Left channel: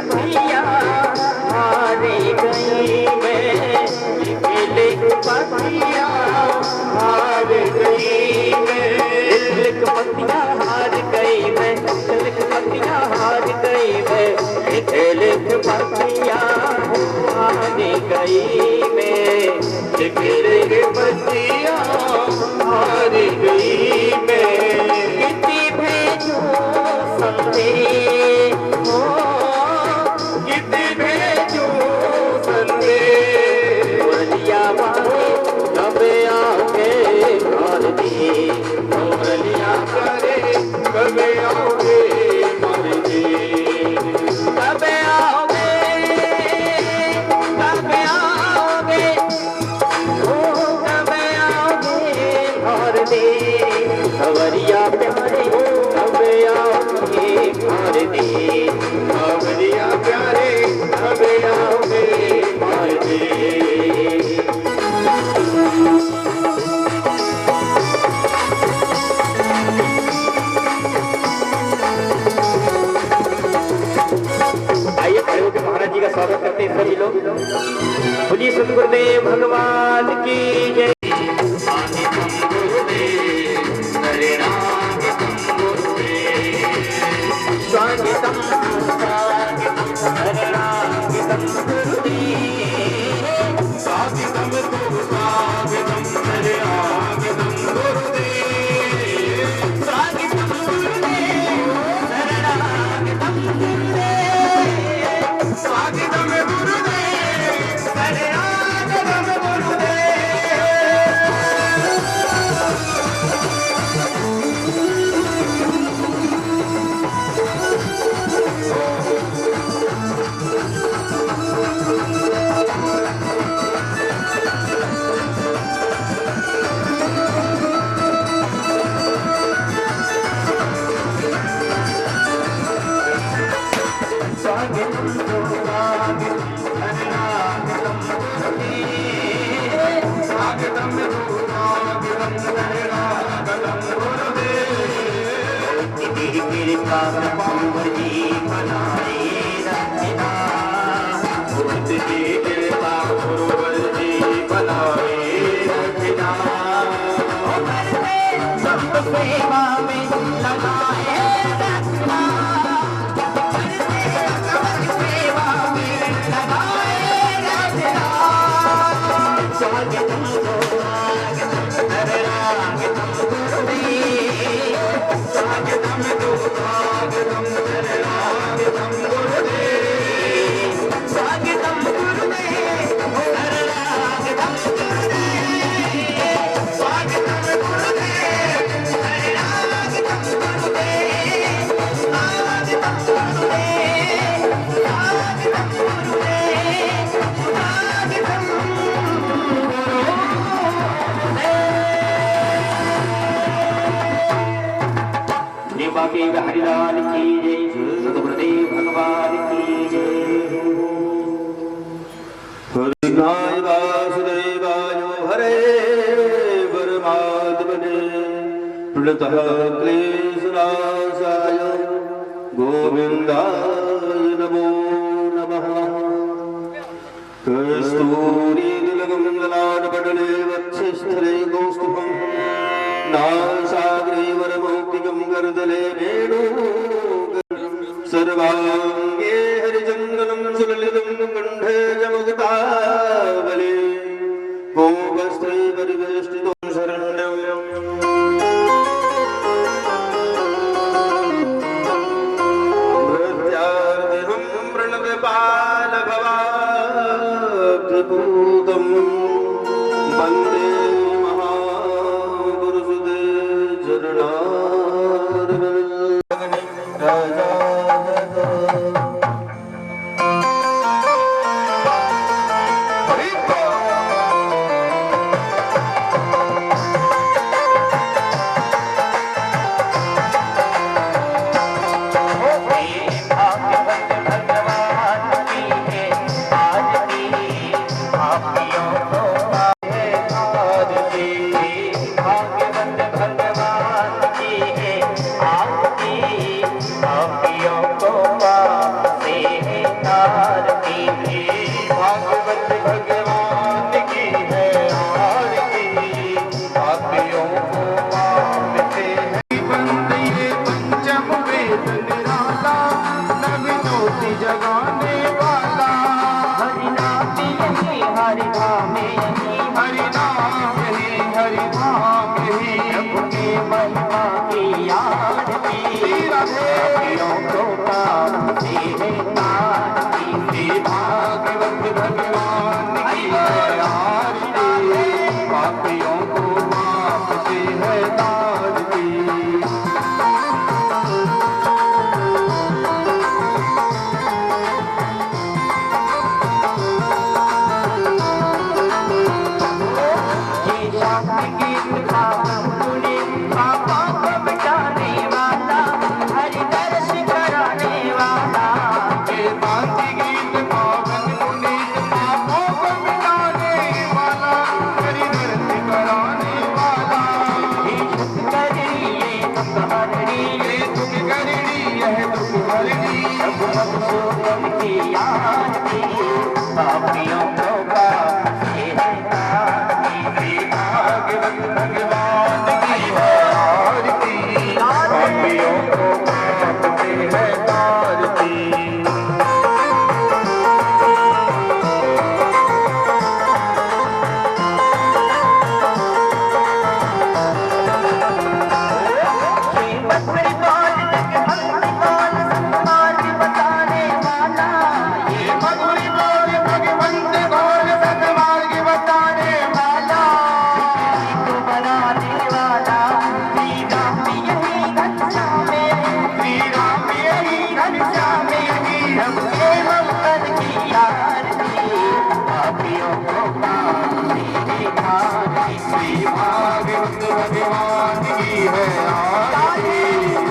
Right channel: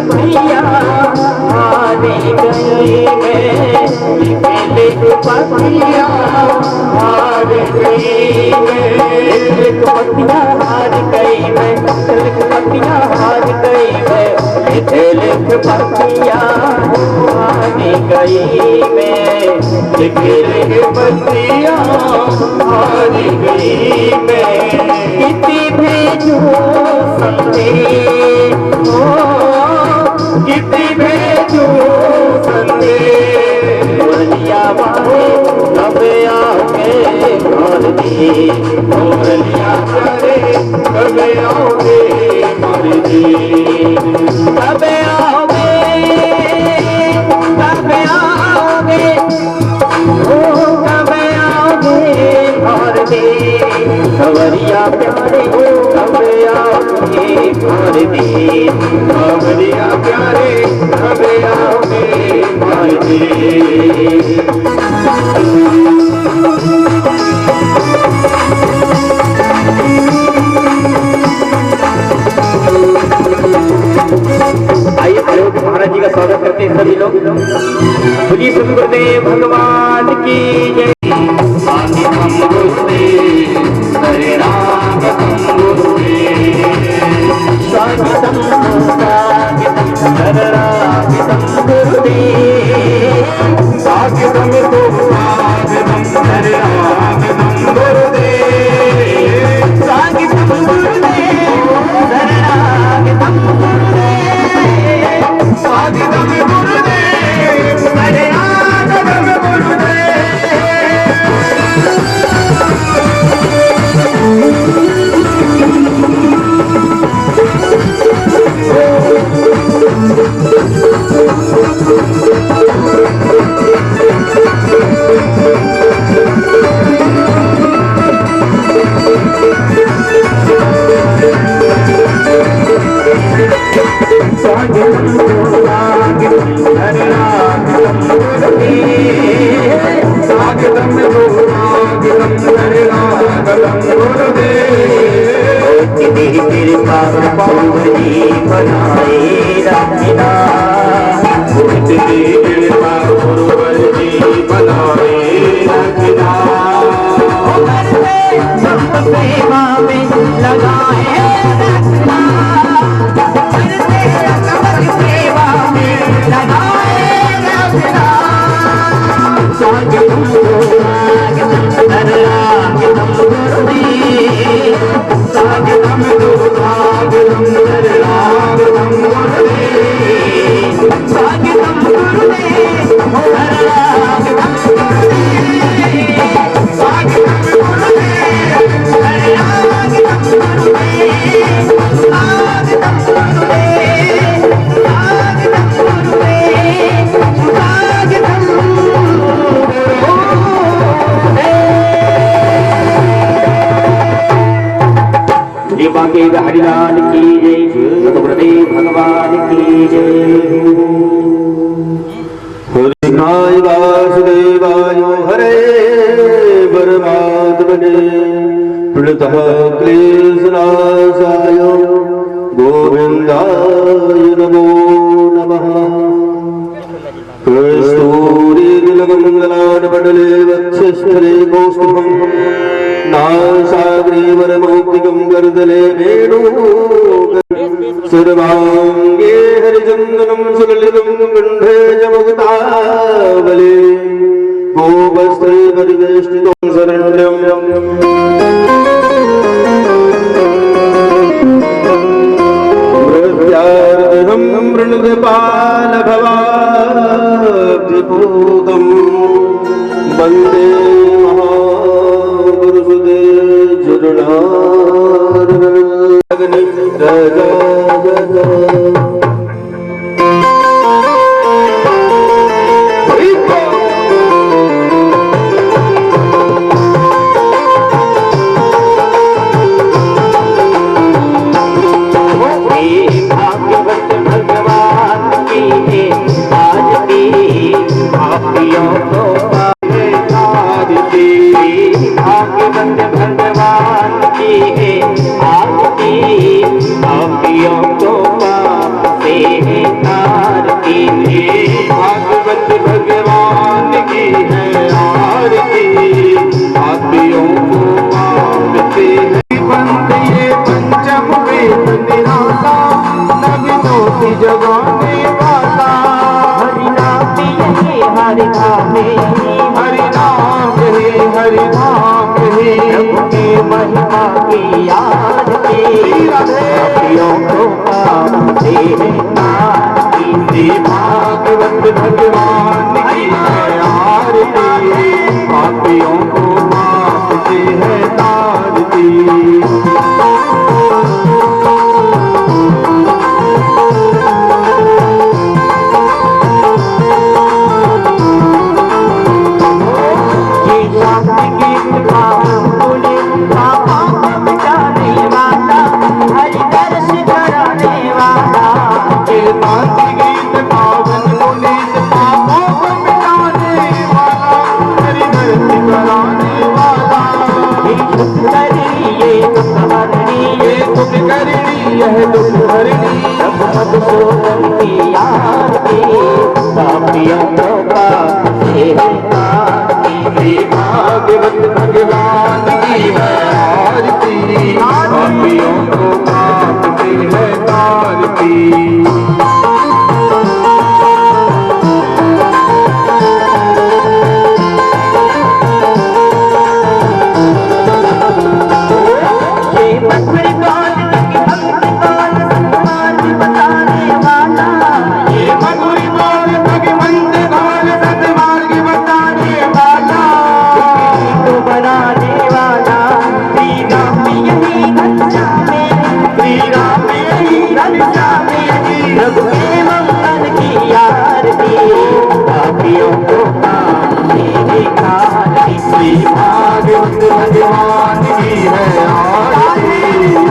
पतिया हार गई मैं, लिख पतिया हार गई मैं, लिख पतिया हार गई मैं, लिख पतिया हार गई मैं, लिख पतिया हार गई मैं, लिख पतिया हार गई मैं। किसी भेजू संदेश, किसी भेजू संदेश, मुरलिया वाले कब आओगे मार दी, मुरलिया वाले कब आओगे मार दी, कब आओगे, कब आओगे, ओ कब आओगे मार दी, खबरिया प्यारे कब आओगे मार दी, खबरिया प्यारे कब आओगे मार दी। आइए महाराज जी का स्वागत करते हैं सभी लोग। बोलिए श्री गुरुदेव भगवान की जय। हरे राम गुरुदेव स्वागतम स्वागतम हरे राम गुरुदेव स्वागतम तो स्वागतम हरे राम गुरुदेव स्वागतम गुरुदेव हरे राम गुरुदेव स्वागतम गुरुदेव हरे राम गुरुदेव। सेवा में लगाए रखना, सेवा में लगाए रखना, स्वागतम स्वागतम हरे राम गुरुदेव स्वागतम स्वागतम हरे राम गुरुदेव स्वागतम गुरुदेव हरे राम गुरुदेव स्वागतम बाकी हरिलाल की जय, गुरुदेव भगवान की जय। हरिनाय वासुदेवाय हरे परमात्मने प्रणतः क्लेशनाशाय गोविन्दाय नमो नमः। कस्तूरीतिलकमङ्गलानपटले वक्षस्थले कौस्तुभम् नासाग्रीवरमौक्तिकं गर्दले सर्वाङ्गे हरिचन्दनं सुललितं कण्ठे च मुक्तावले गोपस्थे परिवेष्टितं शरण्यम् मृत्यार्तिहं प्रणतपालभवाब्जपूतं वन्दे हरि नाम यही हरि नाम यही प्रभु की महिमा की याद की पापियों को पाते हैं श्री भागवत भगवान की है आरती पापियों को मापते हैं तारती यह दुख हरणी मधुसूदन की याद की पापियों को पाते हैं श्री भागवत भगवान की है आरती पापियों को पापते हैं तारती भगवान की है आरती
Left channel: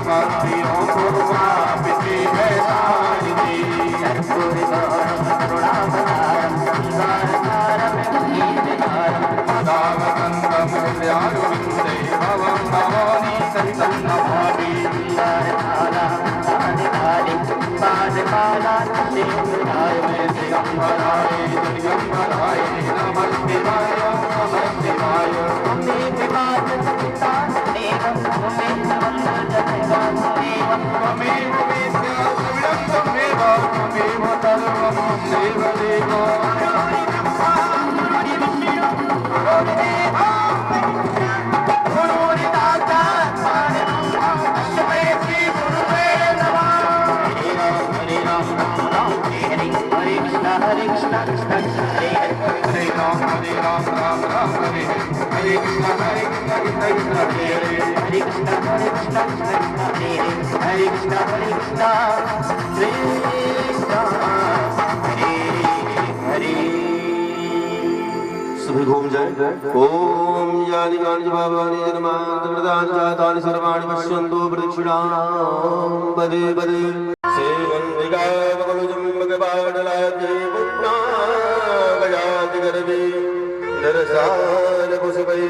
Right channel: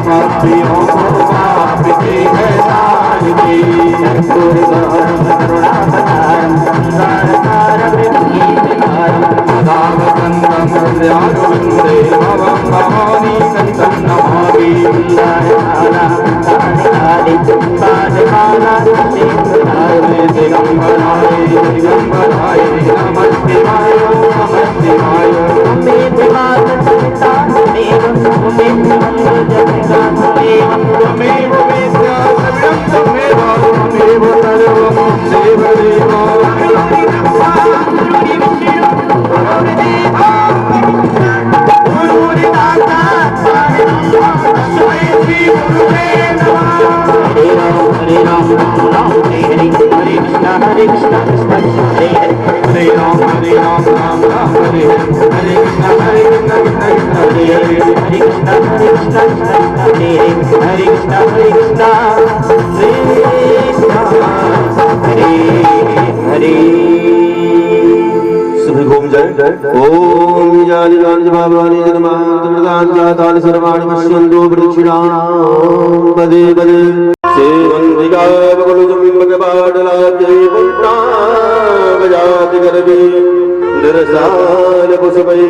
पापियों को पापते हैं तारती करुणावतारम संसारसारम गीतकारम दावकन्दं हृदयारविन्दे भवं भवानी सन्तं नमामि सुंदरमाला काली पादमाला सिंहासने दिगंबराय दिगंबराय नमः शिवाय नमः शिवाय त्वमेव वेद्या सर्वं त्वमेव त्वमेव सर्वं देवदेव हरे कृष्ण कृष्ण कृष्ण हरे हरे हरे राम राम राम हरे हरे कृष्ण कृष्ण कृष्ण हरे हरे हरे कृष्ण कृष्ण हरे हरे कृष्ण हरे हरे सभी घूम जाए ओम जानि गानि भावानि जन्मांत प्रदान जातानि सर्वाणि पश्यन्तु प्रदक्षिणां पदे पदे सेवन्तिका बगलुजम्बकपाटलाब्जै पुण्णा गजाति गर्भे निरसान पुष्पै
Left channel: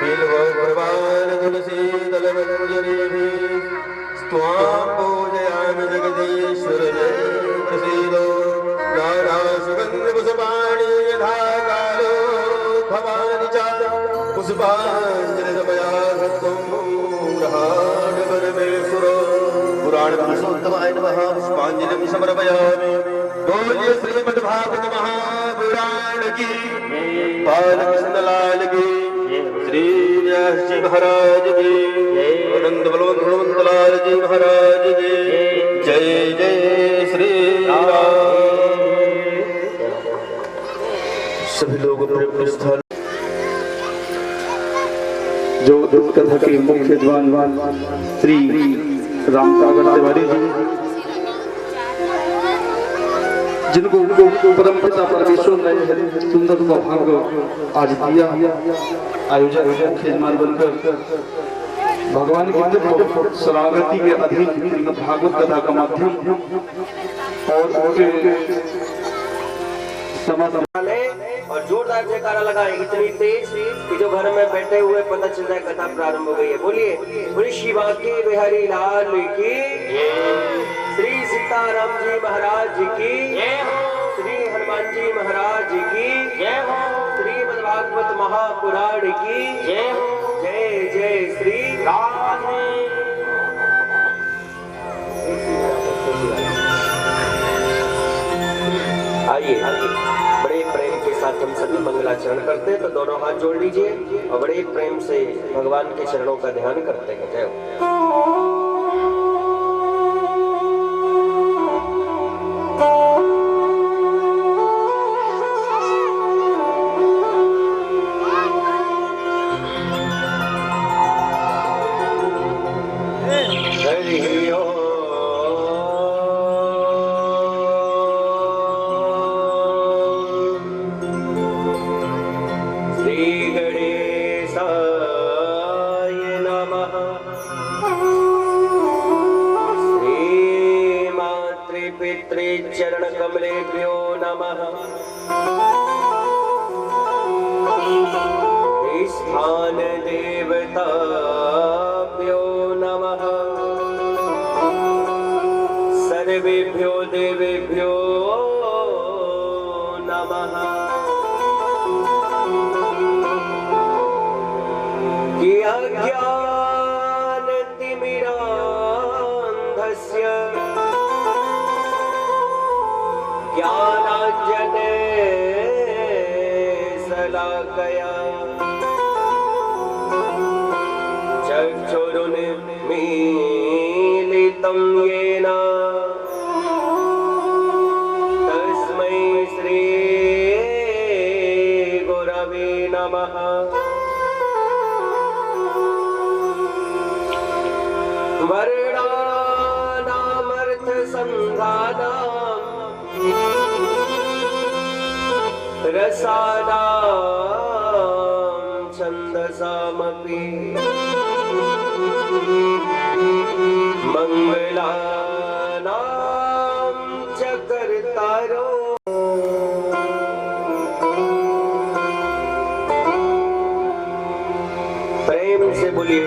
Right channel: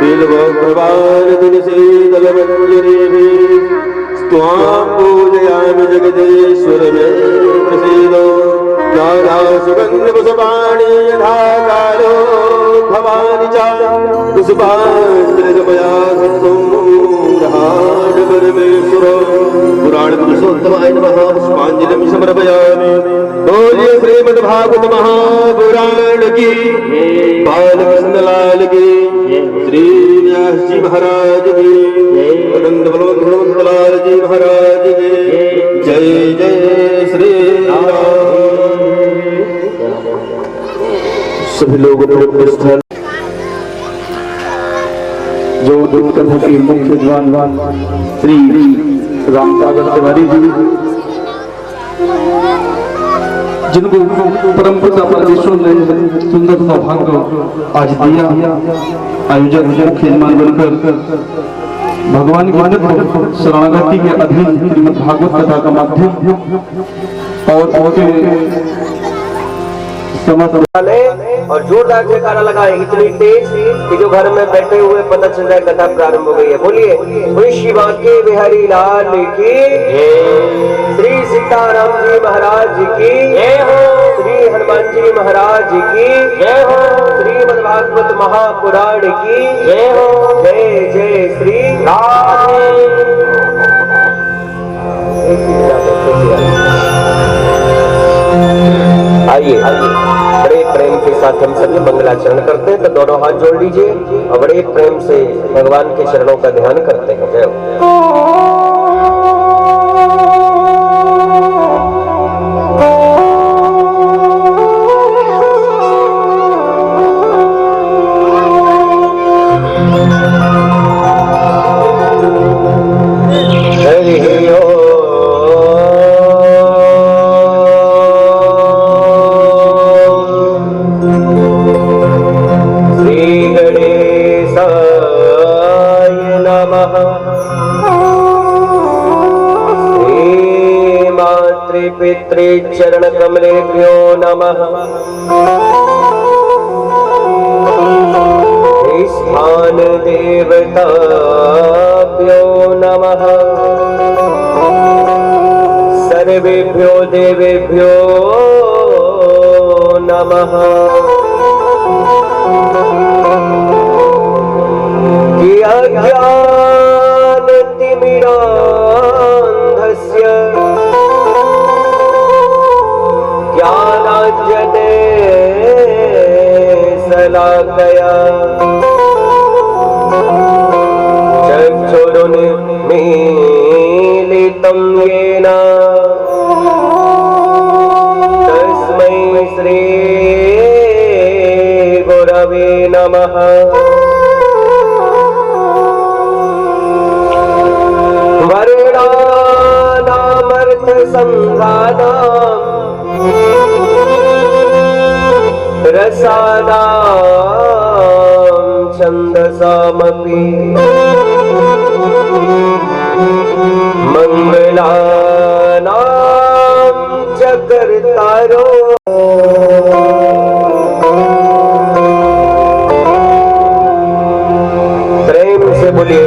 बिल्वप्रवालदिनशीतलमञ्जरीभिः त्वां पूजयामि जगदीश्वर मे प्रसीदो नाना सुगन्धपुष्पाणि यथा कालो भवानि च पुष्पाञ्जलिर्मया परमेश्वरो पुराण पुरुषोत्तमाय नमः पुष्पाञ्जलिं समर्पयामि बोलिए श्रीमद्भागवत महापुराण की बालकृष्ण लाल की श्री व्यास जी महाराज की आनंद बलवंत हनुमंत लाल जी महाराज की जय जय श्री राम। सभी लोग अपने स्थल जो कथा की मुख्य जवान श्री रामपागल तिवारी जी जिनको परम पिता परमेश्वर ने सुंदर सौभाग्य आज दिया आयोजक मुख्य यजमान बनकर भगवान की शरणागति के अधीन श्रीमद् भागवत कथा का माध्यम और और जोरदार जयकारा लगाए इतनी तेज कि जो घर में बैठे हुए पता चल जाए कथा प्रारंभ हो गई है। बोलिए शिवा के बिहारी लाल की श्री सीताराम जी महाराज की जय हो, श्री हनुमान जी महाराज की जय हो, श्रीमद्भागवत महापुराण की जय हो, जय जय श्री राम। आइए बड़े प्रेम के साथ हम सभी मंगलाचरण करते हैं। तो दोनों हाथ जोड़ लीजिए और बड़े प्रेम से भगवान के चरणों का ध्यान करते हैं। जय हो। पितृ चरण कमलेभ्यो नमः। स्थान देवताभ्यो नमः। सर्वेभ्यो देवेभ्यो नमः। शलाकया चक्षुरुन्मीलितं येन तस्मै श्री गुरवे नमः। वर्णानामर्थसंधानां रसानां छन्दसामपि मंगलानां च कर्तारो। प्रेम से बोलिए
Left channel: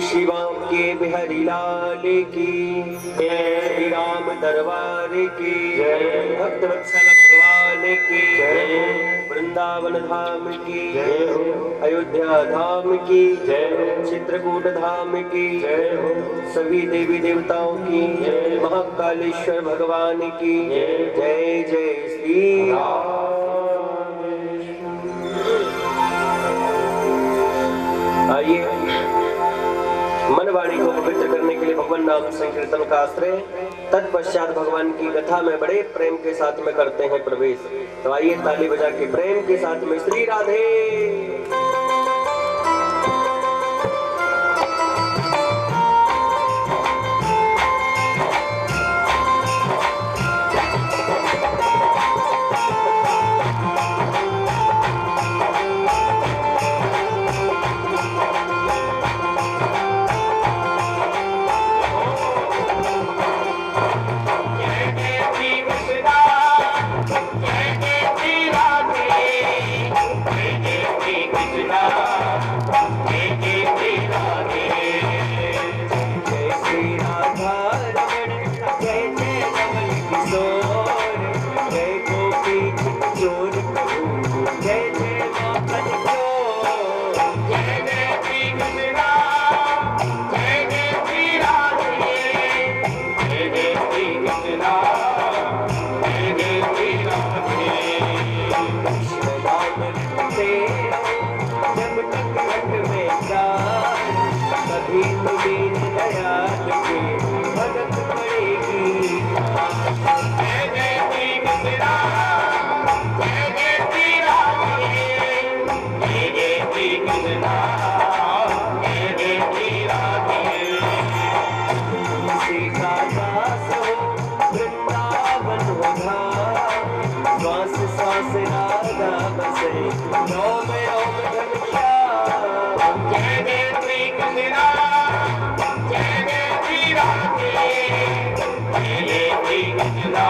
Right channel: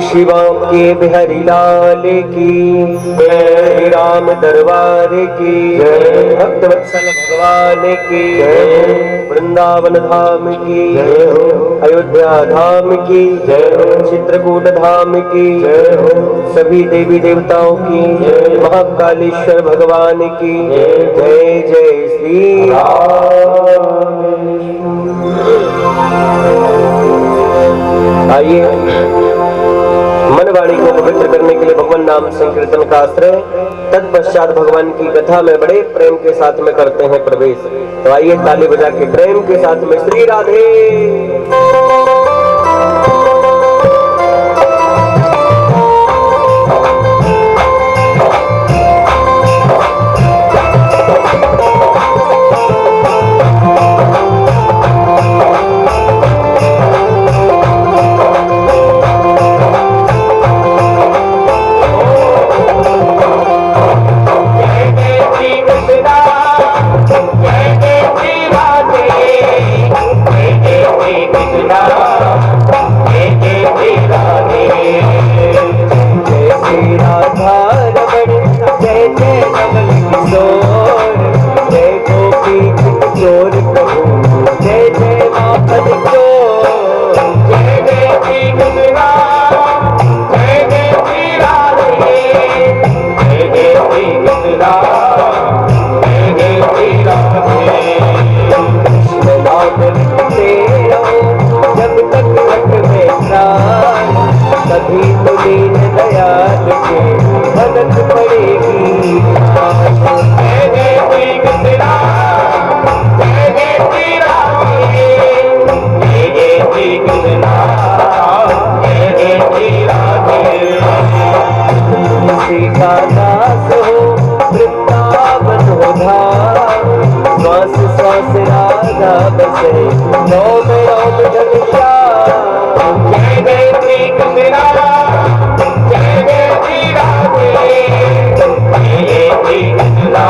शिवा के बिहारी लाल की जय, राम दरबार की जय, भक्तवत्सल भगवान की जय, वृंदावन धाम की जय, अयोध्या धाम की जय, चित्रकूट धाम की जय, सभी देवी देवताओं की जय, महाकालेश्वर भगवान की जय। जय जय श्री राम। आइए मनवाणी को पवित्र करने के लिए भगवान नाम संकीर्तन का आश्रय, तत्पश्चात भगवान की कथा में बड़े प्रेम के साथ में करते हैं प्रवेश। तो आइए ताली बजा के प्रेम के साथ में श्री राधे। कभी तो दीन दयाल के मदद पड़ेगी। जय जय श्री कृष्णा, जय जय श्री राधे, जय जय श्री कृष्णा, जय जय श्री राधे। श्री का दास हो वृंदावन हो धाम, श्वास श्वास राधा बसे नौ में ओम घनश्याम। जय जय श्री कृष्णा, जय जय श्री राधे, जय जय श्री कृष्णा,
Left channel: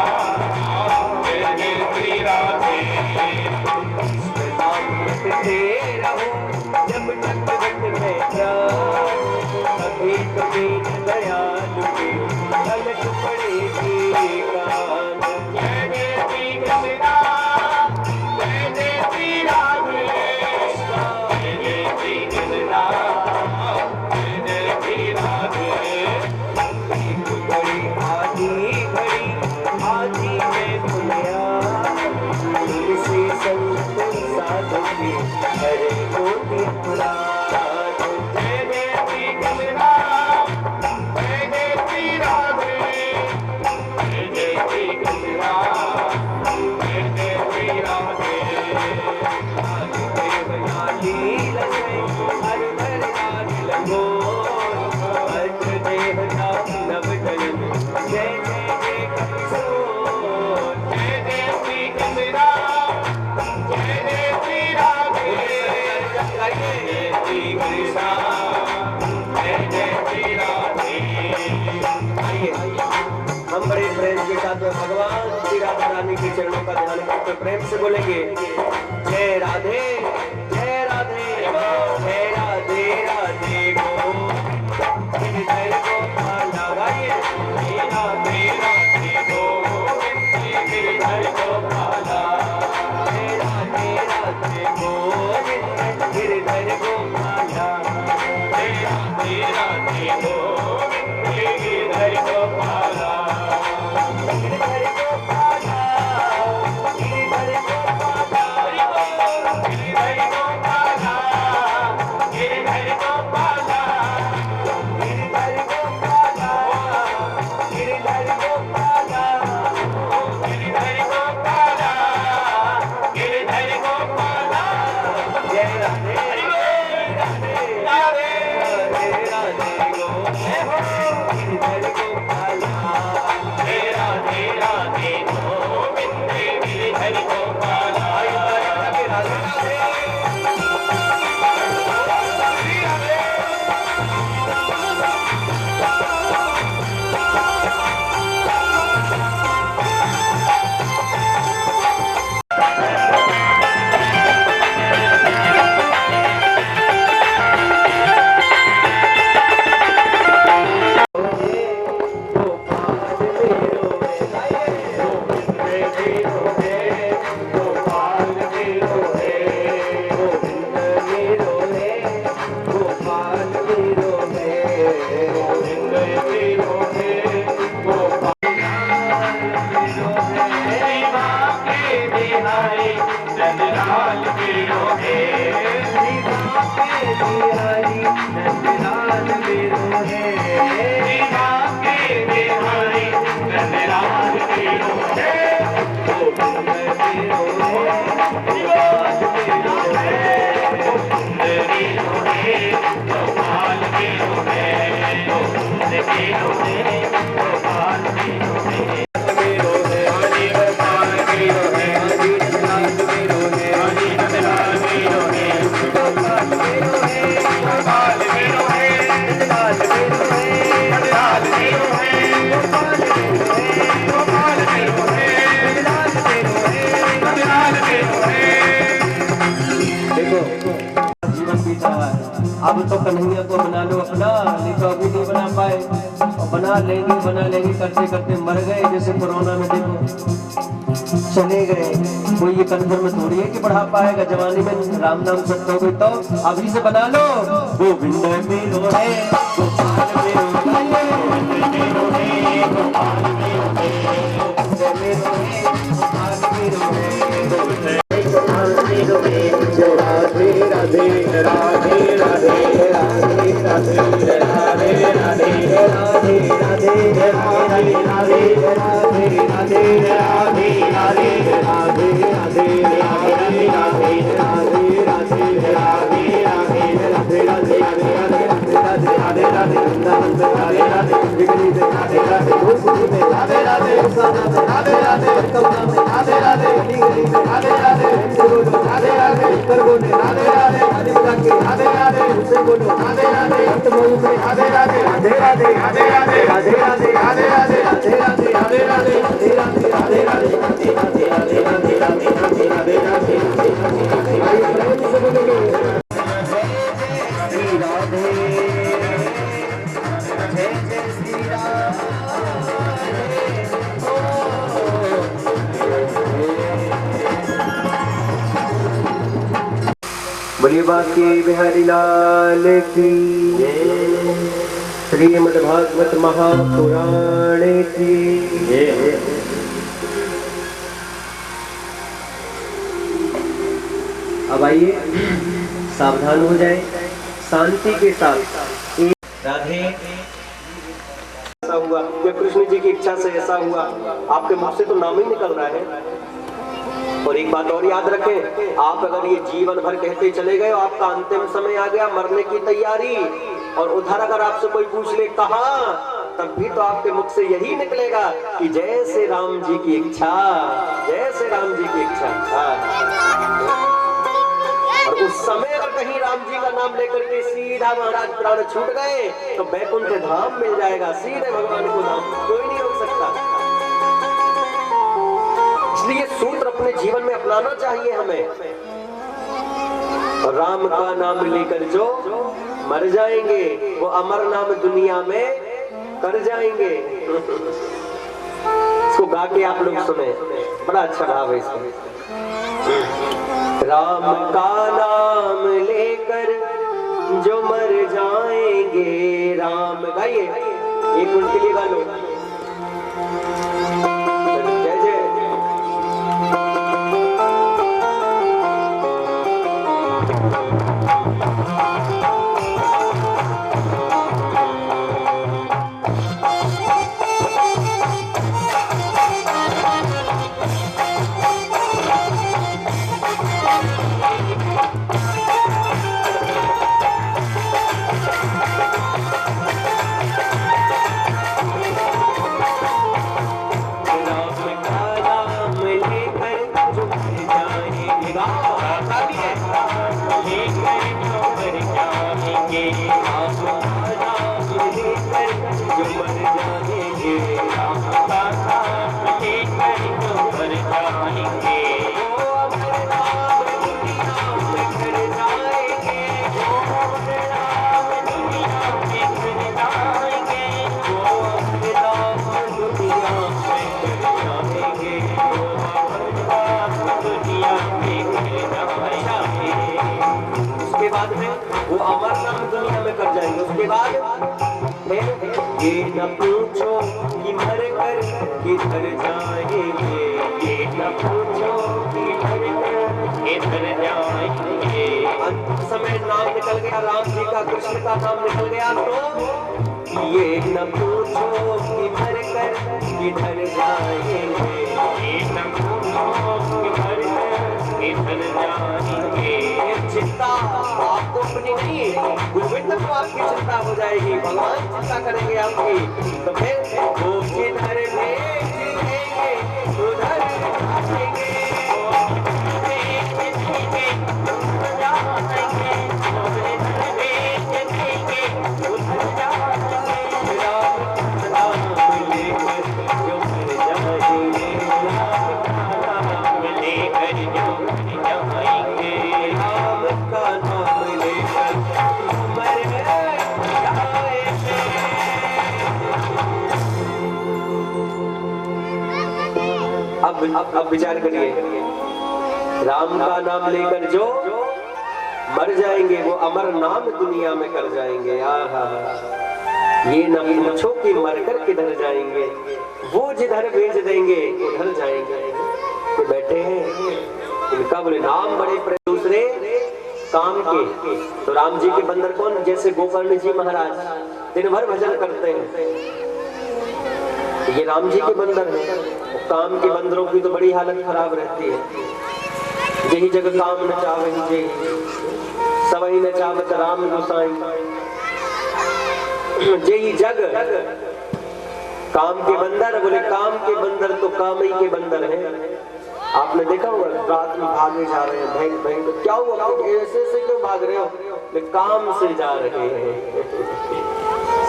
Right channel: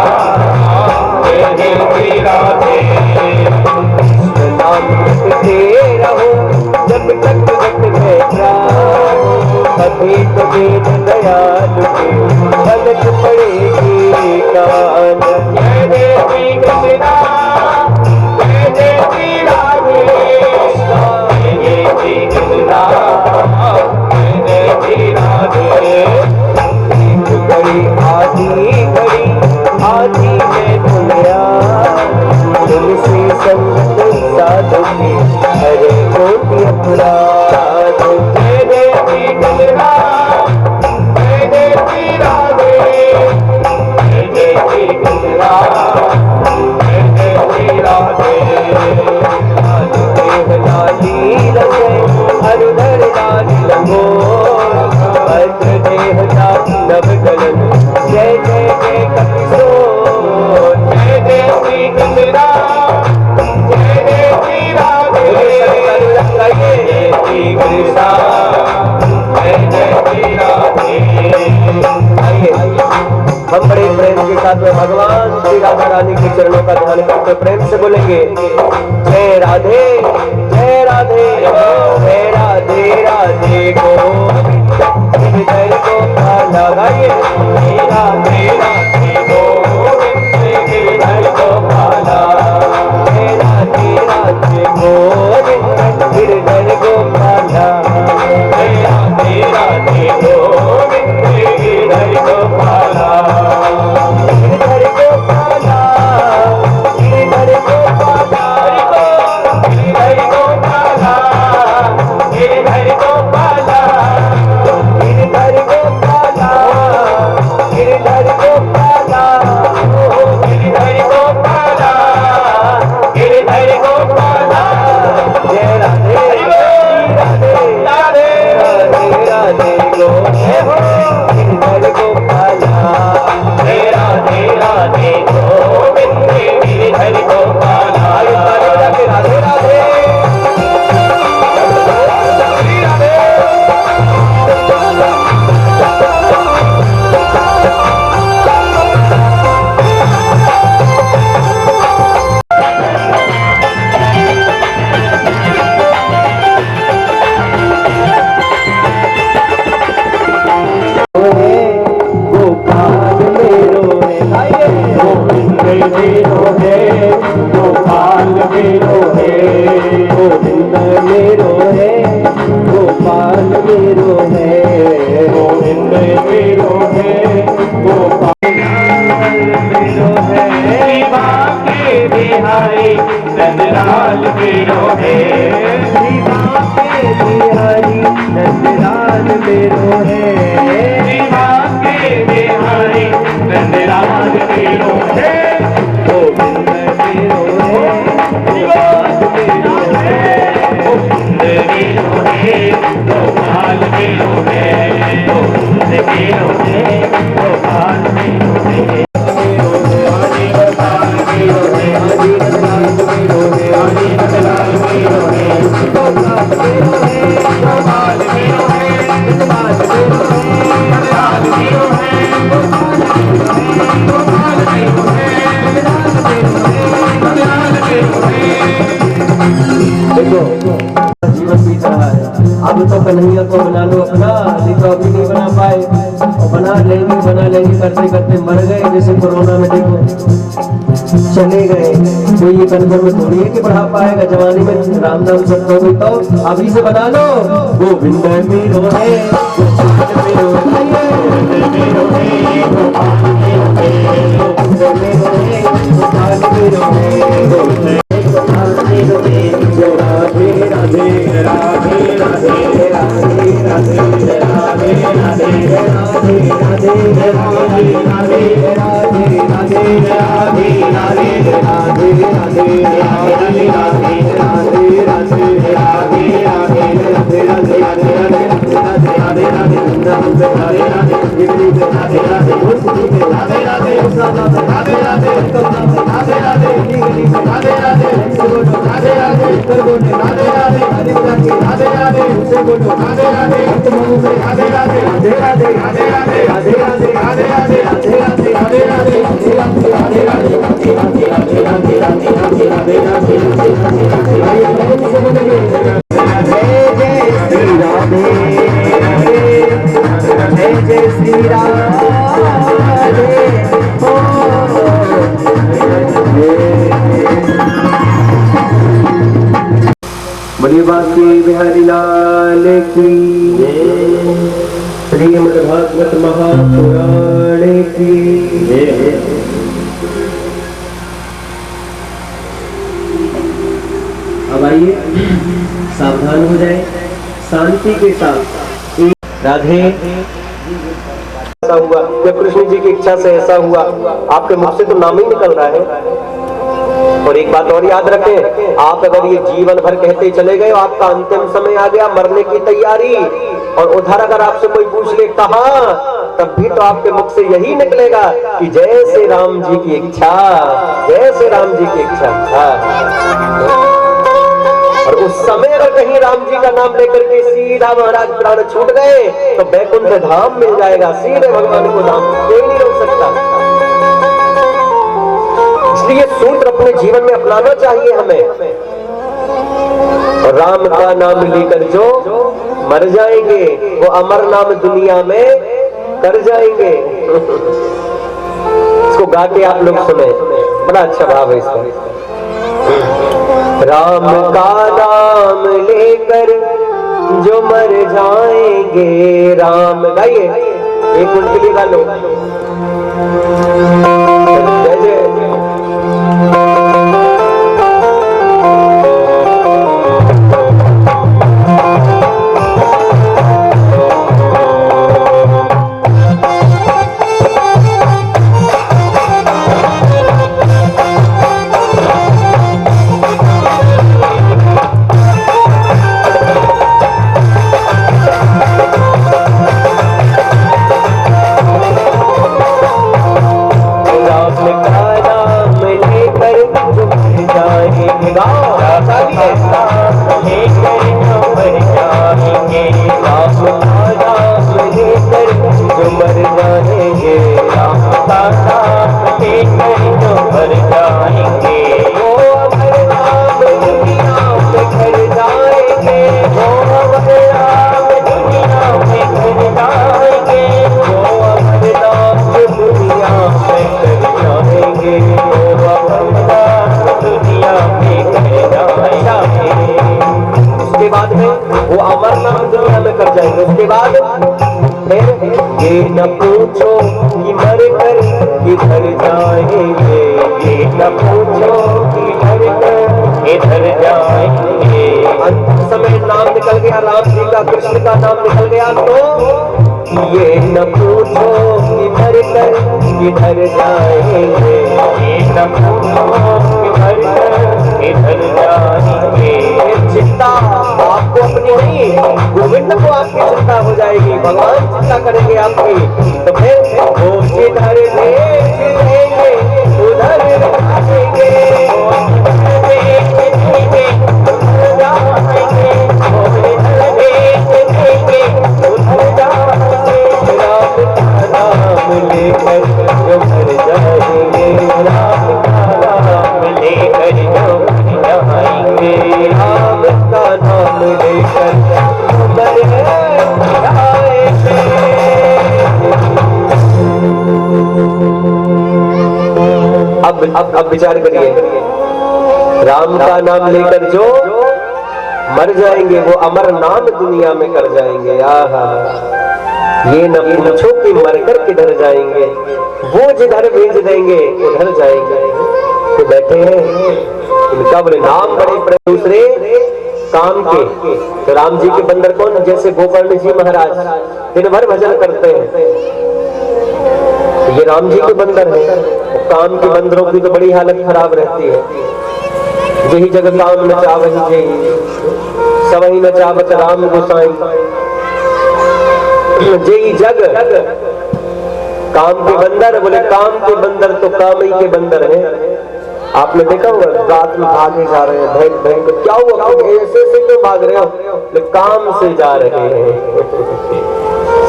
जय जय श्री राधे। नाम जपते रहो जब तक घट में प्राण, कभी तो दीन दयालु के पलक पड़ेगी कान। जय जय श्री कृष्णा, जय जय श्री राधे, जय जय श्री कृष्णा, जय जय श्री राधे। एक घड़ी आधी में दुनिया तुमसे संग हरे कोटि अपराध। जय देवी गंगा, जय देवी राधे, जय देवी गंगा, जय देवी राधे। देव लाली रचे हरिधर लाल लगो, भद्र देह नव गलन। जय जय जय कपिसोर, जय देवी गंगा, जय देवी राधे, जय देवी कृष्णा, जय देवी राधे। आइए हम बड़े प्रेम के साथ में भगवान श्री राधा रानी के चरणों का ध्यान करते प्रेम से बोलेंगे जय राधे, जय राधे, जय राधे राधे गो हृदय को लगाइए। राधे राधे गो हृदय को भाला, जय राधे राधे गो हृदय को भाला, जय राधे राधे गो हृदय को भाला। गिरधर को पाला, गिरधर को पाला, गिरधर को पाला, गिरधर को पाला, गिरधर को पाला, गिरधर को पाला, गिरधर को पाला, गिरधर को पाला। जय राधे राधे राधे राधे राधे गो जय हो गिरधर को पाला, जय राधे राधे गोविंद गिरधर को पाला। राधे राधे राधे गोपाल मेरो है, गोविंद मेरो है, गोपाल मेरो है, गोविंद मेरो है, गोपाल मेरो है, गोविंद मेरो है, गोपाल मेरो है। के बिहारी नंदलाल मेरो है, के बिहारी नंदलाल मेरो है, के बिहारी नंदलाल मेरो है। गोविंद मेरो है, गोपाल मेरो है, गोविंद मेरो है, गोपाल मेरो है, गोविंद मेरो है, गोपाल मेरो है। हरि गोपाल मेरो है, हरि नंदलाल मेरो है, हरि नंदलाल मेरो है, गोपाल मेरो है, गोपाल मेरो है, नंदलाल मेरो है, नंदलाल मेरो है, गोपाल मेरो है, गोपाल मेरो है, नंदलाल मेरो है, नंदलाल मेरो है। देखो जीवन बीत रहा है, अब तो कन्हैया को बना लो अपना, नहीं तो अभी नहीं बना पाए, और बना लेंगे करते करते मर गए। जैसे कोरोना में देखो चले गए, कोई ये कन्फर्म थोड़ी है कि बढ़ा पाएगा। जवानी में राम नाम सत्य हो गई तो अभी से बना लो। गोविंद मेरो है, गोपाल मेरो है, गोविंद मेरो है, गोपाल मेरो है, गोविंद मेरो है, गोपाल मेरो है, गोविंद गोपाल मेरो है। जय राधे राधे राधे राधे राधे राधे राधे राधे राधे राधे राधे राधे राधे राधे राधे राधे राधे राधे बोलिए बांके बिहारी लाल की, श्रीमद् भागवत महापुराण की। अब आइए सावधान हो जाए, शांति के साथ। राधे ऐसा हुआ, जब कृष्ण जी की इच्छा से ऐसा हुआ, आपके मुख से तो नाम ही निकल रहा है। और एक बात और याद रखें, आप अगर ये जीवन भर कहते चले गए, आपका अंतिम समय आ गया, मरने की तैयारी, और उधर अगर आपसे कोई पूछ ले कहां, तब भी तो आपके मुख से यही निकलेगा कि जय श्री राम जी की इच्छा, जय श्री राम जी की इच्छा। और उस समय अगर कहीं राम जी का नाम लेकर के सीधा महाराज प्राण छूट गए तो बैकुंठ धाम मिल जाएगा, सीधे भगवान को धाम, कोई नहीं रोक सकता। इसलिए सूत्र अपने जीवन में अपनाना चाहिए हमें। और राम का नाम लेकर जो मर जाएंगे वो अमर नाम दुनिया में कर जाएंगे। इसको गा के आप लोग सुने, बड़ा अच्छा भाव है इसका। राम का नाम लेकर जो मर जाएंगे, राम गाइए, एक उनके लिए गा लो। जय जय उसके बाद ये न पूछो कि मर कर किधर जाएंगे, ये न पूछो कि मर कर किधर जाएंगे। अंत समय नाम निकल गया राम जी का, कृष्ण का नाम निकल गया, तो ये न पूछो कि मर कर किधर जाएंगे, ये न पूछो कि मर कर किधर जाएंगे। चिंता आपको अपनी नहीं, गोविंद को आपकी चिंता हो जाएगी, भगवान चिंता करेंगे आपकी। तो फिर वो जिधर देखेंगे उधर जाएंगे, राम का नाम लेकर जो मर जाएंगे, राम का नाम लेकर जो मर जाएंगे, राम का नाम लेकर मर जाएंगे। अब विचार करिए, राम का नाम लेकर जो मर जाएंगे वो अमर नाम दुनिया में कर जाएंगे। आहा, ये न पूछो कि मरकर किधर जाएंगे, वो जिधर भेज देंगे उधर जाएंगे। तो बैठे हैं, इनका बोले नाम बड़े दूसरे काम के। तो राम जी के बंदर कौन, जैसे गोकर्ण जी महाराज दिन भर भजन करते हैं, ये राम जी के बंदर हैं। काम के बंदरों की तो बड़ी हालत खराब रहती है। यही जगत काम नचा वही जय, सबही नचावत राम गोसाई। यही जग काम के बंदर, बोले काम के बंदर तो काम ही के बंदर हैं। आपने देखा होगा रात में भागे जा रहे हैं, भैंक भैंक, क्या हुआ ऐसे से क्यों भाग रहे हो, काम से जा रहे हैं।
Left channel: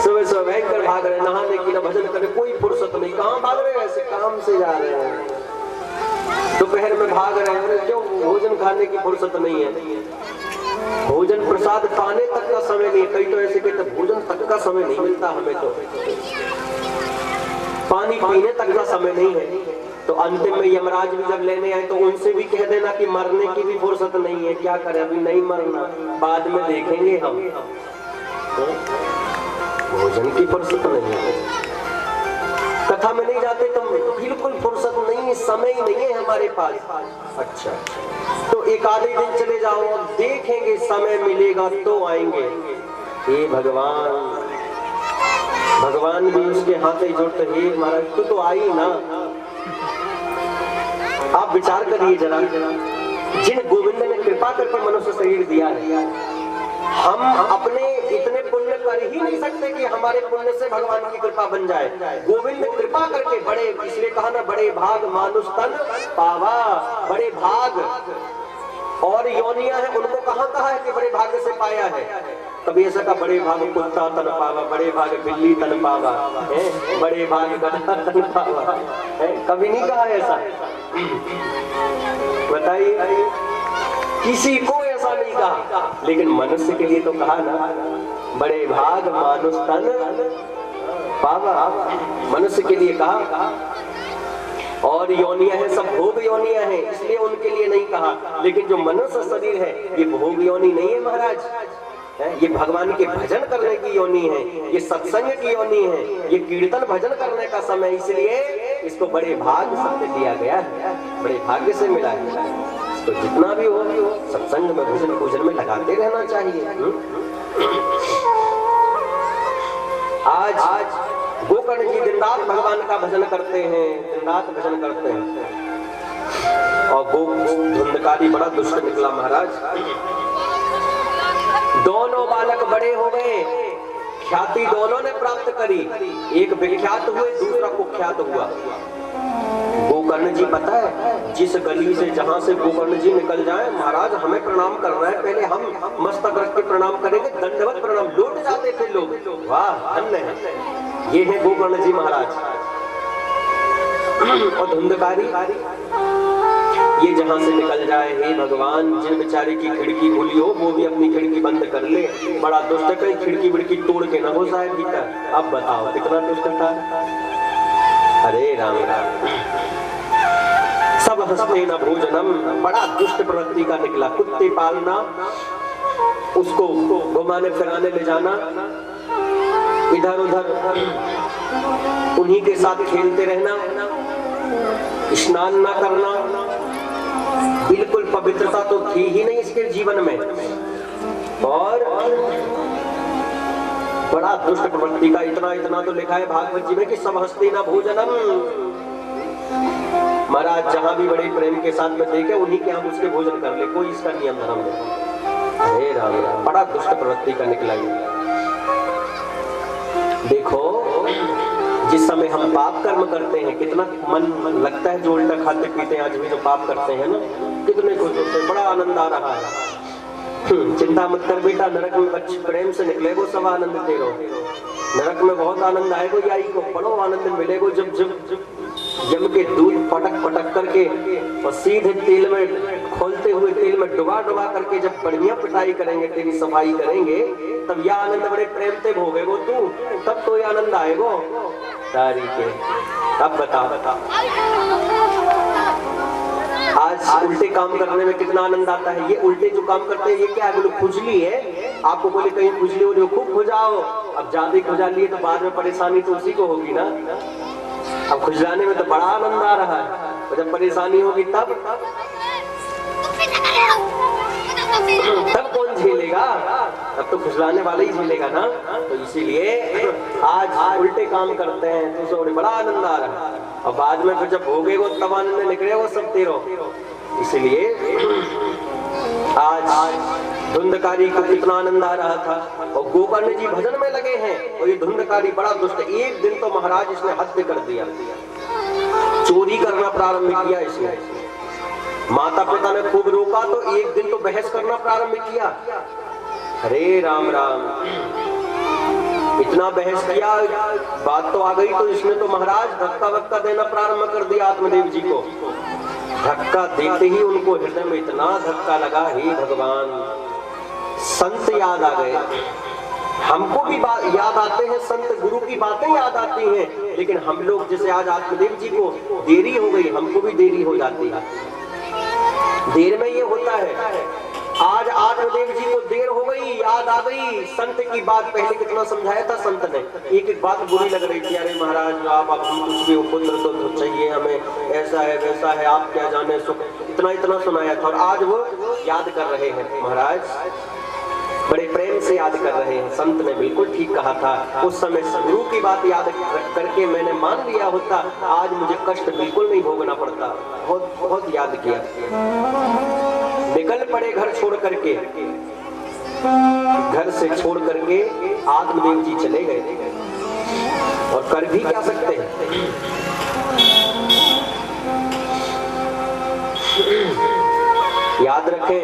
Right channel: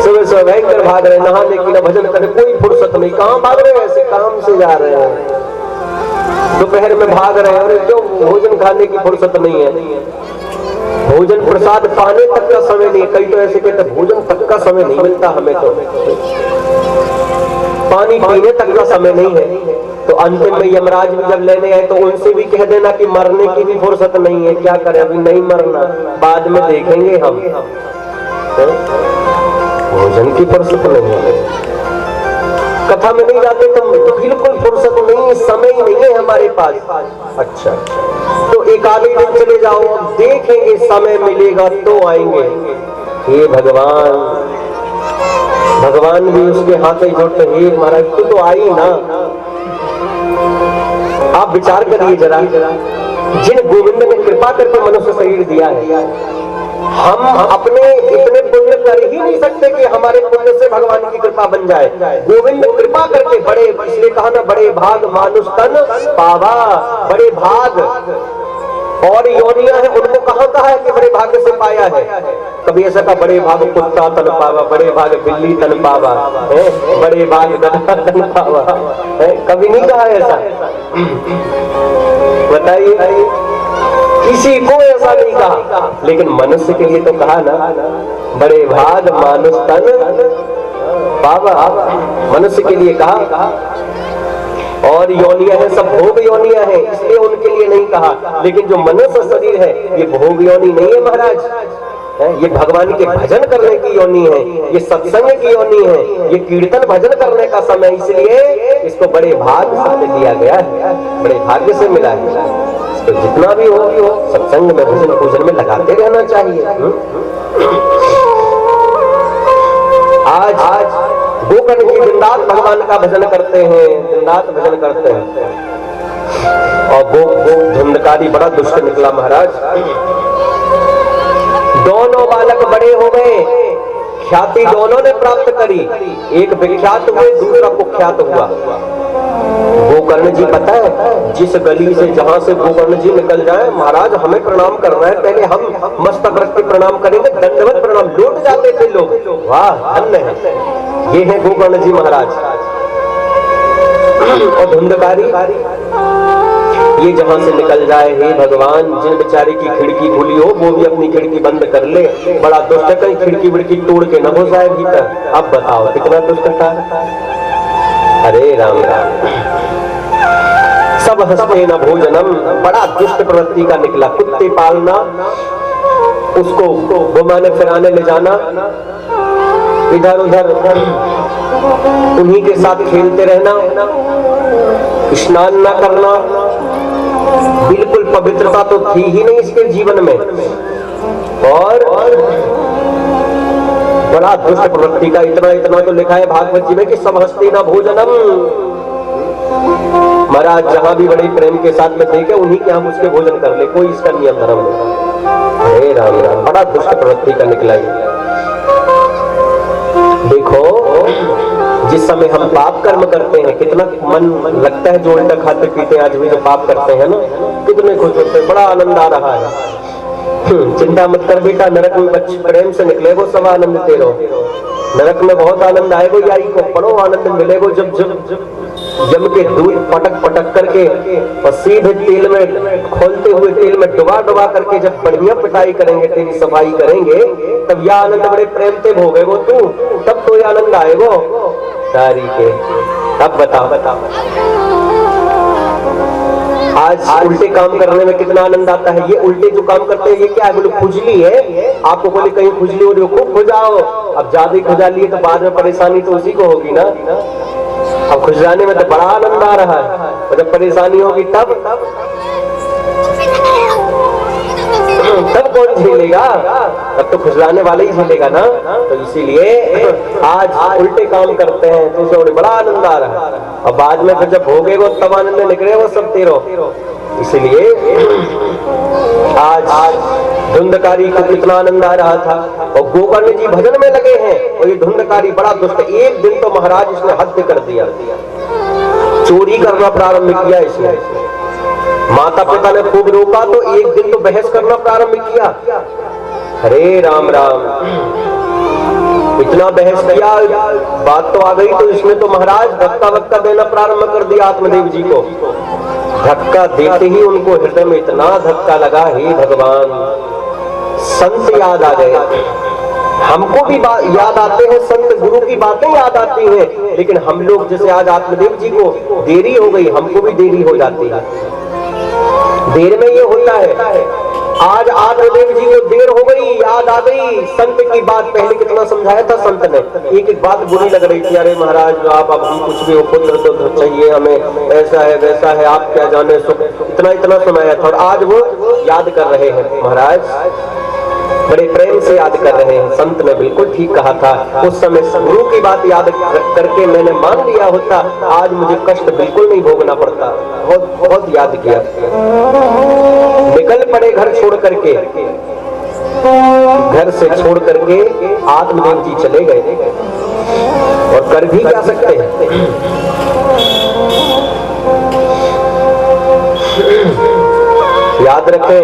सुबह सुबह भयंकर भाग रहे हैं, नहाने की ना भजन करने कोई फुर्सत नहीं, कहाँ भाग रहे हैं, ऐसे काम से जा रहे हैं। दोपहर में भाग रहे हैं, क्यों, भोजन खाने की फुर्सत नहीं है, भोजन प्रसाद पाने तक का समय नहीं है। कई तो ऐसे कहते भोजन तक का समय नहीं मिलता हमें, तो पानी पीने तक का समय नहीं है। तो अंतिम में यमराज भी जब लेने आए तो उनसे भी कह देना कि मरने की भी फुर्सत नहीं है, क्या करें, अभी नहीं मरना, बाद में देखेंगे हम। भोजन की फुर्सत नहीं है, कथा में नहीं जाते तो बिल्कुल फुर्सत नहीं, समय नहीं है हमारे पास। अच्छा, तो एक आधे दिन चले जाओ, देखेंगे, समय मिलेगा तो आएंगे। हे भगवान, भगवान भी उसके हाथ ही जोड़ते, हे महाराज तू तो आई ना। आप विचार करिए जरा, जिन गोविंद ने कृपा करके मनुष्य शरीर दिया है, हम अपने इतने पुण्य कर ही नहीं सकते कि हमारे पुण्य से भगवान की कृपा बन जाए। गोविंद कृपा करके बड़े, इसलिए कहा ना, बड़े भाग मानुष तन पावा, बड़े भाग। और योनियां हैं, उनको कहाँ कहा है कि बड़े भाग्य से पाया है? कभी ऐसा का बड़े भाग कुत्ता तन पावा, बड़े भाग बिल्ली तन पावा है, बड़े भाग गधा तन पावा है, कभी नहीं कहा ऐसा। बताइए, किसी को ऐसा नहीं कहा, लेकिन मनुष्य के लिए तो कहा ना, बड़े भाग मानुष तन पावा, मनुष्य के लिए कहा। और योनियां हैं, सब भोग योनियां हैं, इसलिए उनके लिए नहीं कहा। लेकिन जो मनुष्य शरीर है, ये भोग योनि नहीं है महाराज, ये भगवान के भजन करने की योनि है, ये सत्संग की योनि है, ये कीर्तन भजन करने का समय, इसलिए इसको बड़े भाग्य से दिया गया है, बड़े भाग्य से मिला है। तो जितना भी हो सत्संग में, भजन पूजन में लगाते रहना चाहिए। आज गोकर्ण जी दिन रात भगवान का भजन करते हैं, दिन रात भजन करते हैं। और वो धुंधकारी बड़ा दुष्ट निकला महाराज। दोनों बालक बड़े हो गए, ख्याति दोनों ने प्राप्त करी, एक विख्यात हुए, दूसरा कुख्यात हुआ। गोकर्ण जी पता है, जिस गली से जहां से गोकर्ण जी निकल जाए, महाराज हमें प्रणाम करना है, पहले हम मस्तक रख के प्रणाम करेंगे, दंडवत प्रणाम, लौट जाते थे लोग। वाह, धन्य है, ये है गोकर्ण जी महाराज। और धुंधकारी ये जहां से निकल जाए, हे भगवान, जिन बेचारे की खिड़की खुली हो वो भी अपनी खिड़की बंद कर ले, बड़ा दुष्ट है, कहीं खिड़की विड़की तोड़ के न हो जाए भीतर। अब बताओ कितना दुष्ट था। अरे राम राम, सब हंसते न भोजनम, बड़ा दुष्ट प्रवृत्ति का निकला। कुत्ते पालना, उसको घुमाने फिराने ले जाना, इधर उधर उन्हीं के साथ खेलते रहना, स्नान न करना, बिल्कुल पवित्रता तो थी ही नहीं इसके जीवन में। और बड़ा दुष्ट प्रवृत्ति का, इतना तो लिखा है भागवत जी में कि सब हस्ते न भोजनम। महाराज जहां भी बड़े प्रेम के साथ में देखे, उन्हीं के हम उसके भोजन कर ले, कोई इसका नियम धर्म नहीं। अरे राम राम, बड़ा दुष्ट प्रवृत्ति का निकला। देखो, जिस समय हम पाप कर्म करते हैं, कितना मन लगता है, जो उल्टा खाते पीते आज भी जो पाप करते हैं ना, कितने खुश होते हैं, बड़ा आनंद आ रहा है। चिंता मत कर बेटा, नरक में बच्चे प्रेम से निकले वो सब आनंद तेरो, नरक में बहुत आनंद आएगो, याई को बड़ो आनंद मिलेगो जब जम के दूध पटक पटक करके और सीधे तेल में, खोलते हुए तेल में डुबा डुबा करके जब बढ़िया पिटाई करेंगे, तेरी सफाई करेंगे, तब यह आनंद बड़े प्रेम से भोगेगो तू, तब तो यह आनंद आएगो तारी के। तब बता आज उल्टे काम करने में कितना आनंद आता है। ये उल्टे जो काम करते हैं, ये क्या है, बोले खुजली है, आपको बोले कहीं खुजली हो रही हो, खूब खुजाओ। अब ज्यादा ही खुजा लिए तो बाद में परेशानी तो उसी को होगी ना। अब खुजलाने में तो बड़ा आनंद आ रहा है, और जब परेशानी होगी तब कौन झेलेगा? तब तो खुजलाने वाला ही झेलेगा ना। तो इसीलिए आज उल्टे काम करते हैं तो उसे बड़ा आनंद आ रहा है, और बाद में फिर जब भोगेगो तब आनंद निकले वो सब तेरो। इसीलिए आज धुंधकारी को कितना आनंद आ रहा था, और गोकर्ण जी भजन में लगे हैं, और ये धुंधकारी बड़ा दुष्ट। एक दिन तो महाराज इसने हद कर दिया, चोरी करना प्रारंभ किया इसने। माता पिता ने खूब रोका तो एक दिन तो बहस करना प्रारंभ किया। अरे राम राम, इतना बहस किया, बात तो आ गई, तो इसने तो महाराज धक्का वक्का देना प्रारंभ कर दिया आत्मदेव जी को। धक्का देते ही उनको हृदय में इतना धक्का लगा, हे भगवान, संत याद आ गए। हमको भी याद आते हैं, संत गुरु की बातें याद आती हैं, लेकिन हम लोग जैसे आज आत्मदेव जी को देरी हो गई, हमको भी देरी हो जाती है। देर में ये होता है, आज आत्मदेव जी को देर हो गई, याद आ गई। संत की बात पहले कितना समझाया था संत ने, एक एक बात बुरी लग रही थी, अरे महाराज आप अब हम कुछ भी हो, पुत्र तो चाहिए हमें, ऐसा है वैसा है, आप क्या जाने सुख, इतना इतना सुनाया था। और आज वो याद कर रहे हैं महाराज, बड़े प्रेम से याद कर रहे हैं। संत ने बिल्कुल ठीक कहा था, उस समय गुरु की बात याद करके मैंने मान लिया होता, आज मुझे कष्ट बिल्कुल नहीं भोगना पड़ता। बहुत बहुत याद किया। निकल पड़े घर छोड़ करके, घर से छोड़ करके आत्मदेव जी चले गए, और कर भी क्या सकते हैं। याद रखें,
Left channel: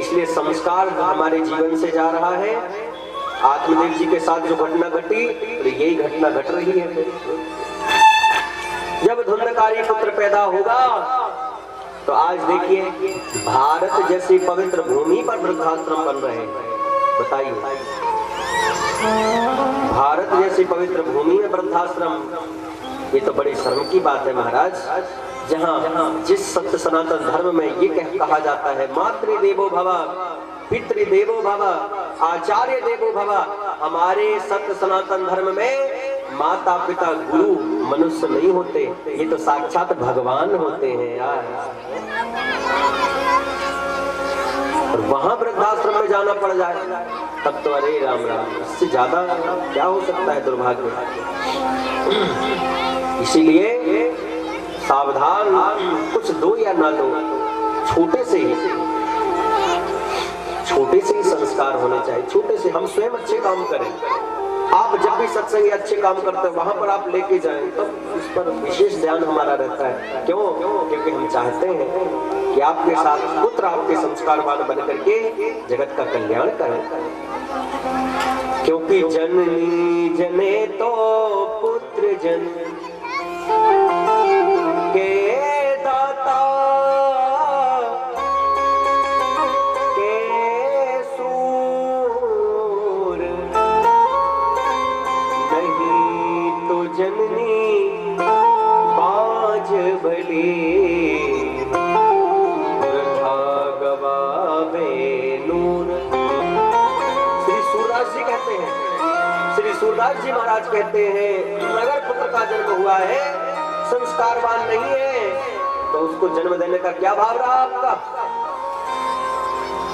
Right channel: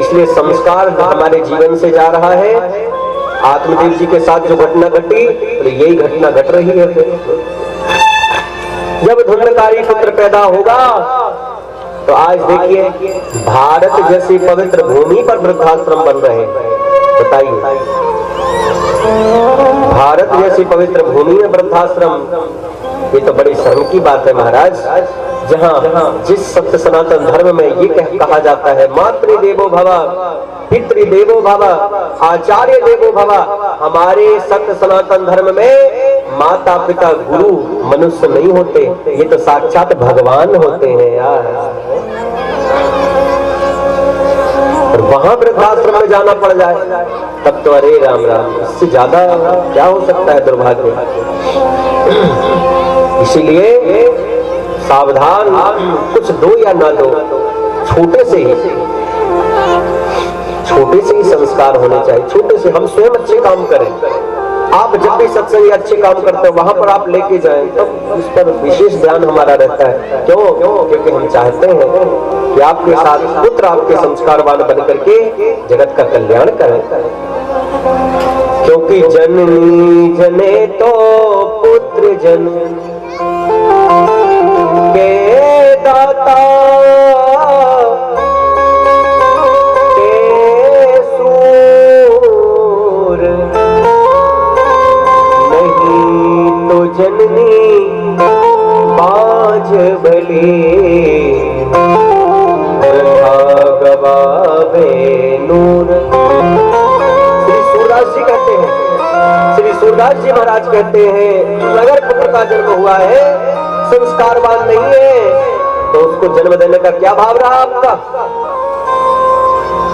इसलिए संस्कार हमारे जीवन से जा रहा है। आत्मदेव जी के साथ जो घटना घटी, तो यही घटना घट रही है। जब धुंधकारी पुत्र पैदा होगा, तो आज देखिए भारत जैसी पवित्र भूमि पर वृद्धाश्रम बन रहे हैं। बताइए, भारत जैसी पवित्र भूमि में वृद्धाश्रम, ये तो बड़ी शर्म की बात है महाराज। जहाँ जिस सत्य सनातन धर्म में ये कहा जाता है, मातृदेवो भव, पितृदेवो भव, आचार्य देवो भव, हमारे सत्य सनातन धर्म में माता पिता गुरु मनुष्य नहीं होते, ये तो साक्षात भगवान होते हैं यार। और वहां वृद्धाश्रम में जाना पड़ जाए तब तो अरे राम राम, इससे ज्यादा क्या हो सकता है दुर्भाग्य। इसीलिए सावधान, कुछ दो या ना दो, छोटे से ही संस्कार होने चाहिए। छोटे से हम स्वयं अच्छे काम करें। आप जब भी सत्संग अच्छे काम करते हैं, वहां पर आप लेके जाएं, तब इस पर विशेष ध्यान हमारा रहता है। क्यों? क्योंकि हम चाहते हैं कि आपके साथ पुत्र आपके संस्कारवान बन करके जगत का कल्याण करें। क्योंकि जननी जने तो पुत्र जन के दाता, के सूर, नहीं तो जननी बाज भले, गवावे नूर। श्री सूरदास जी कहते हैं, श्री सूरदास जी महाराज कहते हैं, अगर पुत्र का जन्म हुआ है, संस्कारवान नहीं है, तो उसको जन्म देने का क्या भाव रहा आपका?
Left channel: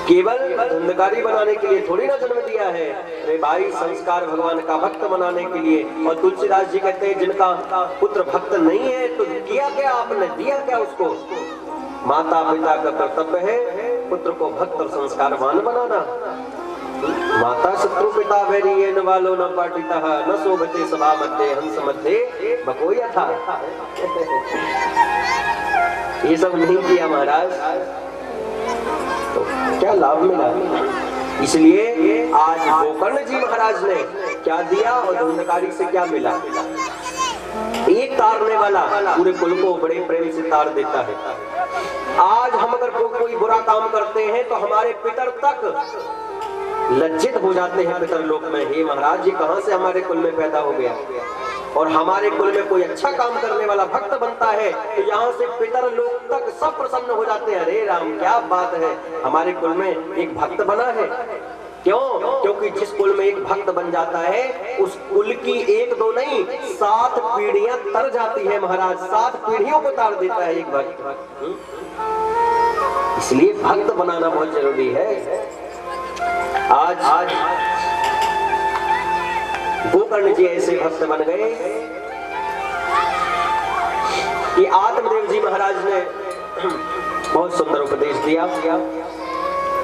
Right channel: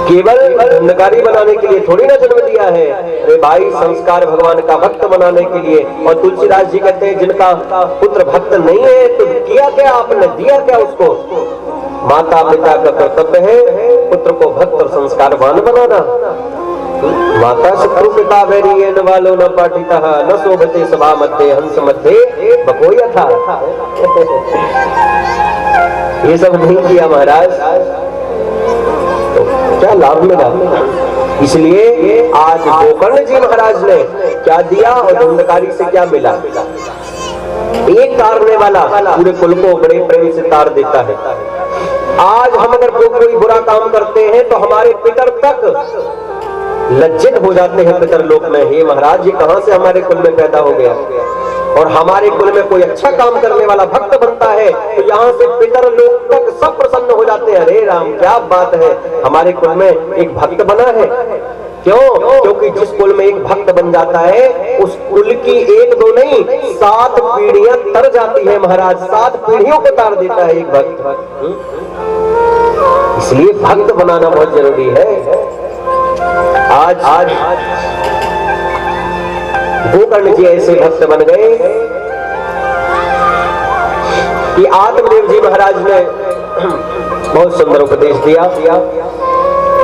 केवल धुंधकारी बनाने के लिए थोड़ी ना जन्म दिया है, अरे भाई संस्कार भगवान का भक्त बनाने के लिए। और तुलसीदास जी कहते हैं, जिनका पुत्र भक्त नहीं है, तो किया क्या आपने, दिया क्या उसको? माता पिता का कर्तव्य है पुत्र को भक्त और संस्कारवान बनाना। माता शत्रु पिता वैरी न वालो न पाटिता न शोभते सभा मध्य हंस मध्य बकोया था। ये सब नहीं किया महाराज, तो क्या लाभ मिला? इसलिए आज गोकर्ण जी महाराज ने क्या दिया और धुंधकारी से क्या मिला? एक तारने वाला पूरे कुल को बड़े प्रेम से तार देता है। आज हम अगर कोई बुरा काम करते हैं तो हमारे पितर तक लज्जित हो जाते हैं पितर लोक में, हे महाराज ये कहां से हमारे कुल में पैदा हो गया। और हमारे कुल में कोई अच्छा काम करने वाला भक्त बनता है तो यहाँ से पितर लोक तक सब प्रसन्न हो जाते हैं, अरे राम क्या बात है, हमारे कुल में एक भक्त बना है। क्यों? क्योंकि जिस कुल में एक भक्त बन जाता है, उस कुल की एक दो नहीं 7 पीढ़ियां तर जाती है महाराज, 7 पीढ़ियों को तार देता है एक भक्त। इसलिए भक्त बनाना बहुत जरूरी है। आज गोकर्ण जी ऐसे भक्त बन गए कि आत्मदेव जी महाराज ने बहुत सुंदर उपदेश दिया।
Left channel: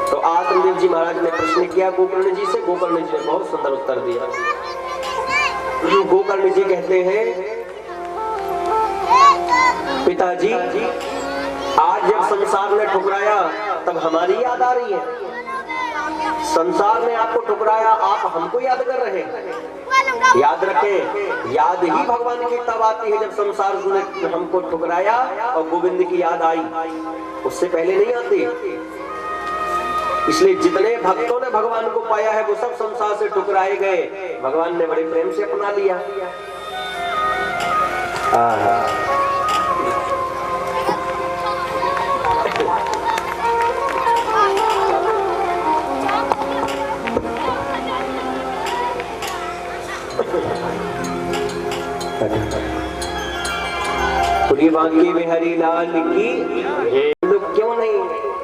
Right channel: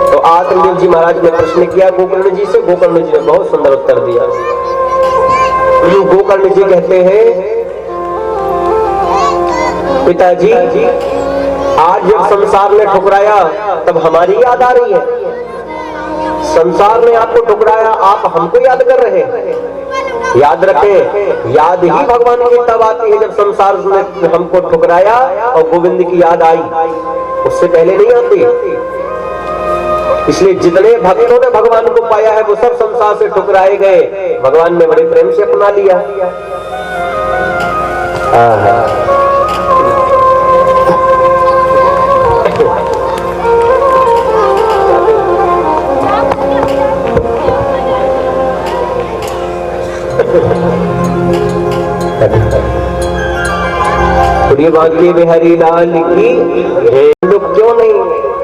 तो आत्मदेव जी महाराज ने प्रश्न किया गोकर्ण जी से, गोकर्ण जी ने बहुत सुंदर उत्तर दिया। गोकर्ण जी कहते हैं, पिताजी आज जब संसार ने ठुकराया तब हमारी याद आ रही है। संसार ने आपको ठुकराया, आप हमको याद कर रहे हैं। याद रखें, याद ही भगवान की तब आती है जब संसार ने हमको ठुकराया और गोविंद की याद आई, उससे पहले नहीं आती। इसलिए जितने भक्तों ने भगवान को पाया है वो सब संसार से ठुकराए गए, भगवान ने बड़े प्रेम से अपना लिया। बोलिए बांके बिहारी लाल की जय। लोग क्यों नहीं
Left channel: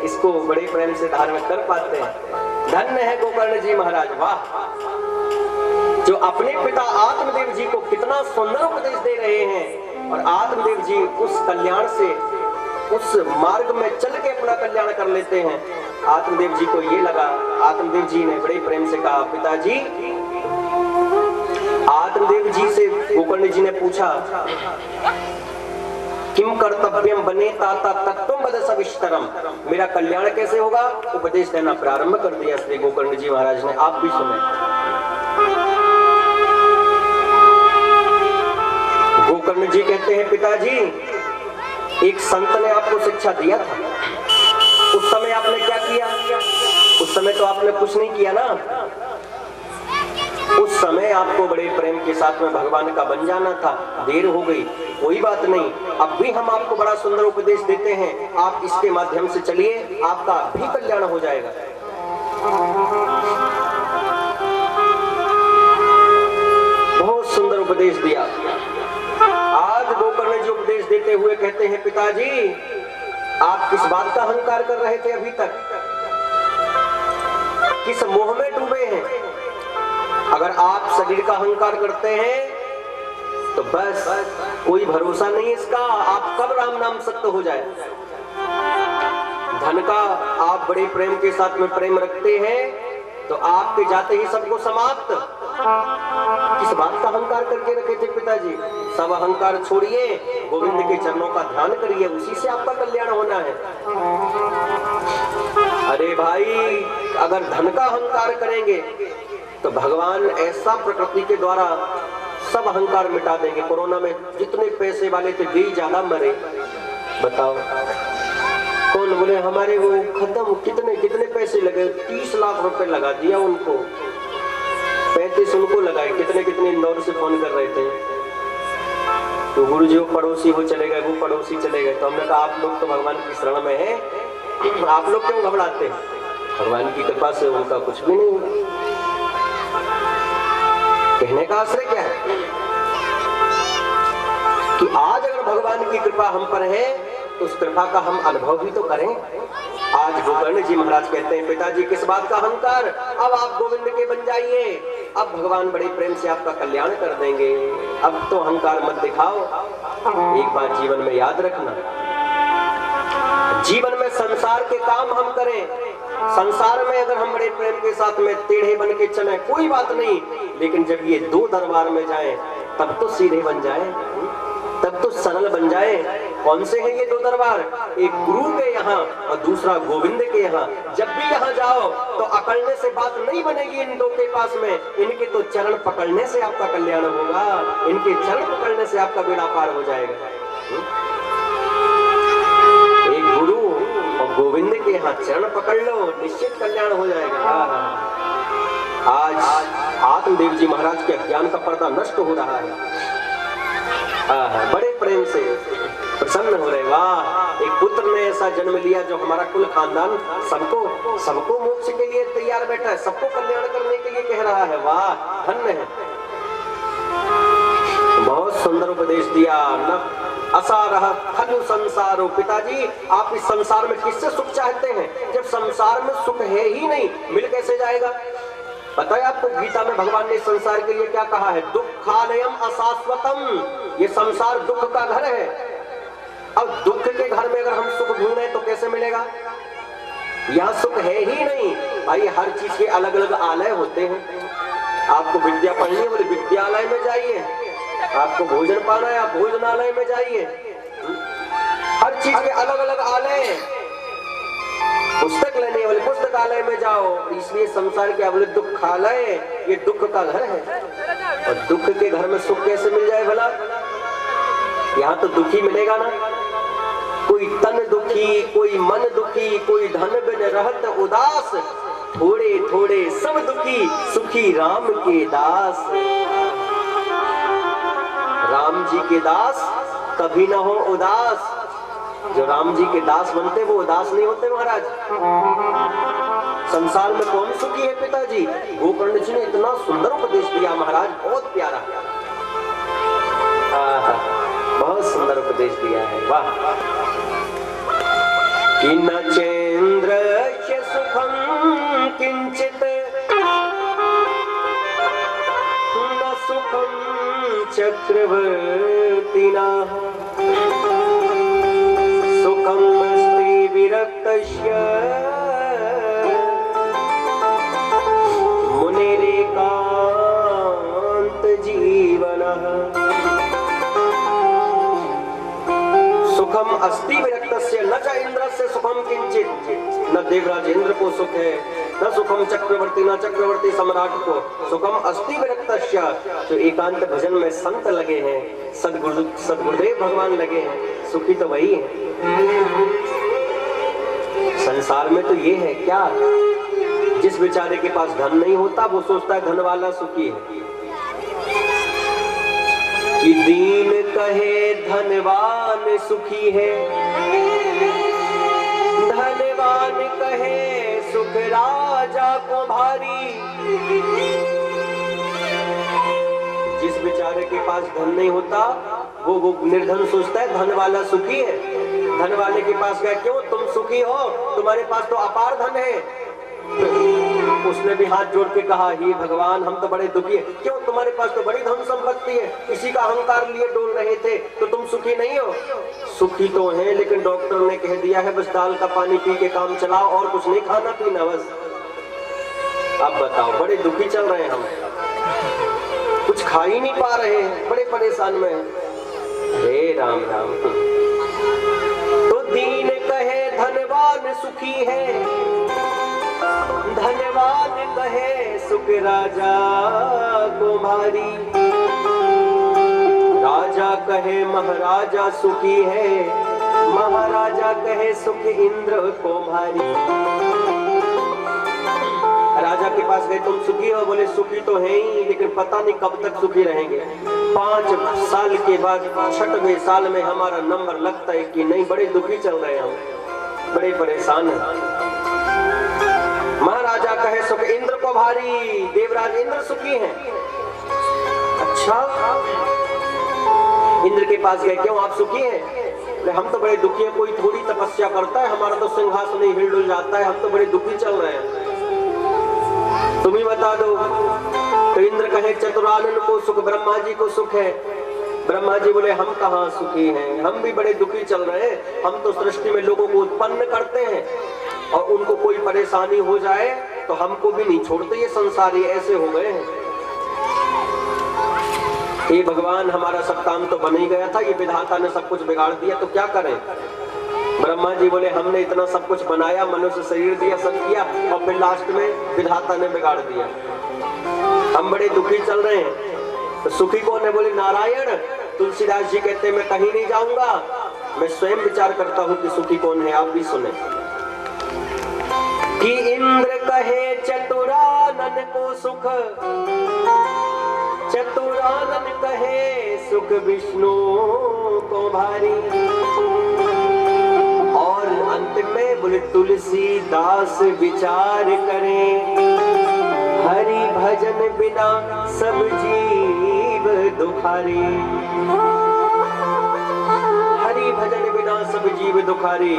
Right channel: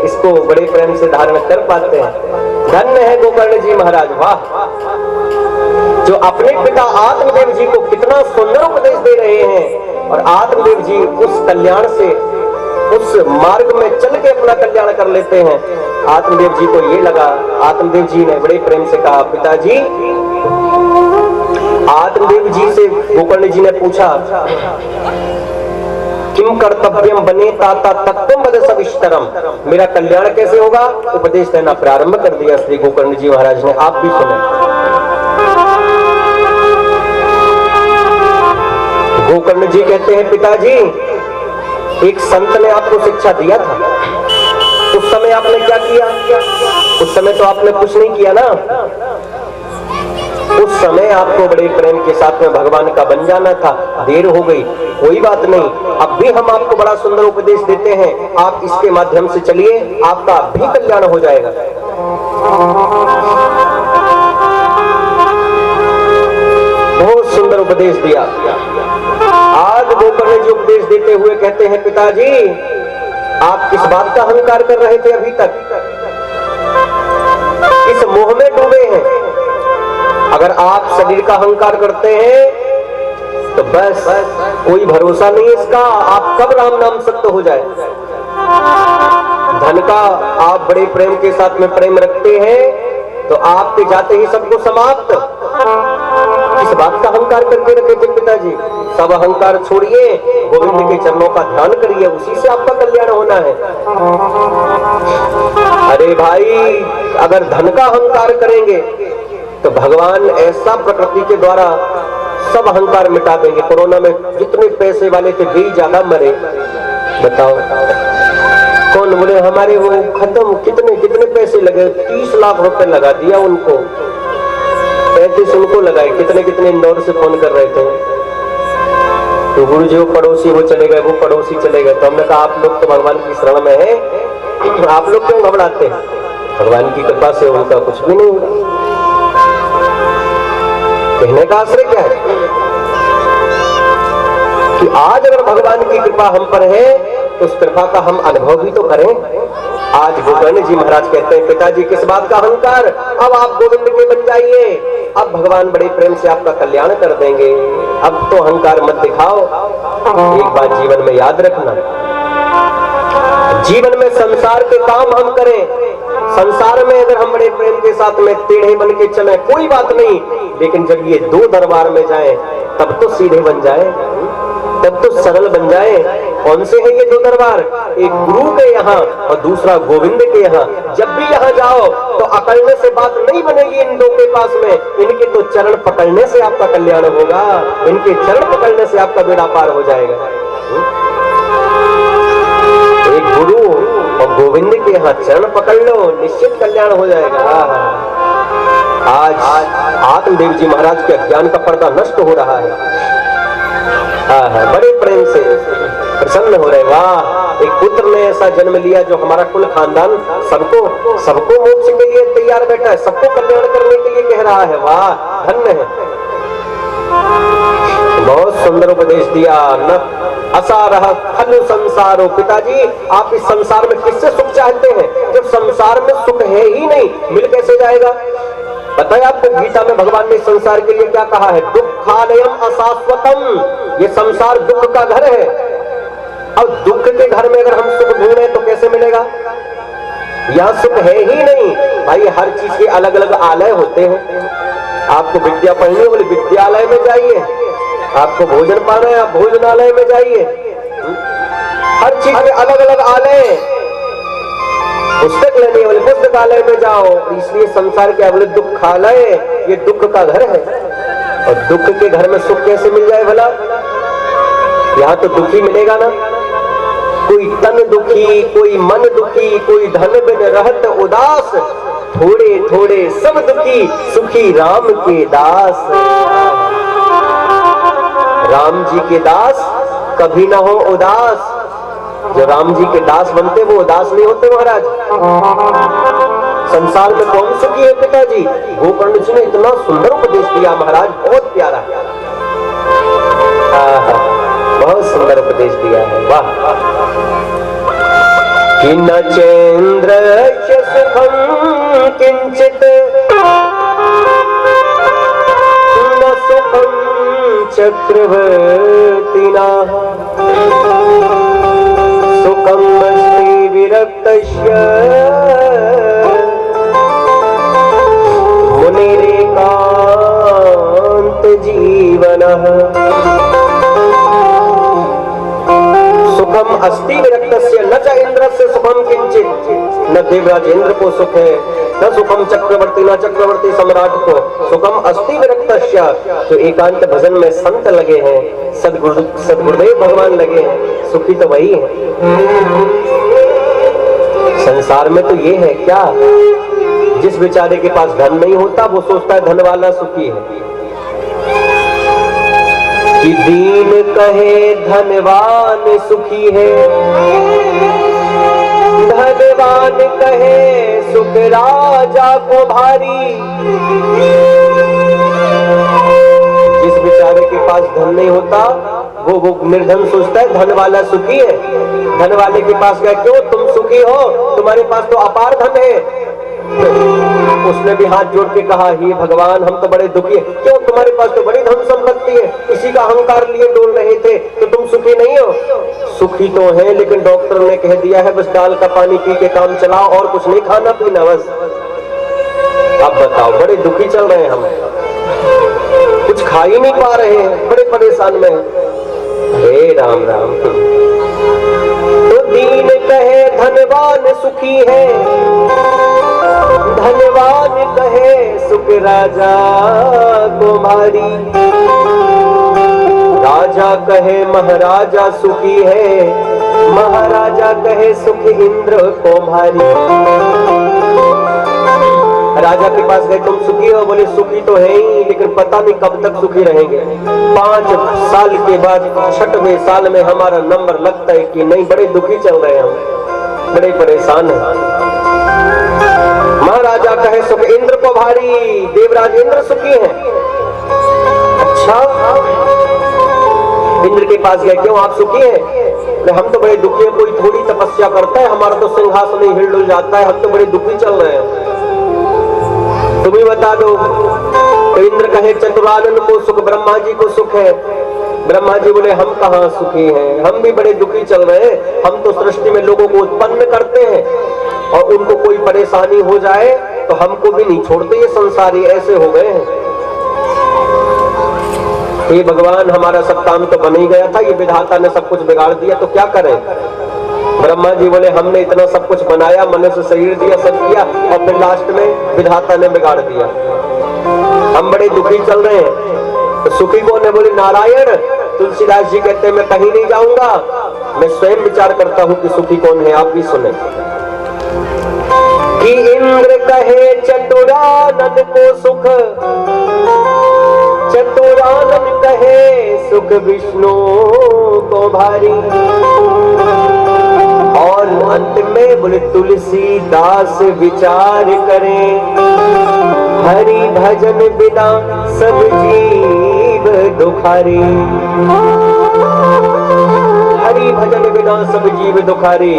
इसको बड़े प्रेम से धारण कर पाते हैं। धन्य है गोकर्ण जी महाराज, वाह, जो अपने पिता आत्मदेव जी को कितना सुंदर उपदेश दे रहे हैं और आत्मदेव जी उस कल्याण से, उस मार्ग में चल के अपना कल्याण कर लेते हैं। आत्मदेव जी को ये लगा, आत्मदेव जी ने बड़े प्रेम से कहा, पिताजी, आत्मदेव जी से गोकर्ण जी ने पूछा, किम कर्तव्यम बने ताता तत्वम वद सविस्तरम, मेरा कल्याण कैसे होगा, उपदेश देना प्रारंभ कर दिया श्री गोकर्ण जी महाराज ने। आप भी सुने। गोकर्ण जी कहते हैं, पिताजी, एक संत ने आपको शिक्षा दिया था, उस समय आपने क्या किया? उस समय तो आपने कुछ नहीं किया ना। उस समय आपको बड़े प्रेम के साथ में भगवान का बन जाना था, देर हो गई, कोई बात नहीं, अब भी हम आपको बड़ा सुंदर उपदेश देते हैं, आप इसके माध्यम से चलिए, आपका भी कल्याण हो जाएगा। बहुत सुंदर उपदेश दिया। आज गोकर्ण जी उपदेश देते हुए कहते हैं, पिताजी, आप किस बात का अहंकार कर रहे थे अभी तक, किस मोह में डूबे हैं? अगर आप शरीर का अहंकार करते हैं तो बस कोई भरोसा नहीं इसका, आप कब राम नाम सत्य हो जाए। धन का आप बड़े प्रेम के साथ में प्रेम रखते हैं तो आपके जाते ही सबको समाप्त। इस बात का अहंकार करके रखे थे पिताजी, सब अहंकार छोड़िए, गोविंद के चरणों का ध्यान करिए, उसी से आपका कल्याण होना है। अरे भाई, अगर धन का अहंकार करेंगे तो भगवान ऐसा प्रकृति के द्वारा सब अहंकार मिटा देंगे। कोरोना में जितने पैसे वाले थे वे ज्यादा मरे, बताओ कौन बोले हमारे वो खत्म, कितने कितने पैसे लगे, 30 लाख रुपए लगा दिया उनको, 35 उनको लगाए, कितने कितने इंदौर से फोन कर रहे थे। तो गुरु जी वो पड़ोसी वो चले गए, वो पड़ोसी चले गए। तो हमने कहा आप लोग तो भगवान की शरण में है, आप लोग क्यों घबराते हैं, भगवान की कृपा से उनका कुछ भी नहीं हुआ। कहने का आश्रय क्या है कि आज अगर भगवान की कृपा हम पर है तो उस कृपा का हम अनुभव भी तो करें। आज गोकर्ण जी महाराज कहते हैं, पिताजी, किस बात का अहंकार, अब आप गोविंद के बन जाइए, अब भगवान बड़े प्रेम से आपका कल्याण कर देंगे, अब तो अहंकार मत दिखाओ। एक बात जीवन में याद रखना, जीवन में संसार के काम हम करें, संसार में अगर हम बड़े प्रेम के साथ में टेढ़े बन के चले कोई बात नहीं, लेकिन जब ये दो दरबार में जाएं तब तो सीधे बन जाएं, तब तो सरल बन जाएं। कौन से हैं ये दो दरबार? एक गुरु के यहाँ और दूसरा गोविंद के यहाँ। जब भी यहाँ जाओ तो अकड़ने से बात नहीं बनेगी इन दो के पास में, इनके तो चरण पकड़ने से आपका कल्याण होगा, इनके चरण पकड़ने से आपका बेड़ा पार हो जाएगा। एक गुरु और गोविंद के यहाँ चरण पकड़ लो, निश्चित कल्याण हो जाएगा। आज आत्मदेव जी महाराज के अज्ञान का पर्दा नष्ट हो रहा है। बड़े प्रेम से प्रसन्न हो रहे, वाह, एक पुत्र ने ऐसा जन्म लिया जो हमारा कुल खानदान सबको मोक्ष के लिए तैयार बैठा है, सबको कल्याण करने के लिए कह रहा है, वाह, धन्य है। बहुत सुंदर उपदेश दिया। न असारह खलु संसारो, पिताजी, आप इस संसार में किससे सुख चाहते हैं जब संसार में सुख है ही नहीं, मिल कैसे जाएगा? बताए आपको गीता में भगवान ने संसार के लिए क्या कहा है? दुखालयम अशाश्वतम, ये संसार दुख का घर है। अब दुख के घर में अगर हम सुख ढूंढे तो कैसे मिलेगा? यहाँ सुख है ही नहीं भाई। हर चीज के अलग अलग आलय होते हैं। आपको विद्या पढ़नी है बोले विद्यालय में जाइए, आपको भोजन पाना है आप भोजनालय में जाइए। हर चीज के अलग अलग आलय, पुस्तक लेने है बोले पुस्तकालय में जाओ। इसलिए संसार के बोले दुखालय, ये दुख का घर है। और दुख के घर में सुख कैसे मिल जाए भला? यहाँ तो दुखी मिलेगा ना, कोई तन दुखी, कोई मन दुखी, कोई धन बिन रहत उदास, थोड़े थोड़े सब दुखी, सुखी राम के दास। राम जी के दास कभी ना हो उदास। जो राम जी के दास बनते वो उदास नहीं होते महाराज। संसार में कौन सुखी है पिताजी? गोकर्ण जी ने इतना सुंदर उपदेश दिया महाराज, बहुत प्यारा। बहुत सुंदर उपदेश दिया है, वाह। कि न चेन्द्र सुखम किंचित न सुखम चक्रवर्तिना सुखम अस्ति विरक्तस्य मुनिरेकांत जीवनः। सुखम अस्ति विरक्तस्य न च इंद्रस्य सुखम किंचित, न देवराज इंद्र को सुख है, न सुखम चक्रवर्ती, न चक्रवर्ती सम्राट को। सुखम अस्ति विरक्तस्य, जो एकांत भजन में संत लगे हैं, सद्गुरुदेव भगवान लगे हैं, सुखी तो वही है। संसार में तो ये है क्या, जिस बेचारे के पास धन नहीं होता वो सोचता है धन वाला सुखी है। कि दीन कहे धनवान सुखी है, धनवान कहे सुख राजा को भारी। जिस बेचारे के पास धन नहीं होता वो निर्धन सोचता है धन वाला सुखी है। धन वाले के पास गया, क्यों तुम सुखी हो, तुम्हारे पास तो अपार धन है। उसने भी हाथ जोड़ के कहा, हे भगवान हम तो बड़े दुखी है। क्यों, तुम्हारे पास तो बड़ी धन संपत्ति है, इसी का अहंकार लिए डोल रहे थे, तो तुम सुखी नहीं हो। सुखी तो है, लेकिन डॉक्टर ने कह दिया है बस दाल का पानी पी के काम चलाओ और कुछ नहीं खाना पीना बस। अब बताओ, बड़े दुखी चल रहे हैं हम, कुछ खा ही नहीं पा रहे हैं, बड़े परेशान में। हे राम राम। तो दीन कहे धनवान सुखी है, धनवान कहे सुख राजा को भारी। राजा कहे महाराजा सुखी है, महाराजा कहे सुख इंद्र को भारी। राजा के पास गए, तुम सुखी हो, बोले सुखी तो है ही, लेकिन पता नहीं कब तक सुखी रहेंगे। 5 साल के बाद 6वें साल में हमारा नंबर लगता है कि नहीं, बड़े दुखी चल रहे हैं हम, बड़े परेशान हैं। महाराजा कहे सुख इंद्र को भारी, देवराज इंद्र सुखी हैं। अच्छा, इंद्र के पास गए, क्यों आप सुखी हैं? हम तो बड़े दुखी हैं, कोई थोड़ी तपस्या करता है, हमारा तो सिंहासन ही हिल जाता है, हम तो बड़े दुखी चल रहे हैं, तुम ही बता दो। तो इंद्र कहे चतुरानन को सुख, ब्रह्मा जी को सुख है। ब्रह्मा जी बोले हम कहाँ सुखी हैं, हम भी बड़े दुखी चल रहे हैं। हम तो सृष्टि में लोगों को उत्पन्न करते हैं और उनको कोई परेशानी हो जाए तो हमको भी नहीं छोड़ते, ये संसारी ऐसे हो गए हैं। हे भगवान, हमारा सब काम तो बन ही गया था, ये विधाता ने सब कुछ बिगाड़ दिया, तो क्या करें? ब्रह्मा जी बोले हमने इतना सब कुछ बनाया, मनुष्य शरीर दिया, सब किया, और फिर लास्ट में विधाता ने बिगाड़ दिया, हम बड़े दुखी चल रहे हैं। तो सुखी कौन है? बोले नारायण। तुलसीदास जी कहते हैं मैं कहीं नहीं जाऊंगा, मैं स्वयं विचार करता हूं कि सुखी कौन है, आप भी सुने। कि इंद्र कहे चतुरानन को सुख, चतुरानन कहे सुख विष्णु को भारी। और अंत में बोले तुलसीदास विचार करें, हरि भजन बिना सब जीव दुखारी। हरि भजन बिना सब जीव दुखारी।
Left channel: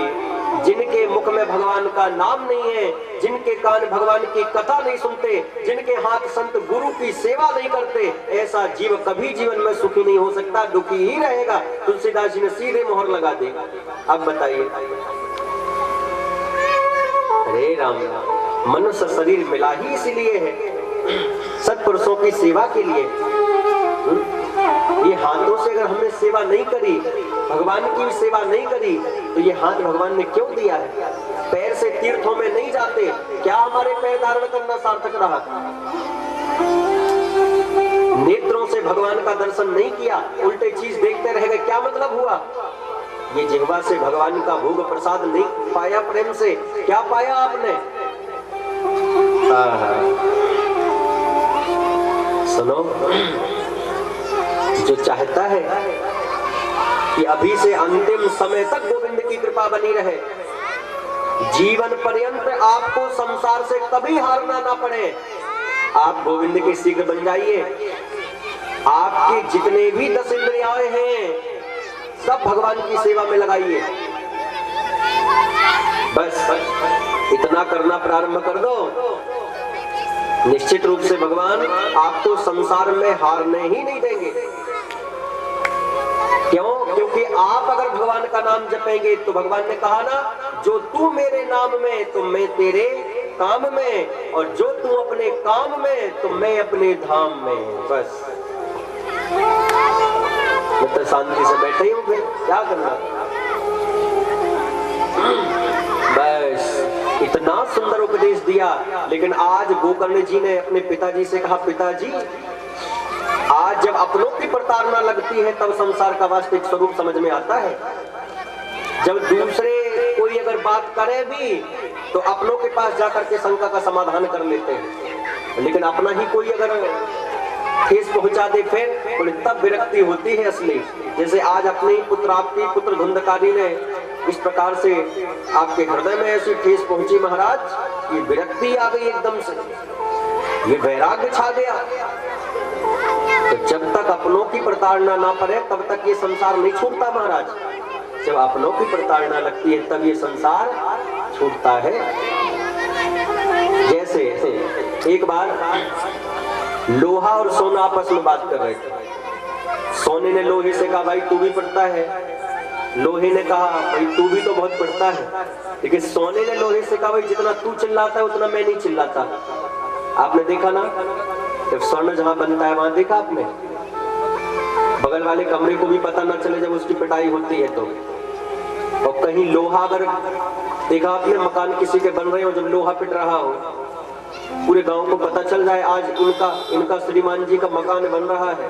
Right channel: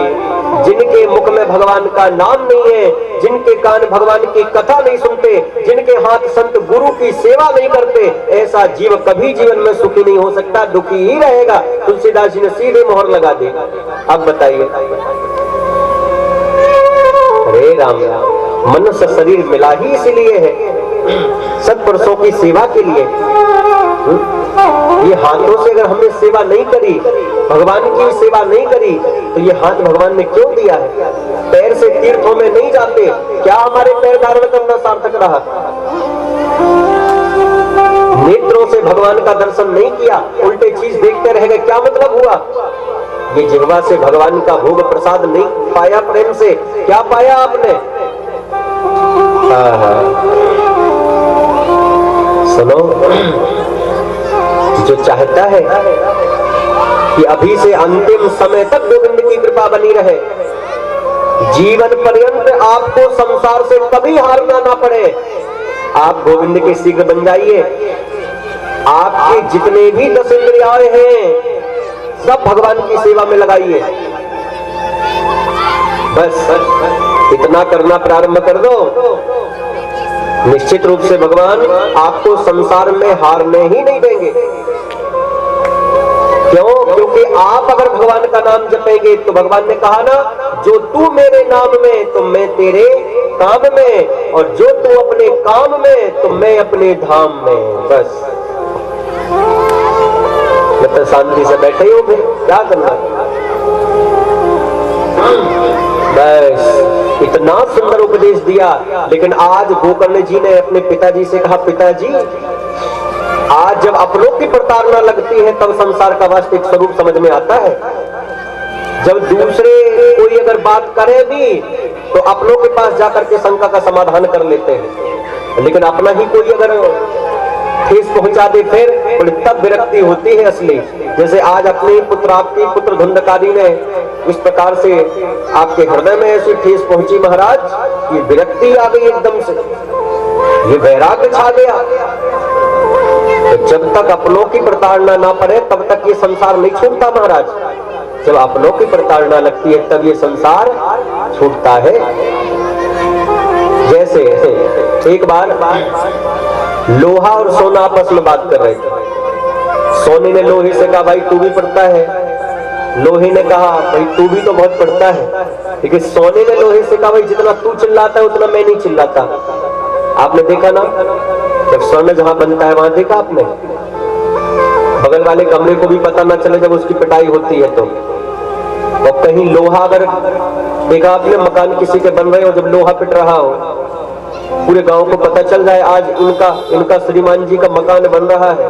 जिनके मुख में भगवान का नाम नहीं है, जिनके कान भगवान की कथा नहीं सुनते, जिनके हाथ संत गुरु की सेवा नहीं करते, ऐसा जीव कभी जीवन में सुखी नहीं हो सकता, दुखी ही रहेगा। तुलसीदास जी ने सीधे मोहर लगा दी। अब बताइए, अरे राम राम, मनुष्य शरीर मिला ही इसलिए है, सत्पुरुषों की सेवा के लिए। ये हाथों से अगर हमने सेवा नहीं करी, भगवान की सेवा नहीं करी, तो ये हाथ भगवान ने क्यों दिया है? पैर से तीर्थों में नहीं जाते, क्या हमारे पैर धारण करना सार्थक रहा? नेत्रों से भगवान का दर्शन नहीं किया, उल्टे चीज देखते रह गए, क्या मतलब हुआ? ये जिह्वा से भगवान का भोग प्रसाद नहीं पाया, प्रेम से क्या पाया आपने? सुनो, जो चाहता है कि अभी से अंतिम समय तक गोविंद की कृपा बनी रहे, जीवन पर्यंत आपको संसार से कभी हारना ना पड़े, आप गोविंद के शीघ्र बन जाइए। आपके जितने भी 10 इंद्रियाएं हैं, सब भगवान की सेवा में लगाइए। बस इतना करना प्रारंभ कर दो, निश्चित रूप से भगवान आपको संसार में हारने ही नहीं देंगे। क्यों? क्योंकि आप अगर भगवान का नाम जपेंगे तो भगवान ने कहा ना, जो तू मेरे नाम में तो मैं तेरे काम में, और जो तू अपने काम में तो मैं अपने धाम में। बस मतलब शांति से बैठे हो, फिर क्या करना। बस इतना सुंदर उपदेश दिया। लेकिन आज गोकर्ण जी ने अपने पिताजी से कहा, पिताजी आज जब अपनों की प्रताड़ना लगती है तब संसार का वास्तविक स्वरूप समझ में आता है। जब दूसरे कोई अगर बात करे भी तो अपनों के पास जाकर के शंका का समाधान कर लेते हैं, लेकिन अपना ही कोई अगर ठेस पहुंचा दे फिर तब विरक्ति होती है असली। जैसे आज अपनी पुत्र, आपकी पुत्र धुंधकारी ने इस प्रकार से आपके हृदय में ऐसी ठेस पहुंची महाराज कि विरक्ति आ गई एकदम से, ये वैराग्य छा गया। तो जब तक अपनों की प्रताड़ना ना पड़े तब तक ये संसार नहीं छूटता महाराज। जब अपनों की प्रताड़ना लगती है तब ये संसार छूटता है। जैसे एक बार लोहा और सोना आपस में बात कर रहे थे। सोने ने लोहे से कहा, भाई तू भी पढ़ता है। लोहे ने कहा, भाई तू भी तो बहुत पढ़ता है। लेकिन सोने ने लोहे से कहा, भाई जितना तू चिल्लाता है उतना मैं नहीं चिल्लाता। आपने देखा ना, जब स्वर्ण जहां बनता है वहां देखा आपने, बगल वाले कमरे को भी पता ना चले जब उसकी पिटाई होती है तो। और कहीं लोहा अगर देखा आपने, मकान किसी के बन रहे हो, जब लोहा पिट रहा हो पूरे गांव को पता चल जाए आज इनका श्रीमान जी का मकान बन रहा है।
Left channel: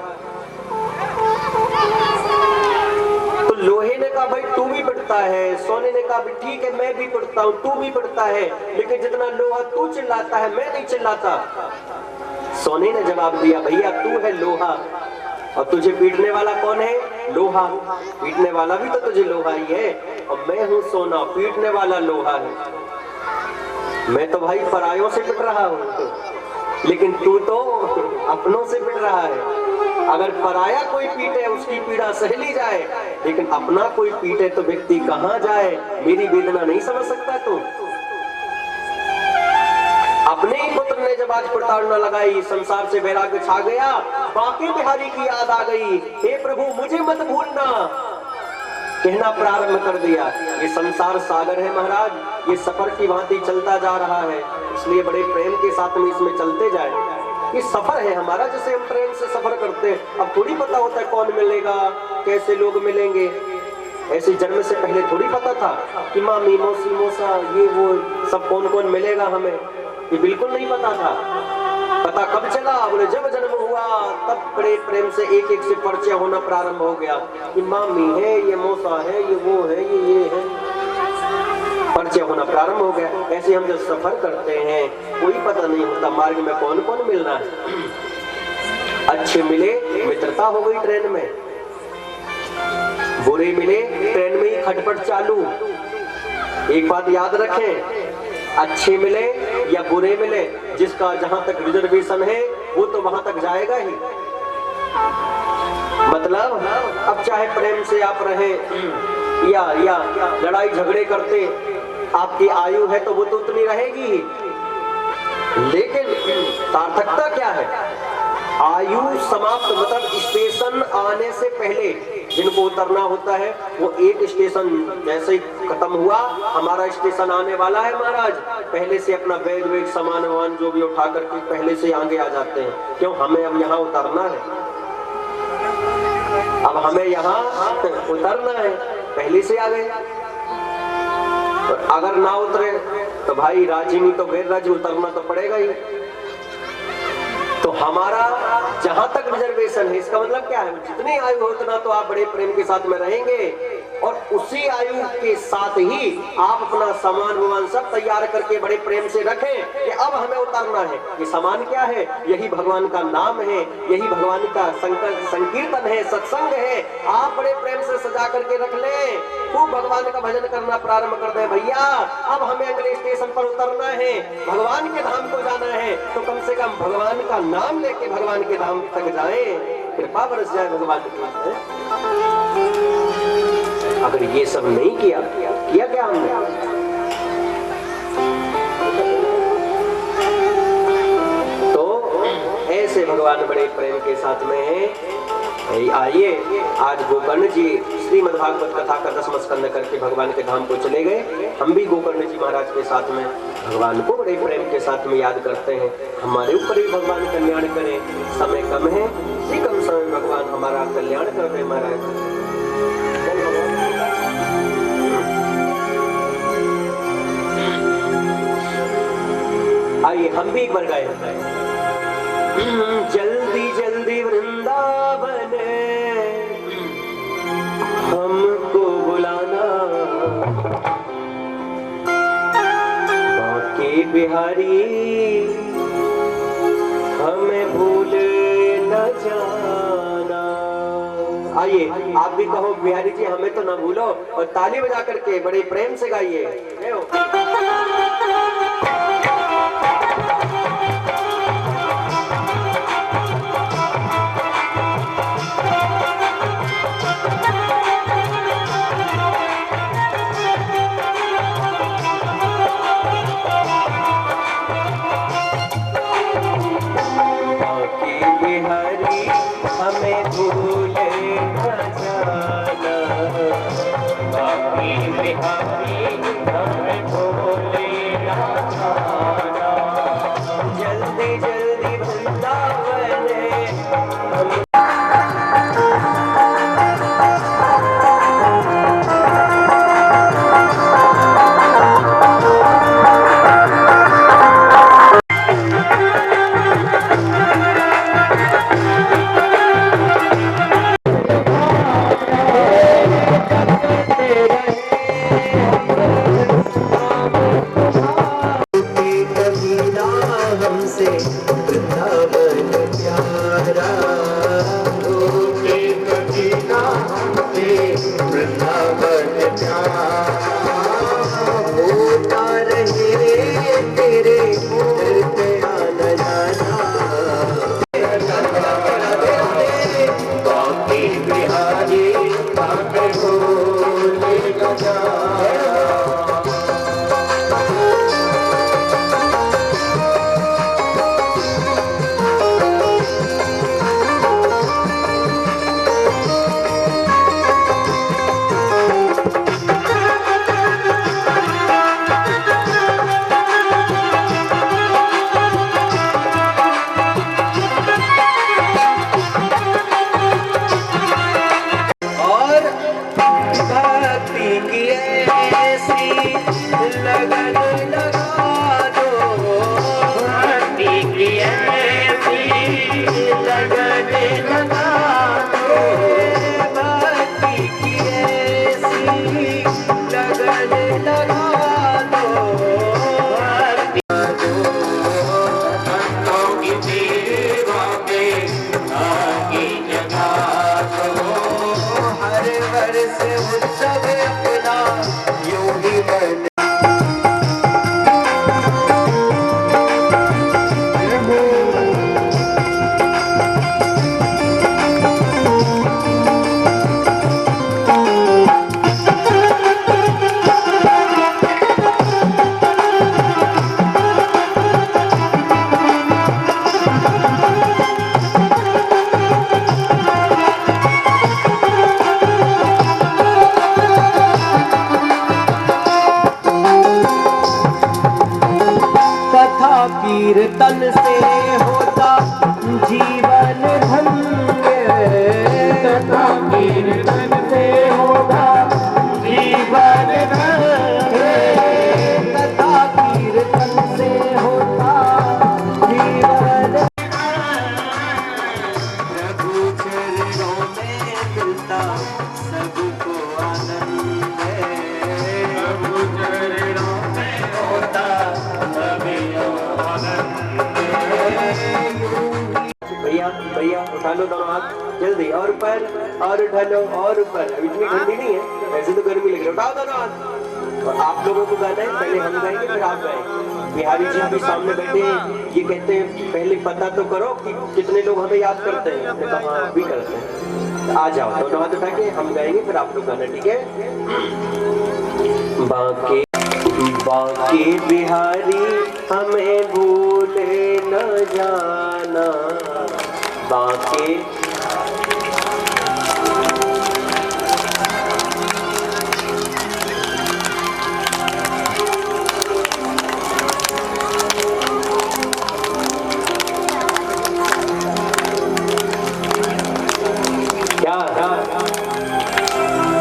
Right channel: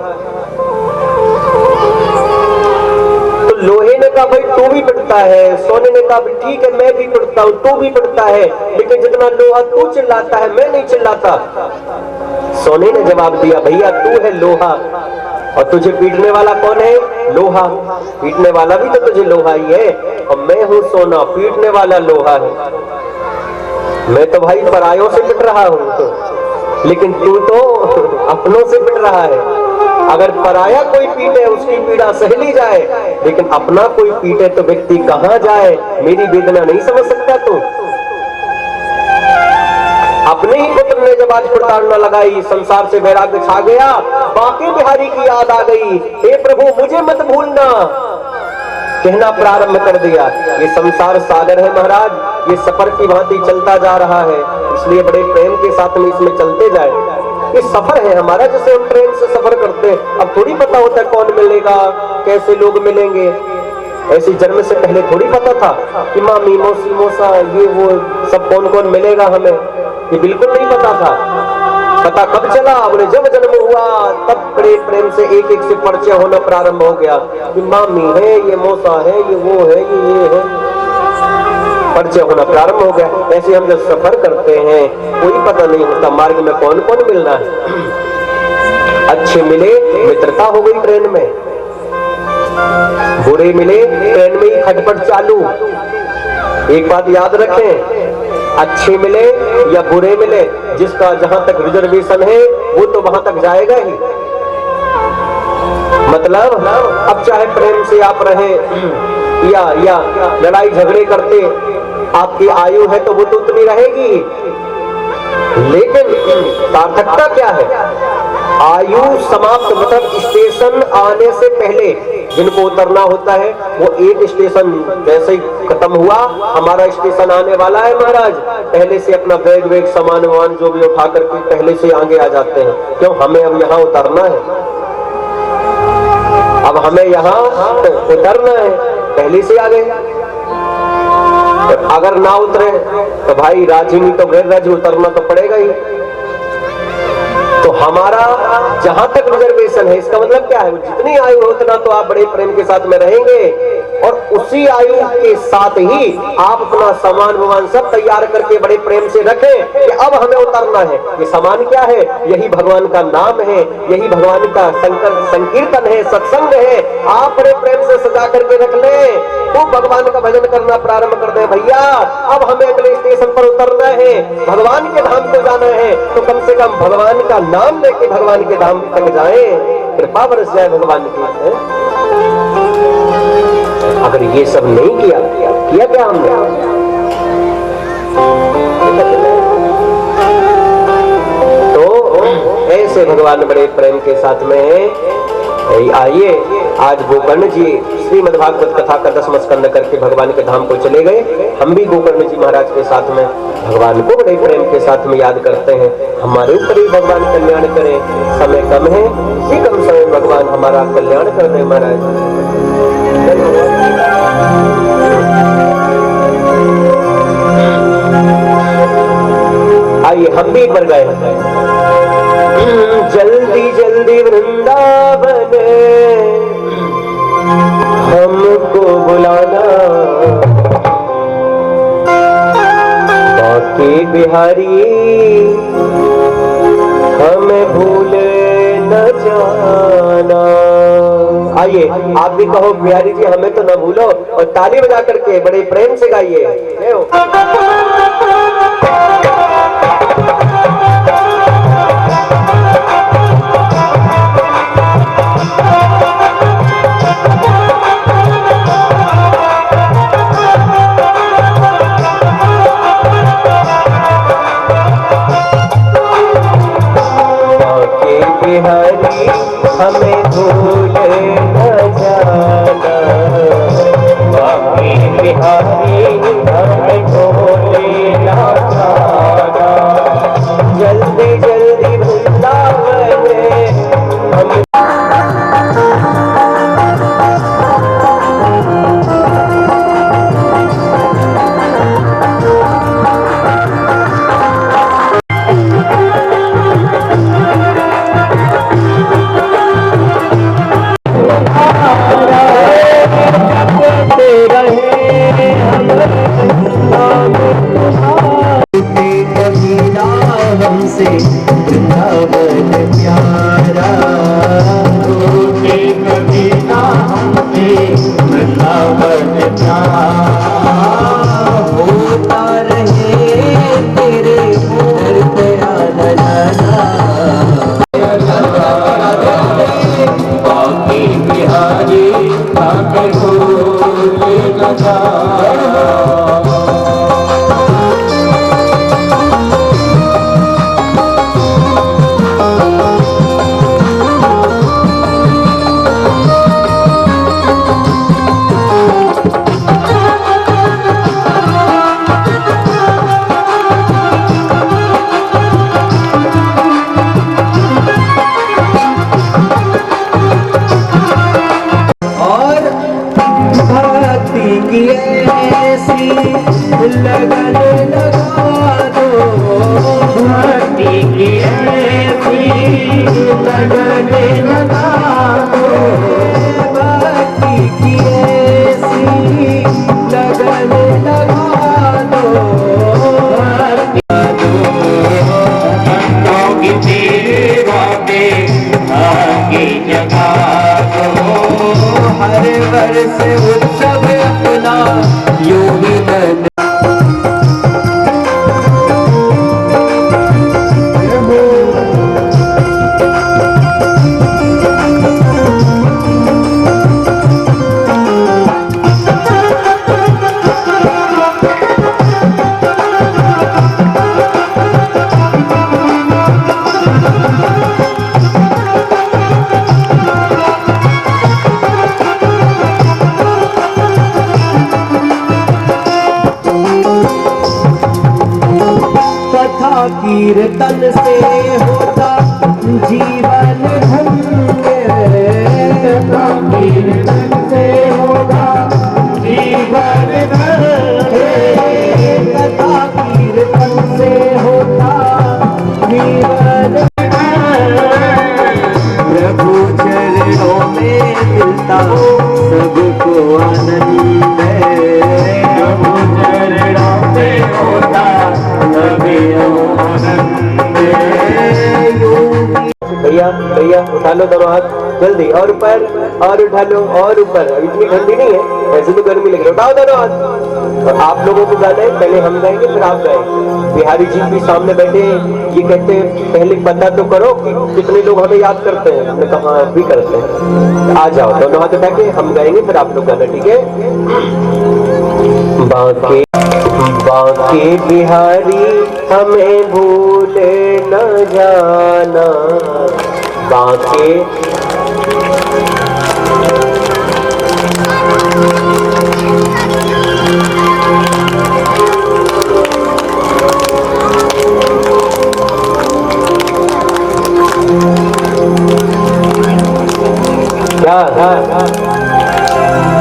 तो लोहे ने कहा, भाई तू भी पिटता है। सोने ने कहा, ठीक है मैं भी पिटता हूँ, तू भी पिटता है, लेकिन जितना लोहा तू चिल्लाता है मैं नहीं चिल्लाता। सोने ने जवाब दिया, भैया तू है लोहा और तुझे पीटने वाला कौन है? लोहा। पीटने वाला भी तो तुझे लोहा ही है, और मैं हूँ सोना, पीटने वाला लोहा है। मैं तो भाई परायों से पिट रहा हूँ, लेकिन तू तो अपनों से पिट रहा है। अगर पराया कोई पीटे उसकी पीड़ा सह ली जाए, लेकिन अपना कोई पीटे तो व्यक्ति कहाँ जाए? मेरी वेदना नहीं समझ सकता तू? अपने ही पुत्र ने जब आज प्रताड़ना लगाई, संसार से वैराग्य छा गया, बांके बिहारी की याद आ गई। हे प्रभु मुझे मत भूलना, कहना प्रारंभ कर दिया। ये संसार सागर है महाराज, ये सफर की भांति चलता जा रहा है, इसलिए बड़े प्रेम के साथ में इसमें चलते जाए। ये सफर है हमारा, जैसे हम ट्रेन से सफर करते हैं। अब थोड़ी पता होता है कौन मिलेगा, कैसे लोग मिलेंगे। ऐसी जन्म से पहले थोड़ी पता था कि मामी, मौसी, मौसा, ये वो सब कौन कौन मिलेगा हमें, ये बिल्कुल नहीं पता था। पता कब चला? बोले जब जन्म हुआ तब बड़े प्रेम से एक एक से परिचय होना प्रारंभ हो गया कि मामी है, ये मौसा है, ये वो है, ये है, परिचय होना प्रारंभ हो गया। ऐसे हम जब सफर करते हैं कोई पता नहीं होता मार्ग में कौन कौन मिलना है। अच्छे मिले मित्रता हो गई ट्रेन में, बुरे मिले ट्रेन में ही खटपट चालू। एक बात याद रखें, अच्छे मिले या बुरे मिले, जिसका जहां तक रिजर्वेशन है वो तो वहां तक जाएगा ही। मतलब अब चाहे प्रेम से आप रहे या लड़ाई झगड़े करते, आपकी आयु है तो वो तो उतनी रहेगी, लेकिन सार्थकता क्या है? आयु समाप्त, मतलब स्टेशन आने से पहले जिनको उतरना होता है वो एक स्टेशन जैसे ही खत्म हुआ, हमारा स्टेशन आने वाला है महाराज, पहले से अपना बैग वेग सामान वामान जो भी उठा करके पहले से आगे आ जाते हैं। क्यों? हमें अब यहाँ उतरना है, अब हमें यहाँ उतरना है, पहले से आ गए। अगर ना उतरे तो भाई राजी नहीं तो गैर राजी, उतरना तो पड़ेगा ही। तो हमारा जहां तक रिजर्वेशन है, इसका मतलब क्या है? जितनी आयु हो उतना तो आप बड़े प्रेम के साथ में रहेंगे, और उसी आयु के साथ ही आप अपना सामान वामान सब तैयार करके बड़े प्रेम से रखें कि अब हमें उतरना है। ये सामान क्या है? यही भगवान का नाम है, यही भगवान का संकीर्तन है, सत्संग है। आप बड़े प्रेम से सजा करके रख लें, तो भगवान का भजन करना प्रारंभ कर दें। भैया अब हमें अगले स्टेशन पर उतरना है, भगवान के धाम को जाना है, तो कम से कम भगवान का नाम लेके भगवान के धाम तक जाएं, कृपा बरस जाए भगवान की। अगर ये सब नहीं किया क्या हमने? तो ऐसे भगवान बड़े प्रेम के साथ में आइए। आज गोकर्ण जी श्रीमद् भागवत कथा का 10वां स्कंद करके भगवान के धाम को चले गए। हम भी गोकर्ण जी महाराज के साथ में भगवान को बड़े प्रेम के साथ में याद करते हैं। हमारे ऊपर ही भगवान कल्याण करें। समय कम है, इसी कम समय भगवान हमारा कल्याण कर रहे महाराज। आइए हम भी एक बार गए। जल्दी जल्दी वृंदावन हमको बुलाना, बाकी बिहारी हमें भूल न जाना। आइए आप भी कहो बिहारी जी हमें तो न भूलो, और ताली बजा करके बड़े प्रेम से गाइए। बिहारी हमें भूल न जाना, बाकी बिहारी हमें भूल न जाना। जल्दी जल्दी वृंदावन हम कीर्तन से होता जीवन धन्य, तथा कीर्तन से होगा जीवन धन्य, तथा कीर्तन से होता जीवन धन्य। प्रभु चरणों में मिलता सबको आनंद, प्रभु चरणों में होता सभी भैया भैया उठा लो दोनों हाथ जल्दी, और ऊपर और उठा लो और ऊपर। अब इतनी ठंडी नहीं है, ऐसे तो गर्मी लग रही है। उठाओ दोनों हाथ। आप लोगों को गाना है, पहले हम गाएंगे फिर आप गाएंगे। बिहारी जी भी सामने बैठे हैं, ये कहते हैं पहले पता तो करो कि कितने लोग हमें याद करते हैं। हमने कहा भी करते हैं। आ जाओ, दोनों हाथ उठा के हम गाएंगे फिर आप लोग गाना, ठीक है? बाके बाके बिहारी हमें भूले न जाना, बाके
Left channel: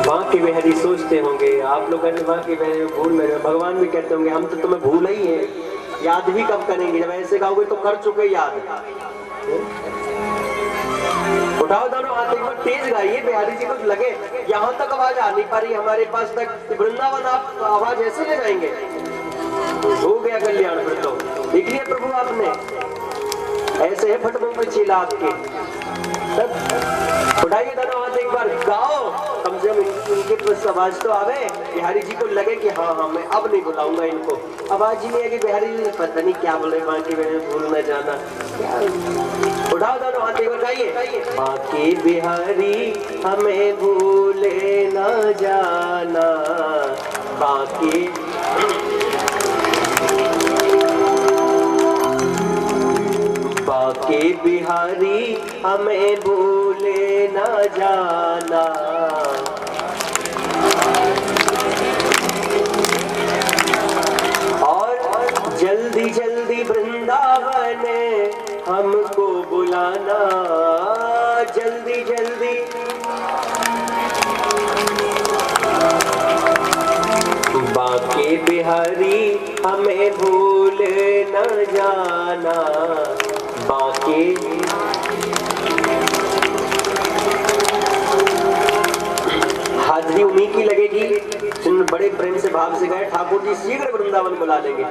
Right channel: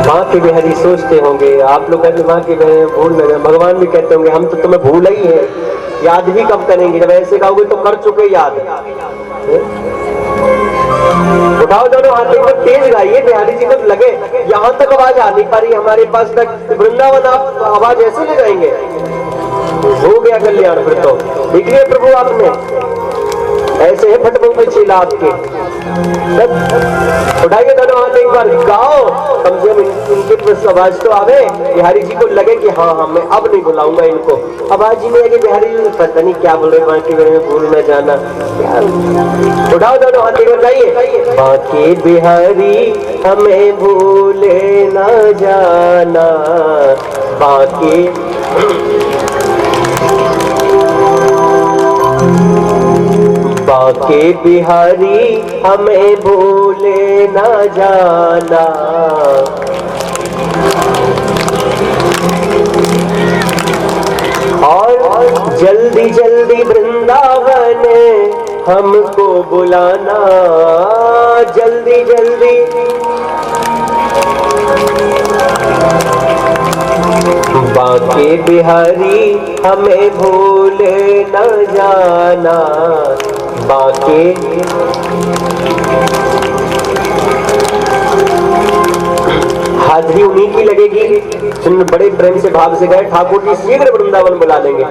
माँ के बिहारी सोचते होंगे आप लोग, कहते माँ के बिहारी भूल न जाए। भगवान भी कहते होंगे हम तो तुम्हें भूल ही है, याद भी कब करेंगे, जब ऐसे कहोगे तो कर चुके याद। उठाओ दोनों हाथ, एक बार तेज गाइए, बिहारी जी को लगे यहाँ तक आवाज आ नहीं पा रही हमारे पास तक, वृंदावन आप आवाज ऐसे ले जाएंगे, हो गया कल्याण। फिर तो देख लिया प्रभु आपने, ऐसे है फटबंग चीला आपके। उठाइए दोनों हाथ, एक बार गाओ, कम से कम इनकी आवाज तो आवे, बिहारी जी को लगे कि हाँ हाँ मैं अब नहीं बुलाऊंगा इनको। आवाज ही नहीं आएगी, बिहारी जी पता नहीं क्या बोल रहे, बाकी में भूल न जाना। उठाओ दोनों हाथ, एक बार गाइए। बाकी बिहारी हमें भूले न जाना, बाकी बाके बिहारी हमें भूले न जाना, और जल्दी जल्दी वृंदावन हमको बुलाना, जल्दी जल्दी बाके बिहारी हमें भूले न जाना, बाके हाजिरी उन्हीं की लगेगी जिन बड़े प्रेम से भाव से गए, ठाकुर जी शीघ्र वृंदावन बुला लेंगे।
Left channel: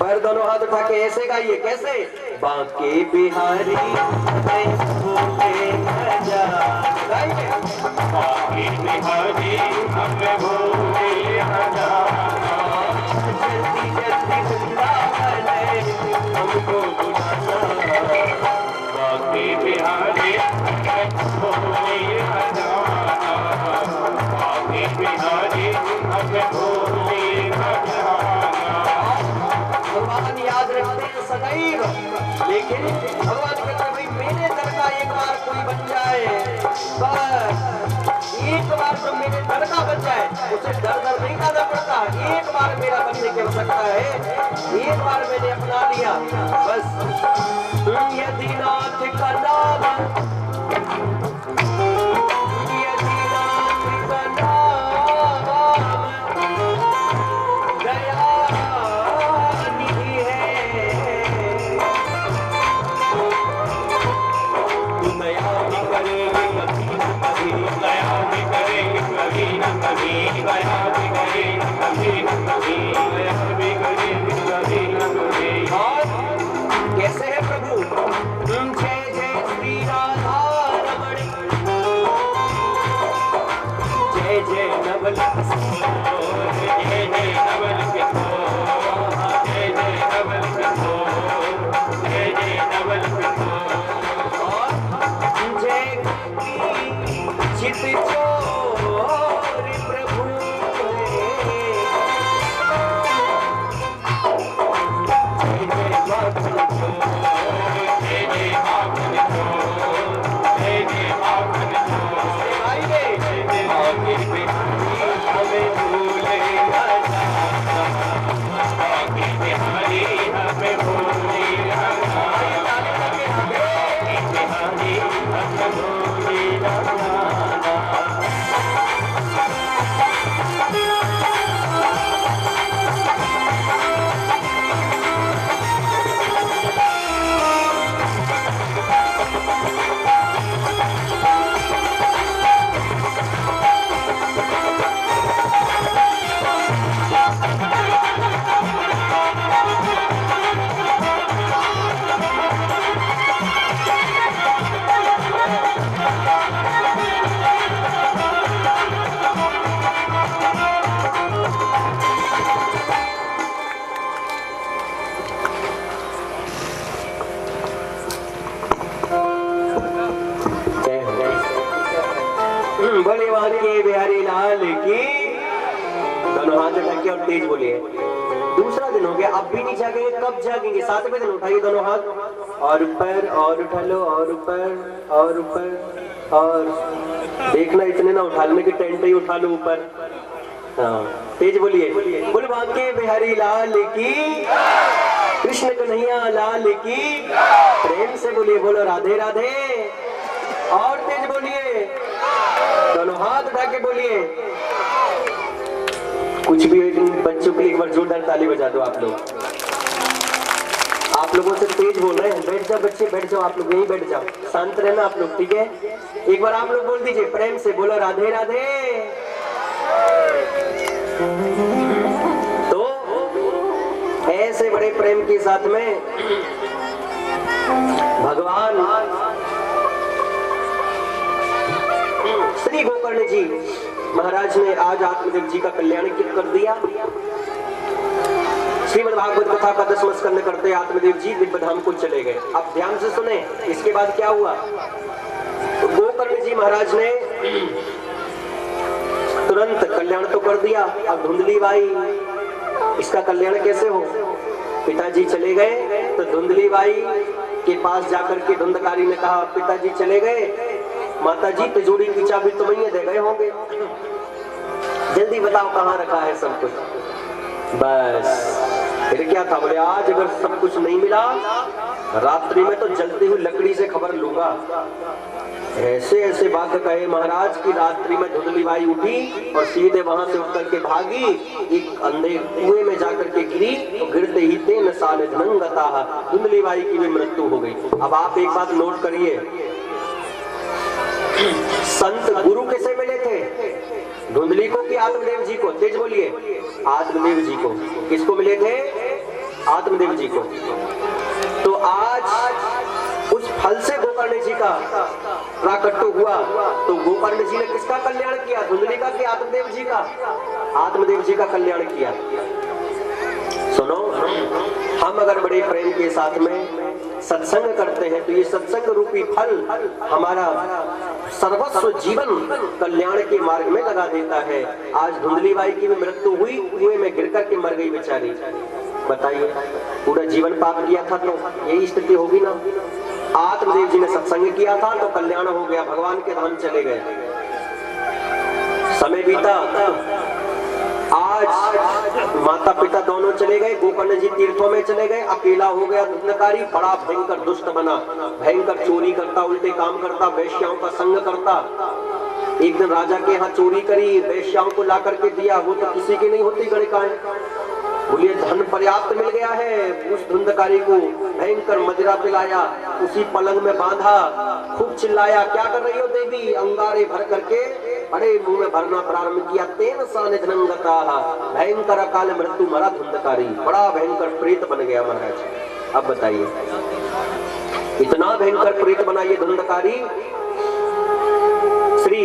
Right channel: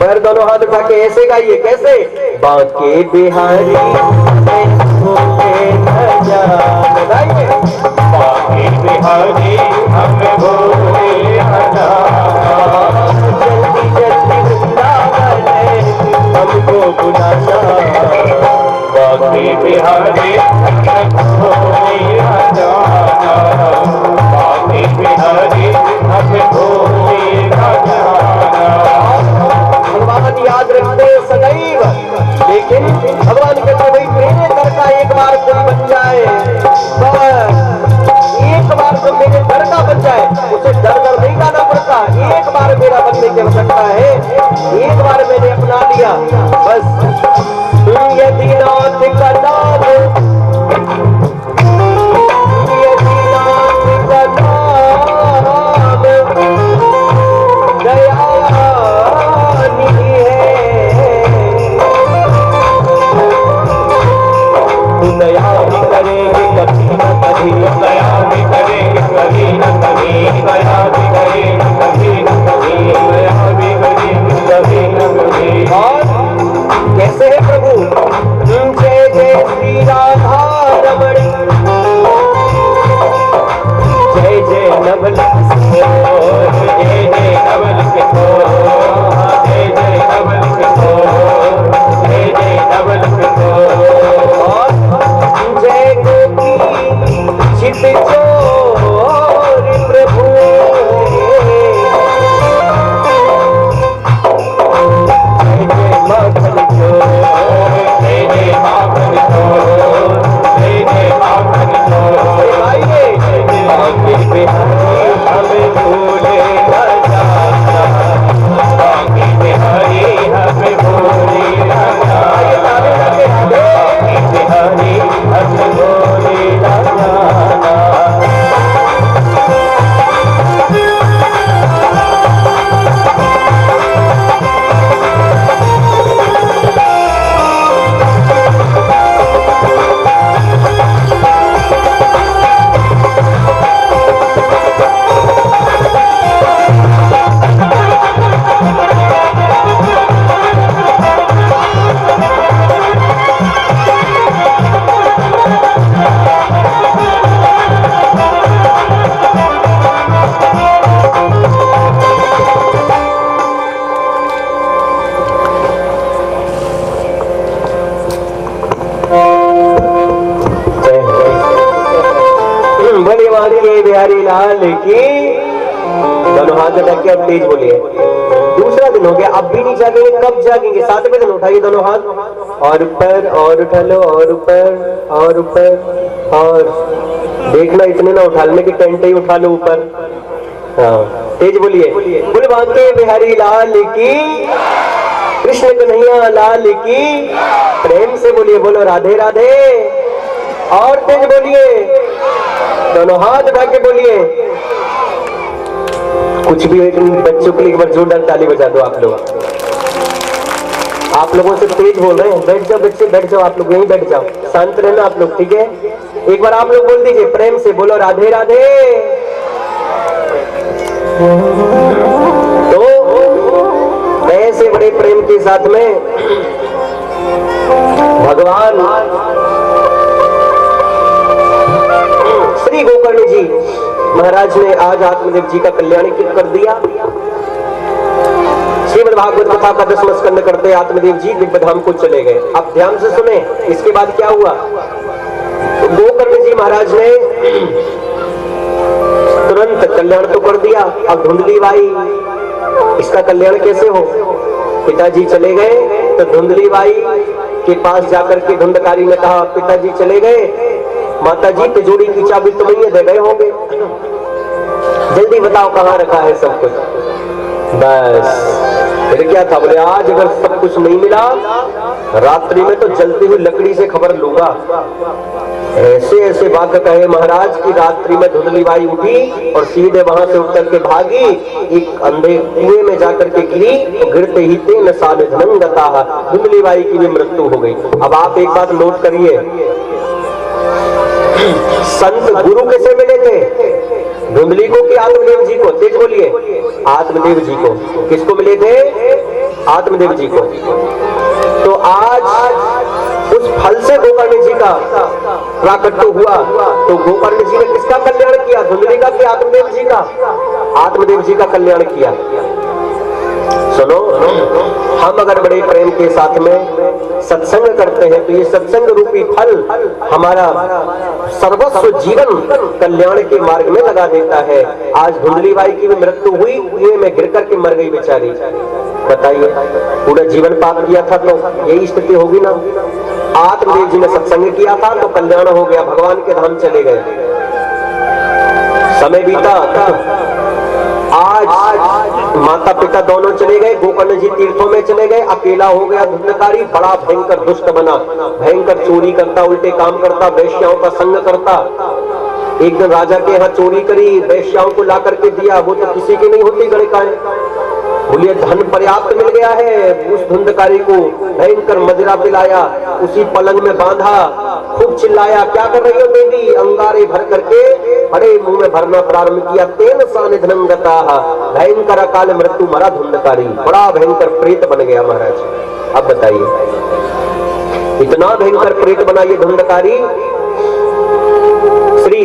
पैर दोनों हाथ उठा के ऐसे गाइए, कैसे? बाके बिहारी हमें भूले न जाना, गाइए। बाके बिहारी हमें भूले न जाना, जल्दी जल्दी वृंदावन हमको बुलाना, बाके बिहारी हमें भूले न जाना, बाके बिहारी हमें भूले न जाना। भगवान याद रखते सदैव, लेकिन भगवान कहते भाई मेरे दर का एक बार कोई बन जाए, बस एक बार तो मेरे दर का बन जाए, उसे दर दर नहीं गाना पड़ता, एक बार मेरा बनने की आवश्यकता है, एक बार मैंने अपना लिया बस। यदि नाथ का नाम, यदि नाथ का नाम दया निधि है, तू दया भी करेंगे कभी न कभी, दया भी करेंगे कभी न कभी, दया भी करेंगे कभी न कभी, दया भी करेंगे कभी न कभी। और कैसे है प्रभु? जय जय श्री राधा रमण, जय जय नवल जय जय नवल किशोर, जय जय नवल किशोर, जय जय नवल किशोर। और जय गोपी चित चोर प्रभु, जय जय मखन चोर, लाल की। दोनों हाथ उठा के अब तेज बोलिए। दूसरा दिन हो गया, अब भी नहीं जागेंगे, कब जागेंगे? 7वें दिन उठाइए दोनों हाथ, और ऊपर, और उठा लो, और ऊपर, और ऊपर, और देखना इतने ना उठा लेने की टेंट ही उठा लो ऊपर। हाँ, तेज बोलिए। बोले बांके बिहारी लाल की, कृष्ण कन्हैया लाल की। प्रेम से बोलिए, बोलो राधे राधे। और तेज बोलिए, दोनों हाथ उठा के बोलिए। कुछ भी एक बच्चों के लिए एक बार जोरदार ताली बजा दो आप लोग। आप लोगों से तेज बोल रहे हैं। बैठ जाओ बच्चे, बैठ जाओ, आप लोग यहीं बैठ जाओ, शांत रहना आप लोग, ठीक है? एक बार आप लोग बोल दीजिए प्रेम से, बोलो राधे राधे। तो ऐसे बड़े प्रेम के साथ में भगवान श्री गोकर्ण जी महाराज ने आज आत्मदेव जी का कल्याण क्यों कर दिया? श्रीमद् भागवत कथा का 10वां स्कंद करते आत्मदेव जी दिव्य धाम को चले गए। अब ध्यान से सुने, इसके बाद क्या हुआ? तो गोकर्ण जी महाराज ने तुरंत कल्याण तो कर दिया। अब धुंधली बाई, इसका कल्याण कैसे हो? पिताजी चले गए तो धुंधली बाई के पास जाकर के धुंधकारी ने कहा, पिताजी चले गए, माता जी तिजोरी की चाबी तो नहीं दे गए होंगे, जल्दी बताओ कहाँ रखा है सब कुछ। बस फिर क्या था? बोले आज अगर सब कुछ नहीं मिला, रात्रि में तो जलती हुई लकड़ी से खबर लूंगा। ऐसे ऐसे बात कहे महाराज की रात्रि में धुंधली बाई उठी और सीधे वहां से उतर के भागी, एक अंधे कुएं में जाकर के गिरी, तो गिरते ही तेन साल धनंगता, धुंधली बाई की भी मृत्यु हो गई। अब आप एक बात नोट करिए, संत गुरु कैसे मिले थे? धुंधली को कि आत्मदेव जी को? तेज बोलिए, आत्मदेव जी को। किसको मिले थे? आत्मदेव जी को। तो आज उस फल से गोकर्ण जी का प्राकट्य हुआ, तो गोकर्ण जी ने किसका कल्याण किया? धुंधली का कि आत्मदेव जी का? आत्मदेव जी का कल्याण किया। सुनो, हम अगर बड़े प्रेम के साथ में सत्संग करते हैं तो ये सत्संग रूपी फल हमारा सर्वस्व जीवन कल्याण के मार्ग में लगा देता है। आज धुंधली बाई की भी मृत्यु हुई, कुएं में गिर करके मर गई बेचारी। बताइए, पूरा जीवन पाप किया था तो यही स्थिति होगी ना। आत्मदेव जी ने सत्संग किया था तो कल्याण हो गया, भगवान के धाम चले गए। समय बीता, आज माता पिता दोनों चले गए, गोकर्ण जी तीर्थों में चले गए, अकेला हो गया धुंधकारी। बड़ा भयंकर दुष्ट बना, भयंकर चोरी करता, उल्टे काम करता, वेश्याओं का संग करता। एक दिन राजा के यहाँ चोरी करी, वेश्याओं को ला करके दिया, वो तो किसी की नहीं होती गणिकाएं। बोलिए धन पर्याप्त मिल गया है, उस धुंधकारी को भयंकर मदिरा पिलाया, उसी पलंग में बांधा, खूब चिल्लाया, क्या कर रही हो देवी? अंगारे भर करके बड़े मुंह में भरना प्रारंभ किया। तेन सानिधनंगता, भयंकर अकाल मृत्यु मरा धुंधकारी, बड़ा भयंकर प्रेत बन गया महाराज। अब बताइए, इतना भयंकर प्रेत बना ये धुंधकारी। श्री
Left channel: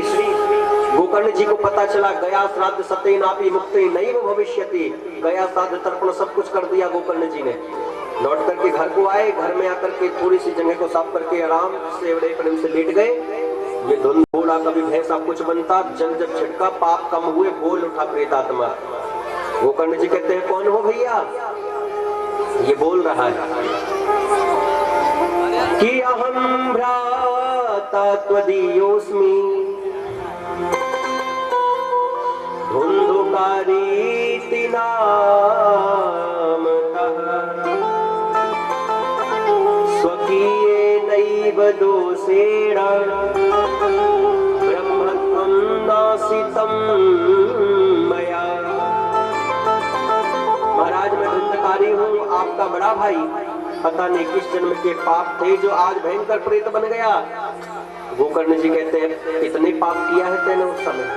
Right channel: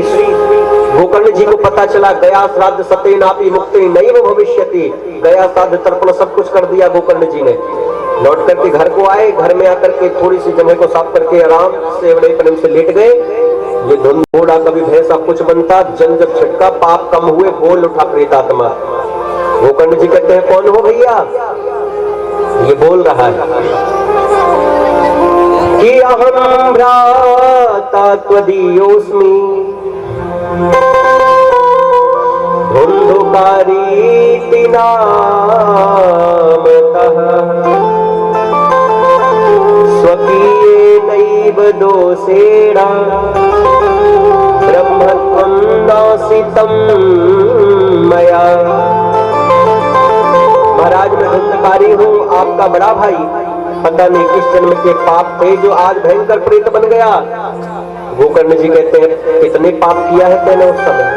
गोकर्ण जी को पता चला, गया श्राद्ध सते नापी मुक्ति नैव भविष्यति। गया श्राद्ध तर्पण सब कुछ कर दिया गोकर्ण जी ने। लौट करके घर को आए, घर में आकर के थोड़ी सी जगह को साफ करके आराम से बड़े प्रेम से लेट गए। ये धुंध घोड़ा कभी भैंसा कुछ बनता, जल जब छिटका पाप कम हुए, बोल उठा प्रेतात्मा। गोकर्ण जी कहते हैं कौन हो भैया? ये बोल रहा है कि अहम भ्राता त्वदीयोऽस्मि धुंधुकारीति नामतः स्वकीयेनैव दोषेण ब्रह्मत्वं नासितं मया। महाराज मैं धुंधकारी हूँ, आपका बड़ा भाई। पता नहीं किस जन्म के पाप थे जो आज भयंकर प्रेत बन गया। गोकर्ण जी कहते हैं कितने पाप किया है मैंने उस समय,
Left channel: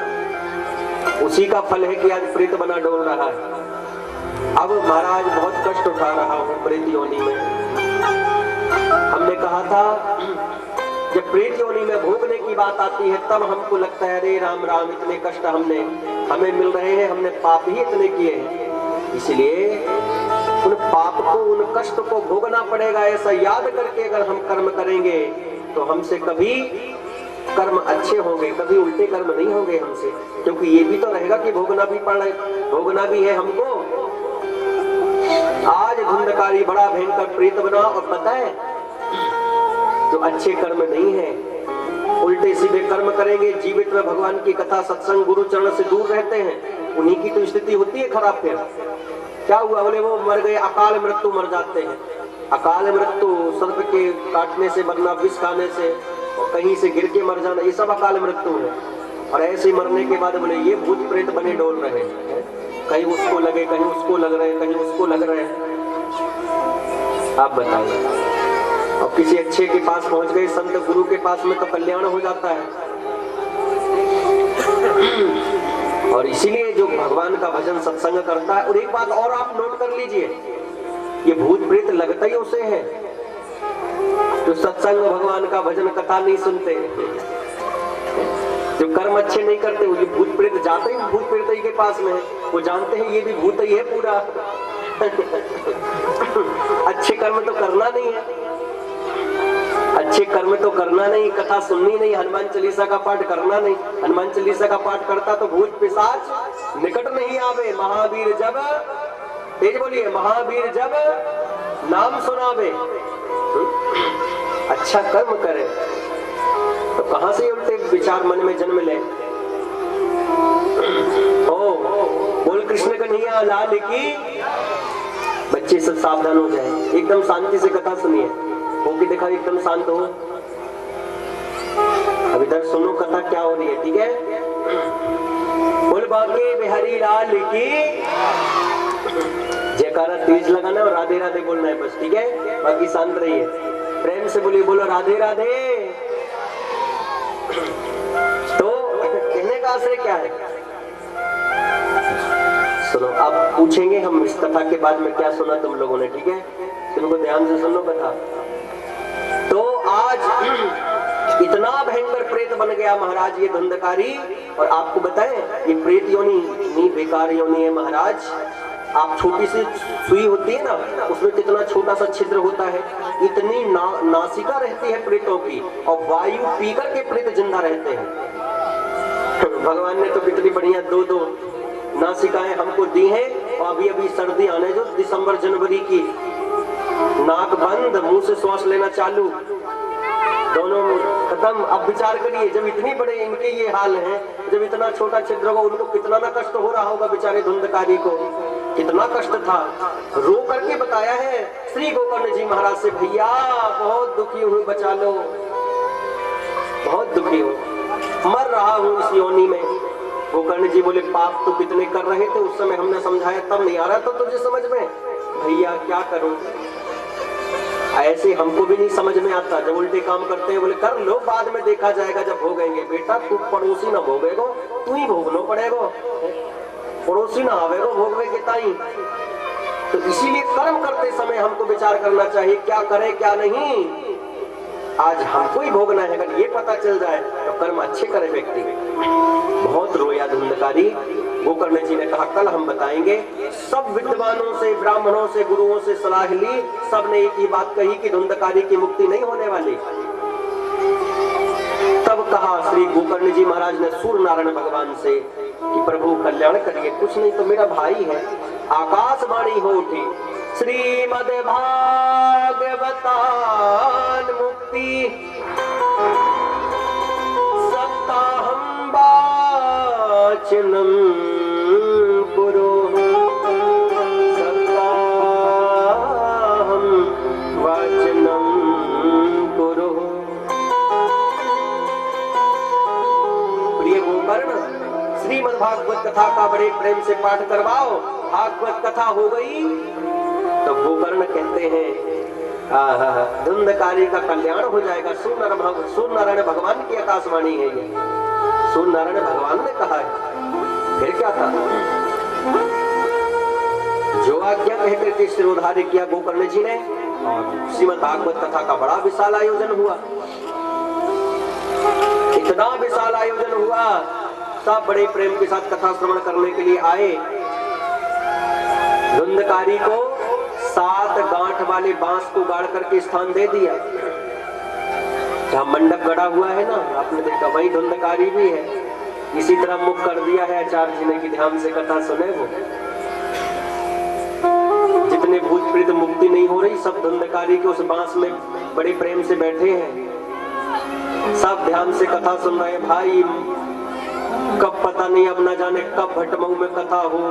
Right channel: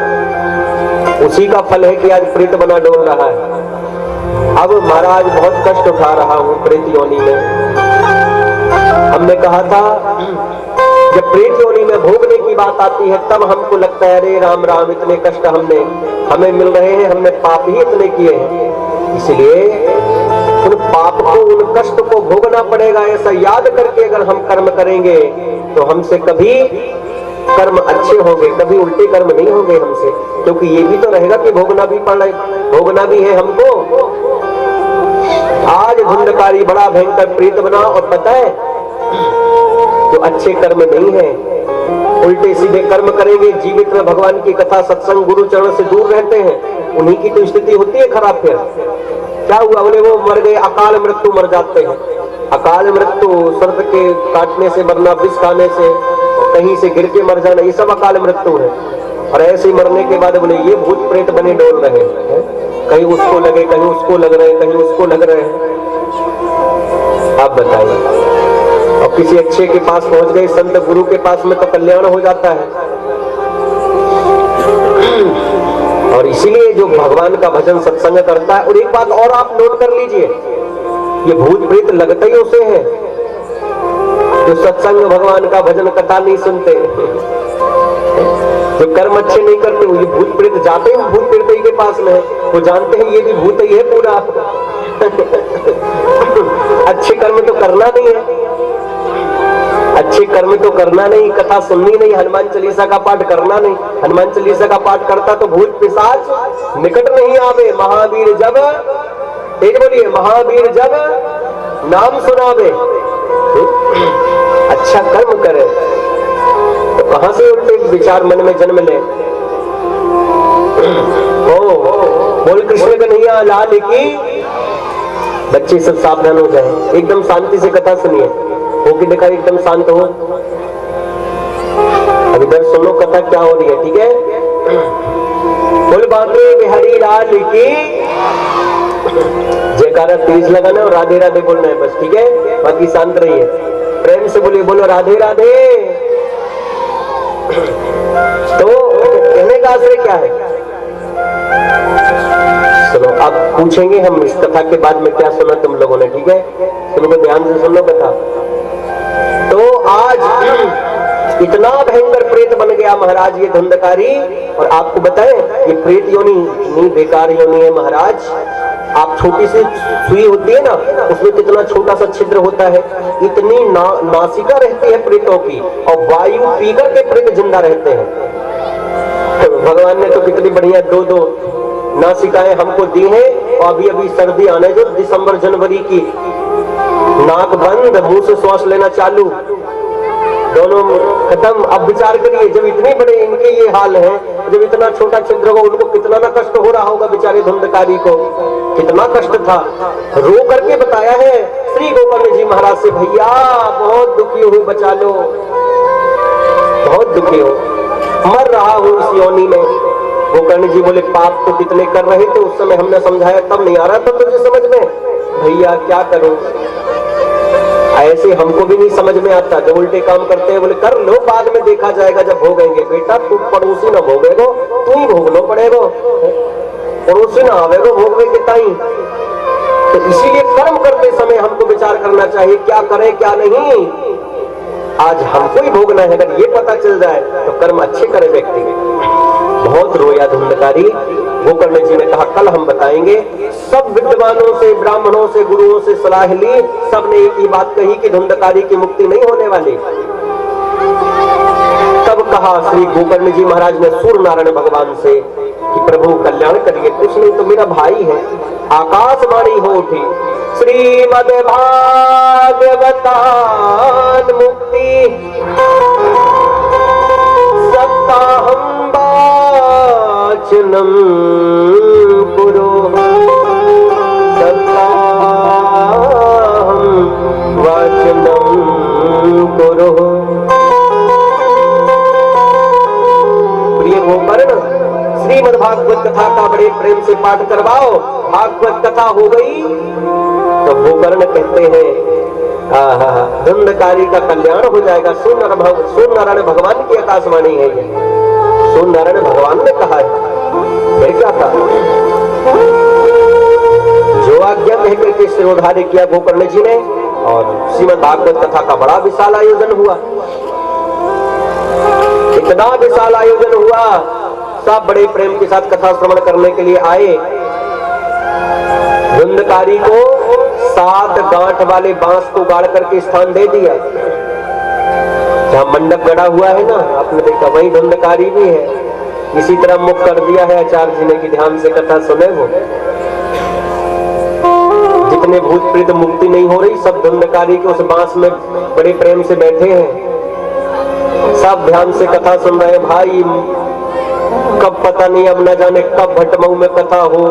उसी का फल है कि आज प्रेत बना डोल रहा है। अब महाराज बहुत कष्ट उठा रहा हूं प्रेत योनि में। हमने कहा था जब प्रेत योनि में भोगने की बात आती है तब हमको लगता है अरे राम राम, इतने कष्ट हमें मिल रहे हैं, हमने पाप ही इतने किए हैं, इसलिए उन पाप को, उन कष्ट को भोगना पड़ेगा। ऐसा याद करके अगर हम कर्म करेंगे तो हमसे कभी कर्म अच्छे होंगे, कभी उल्टे कर्म नहीं होंगे हमसे, क्योंकि ये भी तो रहेगा कि भोगना भी है हमको। आज धुंधकारी बड़ा भयंकर प्रेत बना, और पता है जो अच्छे कर्म नहीं है, उल्टे सीधे कर्म करेंगे, जीवित में भगवान की कथा सत्संग गुरु चरण से दूर रहते हैं, उन्हीं की तो स्थिति होती है खराब। फिर क्या हुआ, बोले वो मर गए, अकाल मृत्यु मर जाते हैं। अकाल मृत्यु सर्प के काटने से मरना, विष खाने से, कहीं से गिर के मर जाना, ये सब अकाल मृत्यु है। और ऐसे मरने के बाद बोले ये भूत प्रेत बने डोल रहे हैं, कहीं उसको लगे, कहीं उसको लग रहे हैं, कहीं उसको लग रहे हैं। आप बताइए, और किसी अच्छे के पास पहुंच गए, संत गुरु के पास में, तो कल्याण हो जाता है। और इसीलिए जो भगवान का भजन सत्संग करता है, और एक बात और आप नोट कर लीजिए, ये भूत प्रेत लगता ही उसे है जो सत्संग भगवान का भजन कथा नहीं सुनते, जो कर्म अच्छे नहीं करते, वो ये भूत प्रेत जाते हैं भूत प्रेत ही के पास में है, वो जानते हैं ये भी भूत ही है पूरा। अच्छे कर्म तो करना नहीं है, अच्छे कर्म तो करना नहीं, कथा सुननी नहीं, हनुमान चालीसा का पाठ करना नहीं। हनुमान चालीसा का पाठ करता तो भूत पिशाच निकट नहीं आवे। महावीर जब, तेज बोलिए, महावीर जब नाम सुनावे, अच्छा कर्म करे, तो कहां से उल्टे विचार मन में जन्म ले। ओ बोल कृष्ण कन्हैया लाल की। बच्चे सब सावधान हो जाए, एकदम शांति से कथा सुनिए, हो कि देखा एकदम शांत हो। अब इधर सुनो कथा क्या हो रही है, ठीक है। बोल बांके बिहारी लाल की जयकारा तेज लगाना और राधे राधे बोलना है बस, ठीक है, बाकी शांत रहिए। प्रेम से बोलिए, बोलो राधे राधे। तो कहने का आश्रय क्या है, सुनो। आप पूछेंगे हम इस कथा के बाद में क्या सुना तुम लोगों ने, ठीक है, तुमको ध्यान से सुन लो कथा। तो आज इतना भयंकर प्रेत बन गया महाराज ये धुंधकारी, और आपको बताएं ये प्रेत योनि नहीं बेकार योनि है महाराज। आप छोटी सी सुई होती है ना, उसमें कितना छोटा सा छिद्र होता है, इतनी नासिका रहती है प्रेतों की, और वायु पीकर के प्रेत जिंदा रहते हैं। तो भगवान ने तो कितनी बढ़िया दो दो नासिकाएं हमको दी हैं, और अभी अभी सर्दी आने जो दिसंबर जनवरी की, नाक बंद मुंह से श्वास लेना चालू, दोनों खत्म। अब विचार करिए, जब इतने बड़े इनके ये हाल है, जब इतना छोटा छिद्र होगा, उनको कितना ना कष्ट हो रहा होगा बेचारे धुंधकारी को, कितना कष्ट था। रो करके बताया है श्री गोकर्ण जी महाराज से, भैया बहुत दुखी हूँ, बचा लो, बहुत दुखी हूँ, मर रहा हूँ इस योनि में। गोकर्ण जी बोले पाप तो कितने कर रहे थे उस समय, हमने समझाया तब नहीं आ रहा था तुझे समझ में, भैया क्या करूं, ऐसे हमको भी नहीं समझ में आता, जब उल्टे काम करते हैं बोले कर लो बाद में देखा जाएगा जब भोगेंगे। बेटा तू पड़ोसी ना भोगेगो, तू ही भोगनो पड़ेगो, पड़ोसी ना आवेगो भोगवे के ताई। तो इसीलिए कर्म करते समय हमको विचार करना चाहिए क्या करें क्या नहीं। आज हमको ही भोगना है, अगर ये पता चल जाए तो कर्म अच्छे करे व्यक्ति। बहुत रोया धुंधकारी। गोकर्ण जी ने कहा कल हम बताएंगे। सब विद्वानों से, ब्राह्मणों से, गुरुओं से सलाह ली, सबने एक ही बात कही कि धुंधकारी की मुक्ति नहीं होने वाली। तब कहा श्री गोकर्ण जी महाराज ने सूर्य नारायण भगवान से कि प्रभु कल्याण करिए, कुछ नहीं तो मेरा भाई है। आकाशवाणी हो उठी, श्रीमद् भागवतान मुक्ति सप्ताहं वाचनम कुरु, सप्ताहं वाचनम कुरु। प्रिय गोकर्ण, श्रीमद् भागवत कथा का बड़े प्रेम से पाठ करवाओ। भागवत कथा हो गई तो गोकर्ण कहते हैं धुंधकारी का कल्याण हो जाएगा। सूर्य नारायण भगवान की आकाशवाणी है ये, सूर्य नारायण भगवान ने कहा है। फिर क्या था, जो आज्ञा कह करके शिरोधार्य किया गोकर्ण जी ने, और श्रीमद् भागवत कथा का बड़ा विशाल आयोजन हुआ। इतना विशाल आयोजन हुआ, सब बड़े प्रेम के साथ कथा श्रवण करने के लिए आए। धुंधकारी को 7 गांठ वाले बांस को गाड़ करके स्थान दे दिया। जहाँ मंडप गड़ा हुआ है ना, आपने देखा वही धुंधकारी भी है। इसी तरह मुख कर दिया है आचार्य जी ने कि ध्यान से कथा सुने। वो जितने भूत प्रेत मुक्ति नहीं हो रही, सब धुंधकारी के उस बांस में बड़े प्रेम से बैठे हैं, सब ध्यान से कथा सुन रहे हैं। भाई कब पता नहीं, अब न जाने कब भटमऊ में कथा हो,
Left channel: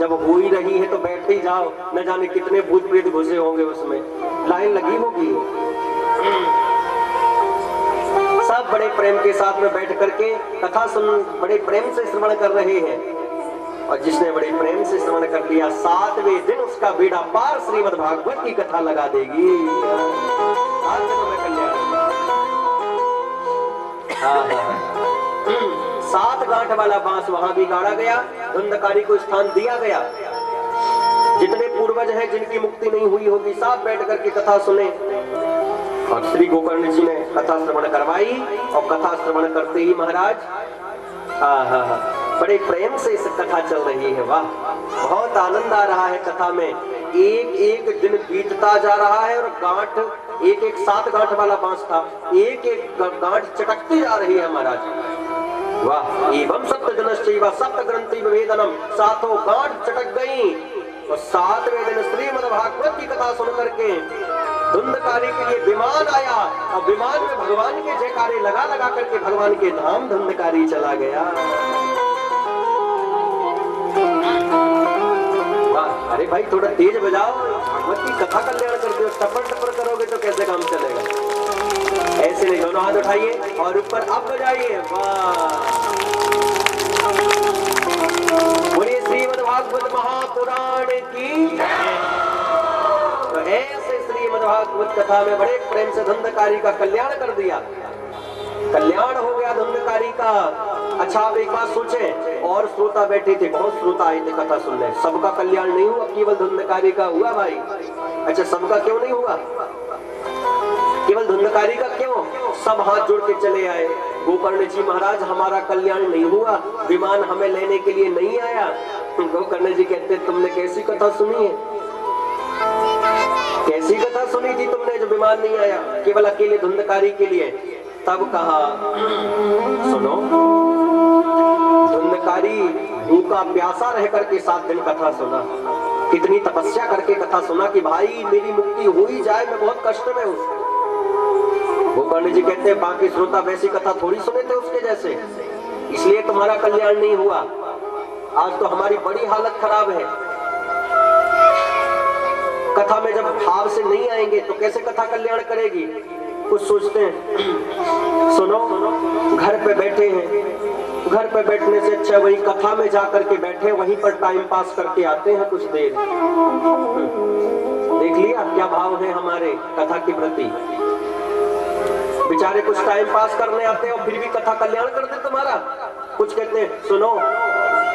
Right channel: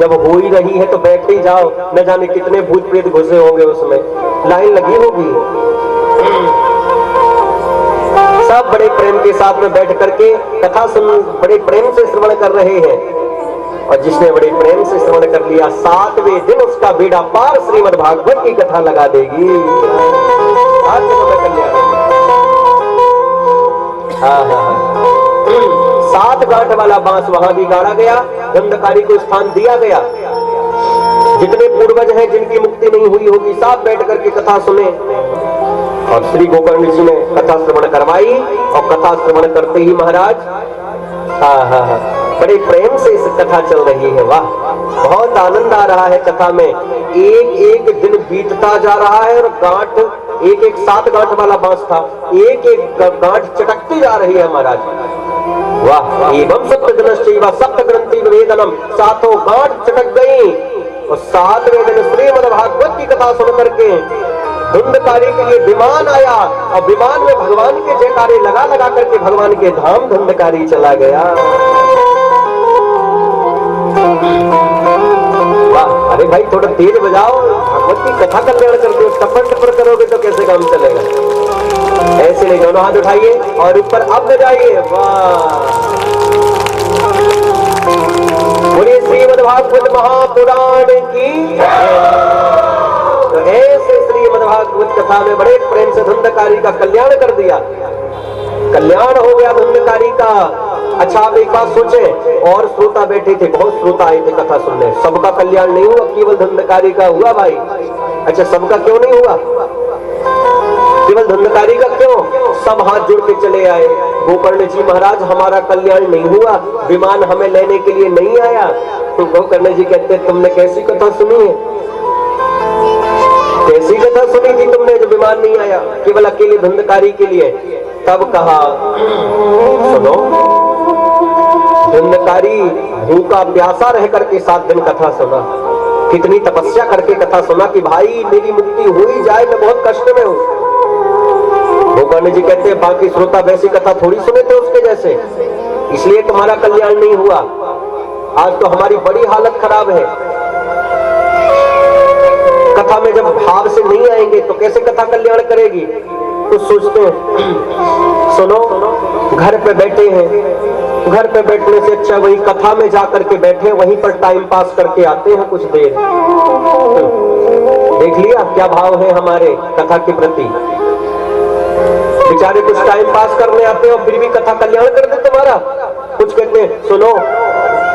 जब हो ही रही है तो बैठ ही जाओ, न जाने कितने भूत प्रेत घुसे होंगे उसमें, लाइन लगी होगी। सब बड़े प्रेम के साथ में बैठ करके कथा सुन, बड़े प्रेम से श्रवण कर रहे हैं। और जिसने बड़े प्रेम से श्रवण कर लिया, 7वें दिन उसका बेड़ा पार श्रीमद् भागवत की कथा लगा देगी। आज तो मैं कल्याण 7 गांठ वाला बांस वहां भी गाड़ा गया, धुंधकारी को स्थान दिया गया। जितने पूर्वज हैं जिनकी मुक्ति नहीं हुई होगी, सब बैठ करके कथा सुने। और श्री गोकर्ण जी ने कथा श्रवण करवाई, और कथा श्रवण करते ही महाराज बड़े प्रेम से इस कथा चल रही है। वाह, बहुत आनंद आ रहा है कथा में। एक एक दिन बीतता जा रहा है और गांठ, एक एक 7 गांठ वाला बांस था, एक एक गांठ चटकती जा रही है महाराज। वाह, एवं सप्तजनश्चैव सप्तग्रंथि वेदनम, 7 गांठ चटक गई। और 7वें दिन श्रीमद् भागवत की कथा सुन करके धुंधकारी के लिए विमान आया, और विमान में भगवान के जयकारे लगा लगा करके भगवान के धाम धुंधकारी चला गया। वाह, अरे भाई थोड़ा तेज बजाओ, भगवत की कथा कल्याण कर दो। टपर टपर करोगे तो कैसे काम चलेगा? ऐसे नहीं, दोनों हाथ उठाइए और ऊपर अब बजाइए। वाह, बोलिए श्रीमद् भागवत महापुराण की। तो ऐसे श्रीमद् भागवत कथा में बड़े प्रेम से धुंधकारी का कल्याण कर दिया। कल्याण हो गया धुंधकारी का। अच्छा, आप एक बात सोचे, और श्रोता बैठे थे, बहुत श्रोता आए थे कथा सुनने, सबका कल्याण नहीं हुआ, केवल धुंधकारी का हुआ भाई। अच्छा, सबका क्यों नहीं हुआ? केवल धुंधकारी का क्यों? सब हाथ जोड़ के चले आए, गोकर्ण जी महाराज हमारा कल्याण नहीं हुआ, विमान हमें लेने के लिए नहीं आया। तो गोकर्ण जी कहते, तुमने कैसी कथा सुनी है? कैसी कथा सुनी थी तुमने जो विमान नहीं आया, केवल अकेले धुंधकारी के लिए? तब कहा, सुनो, धुंधकारी भूखा प्यासा रह करके 7 दिन कथा सुना, कितनी तपस्या करके कथा सुना कि भाई मेरी मुक्ति हो ही जाए, मैं बहुत कष्ट में हूँ। गोकर्ण जी कहते हैं, बाकी श्रोता वैसी कथा थोड़ी सुने थे उसके जैसे, इसलिए तुम्हारा कल्याण नहीं हुआ। आज तो हमारी बड़ी हालत खराब है। कथा में जब भाव से नहीं आएंगे तो कैसे कथा कल्याण करेगी? कुछ सोचते हैं, सुनो, घर पे बैठे हैं, घर पे बैठने से अच्छा वही कथा में जाकर के बैठे, वहीं पर टाइम पास करके आते हैं कुछ देर। देख लिया क्या भाव है हमारे कथा के प्रति। बेचारे कुछ टाइम पास करने आते हैं और फिर भी कथा कल्याण कर दे तुम्हारा। कुछ कहते हैं, सुनो,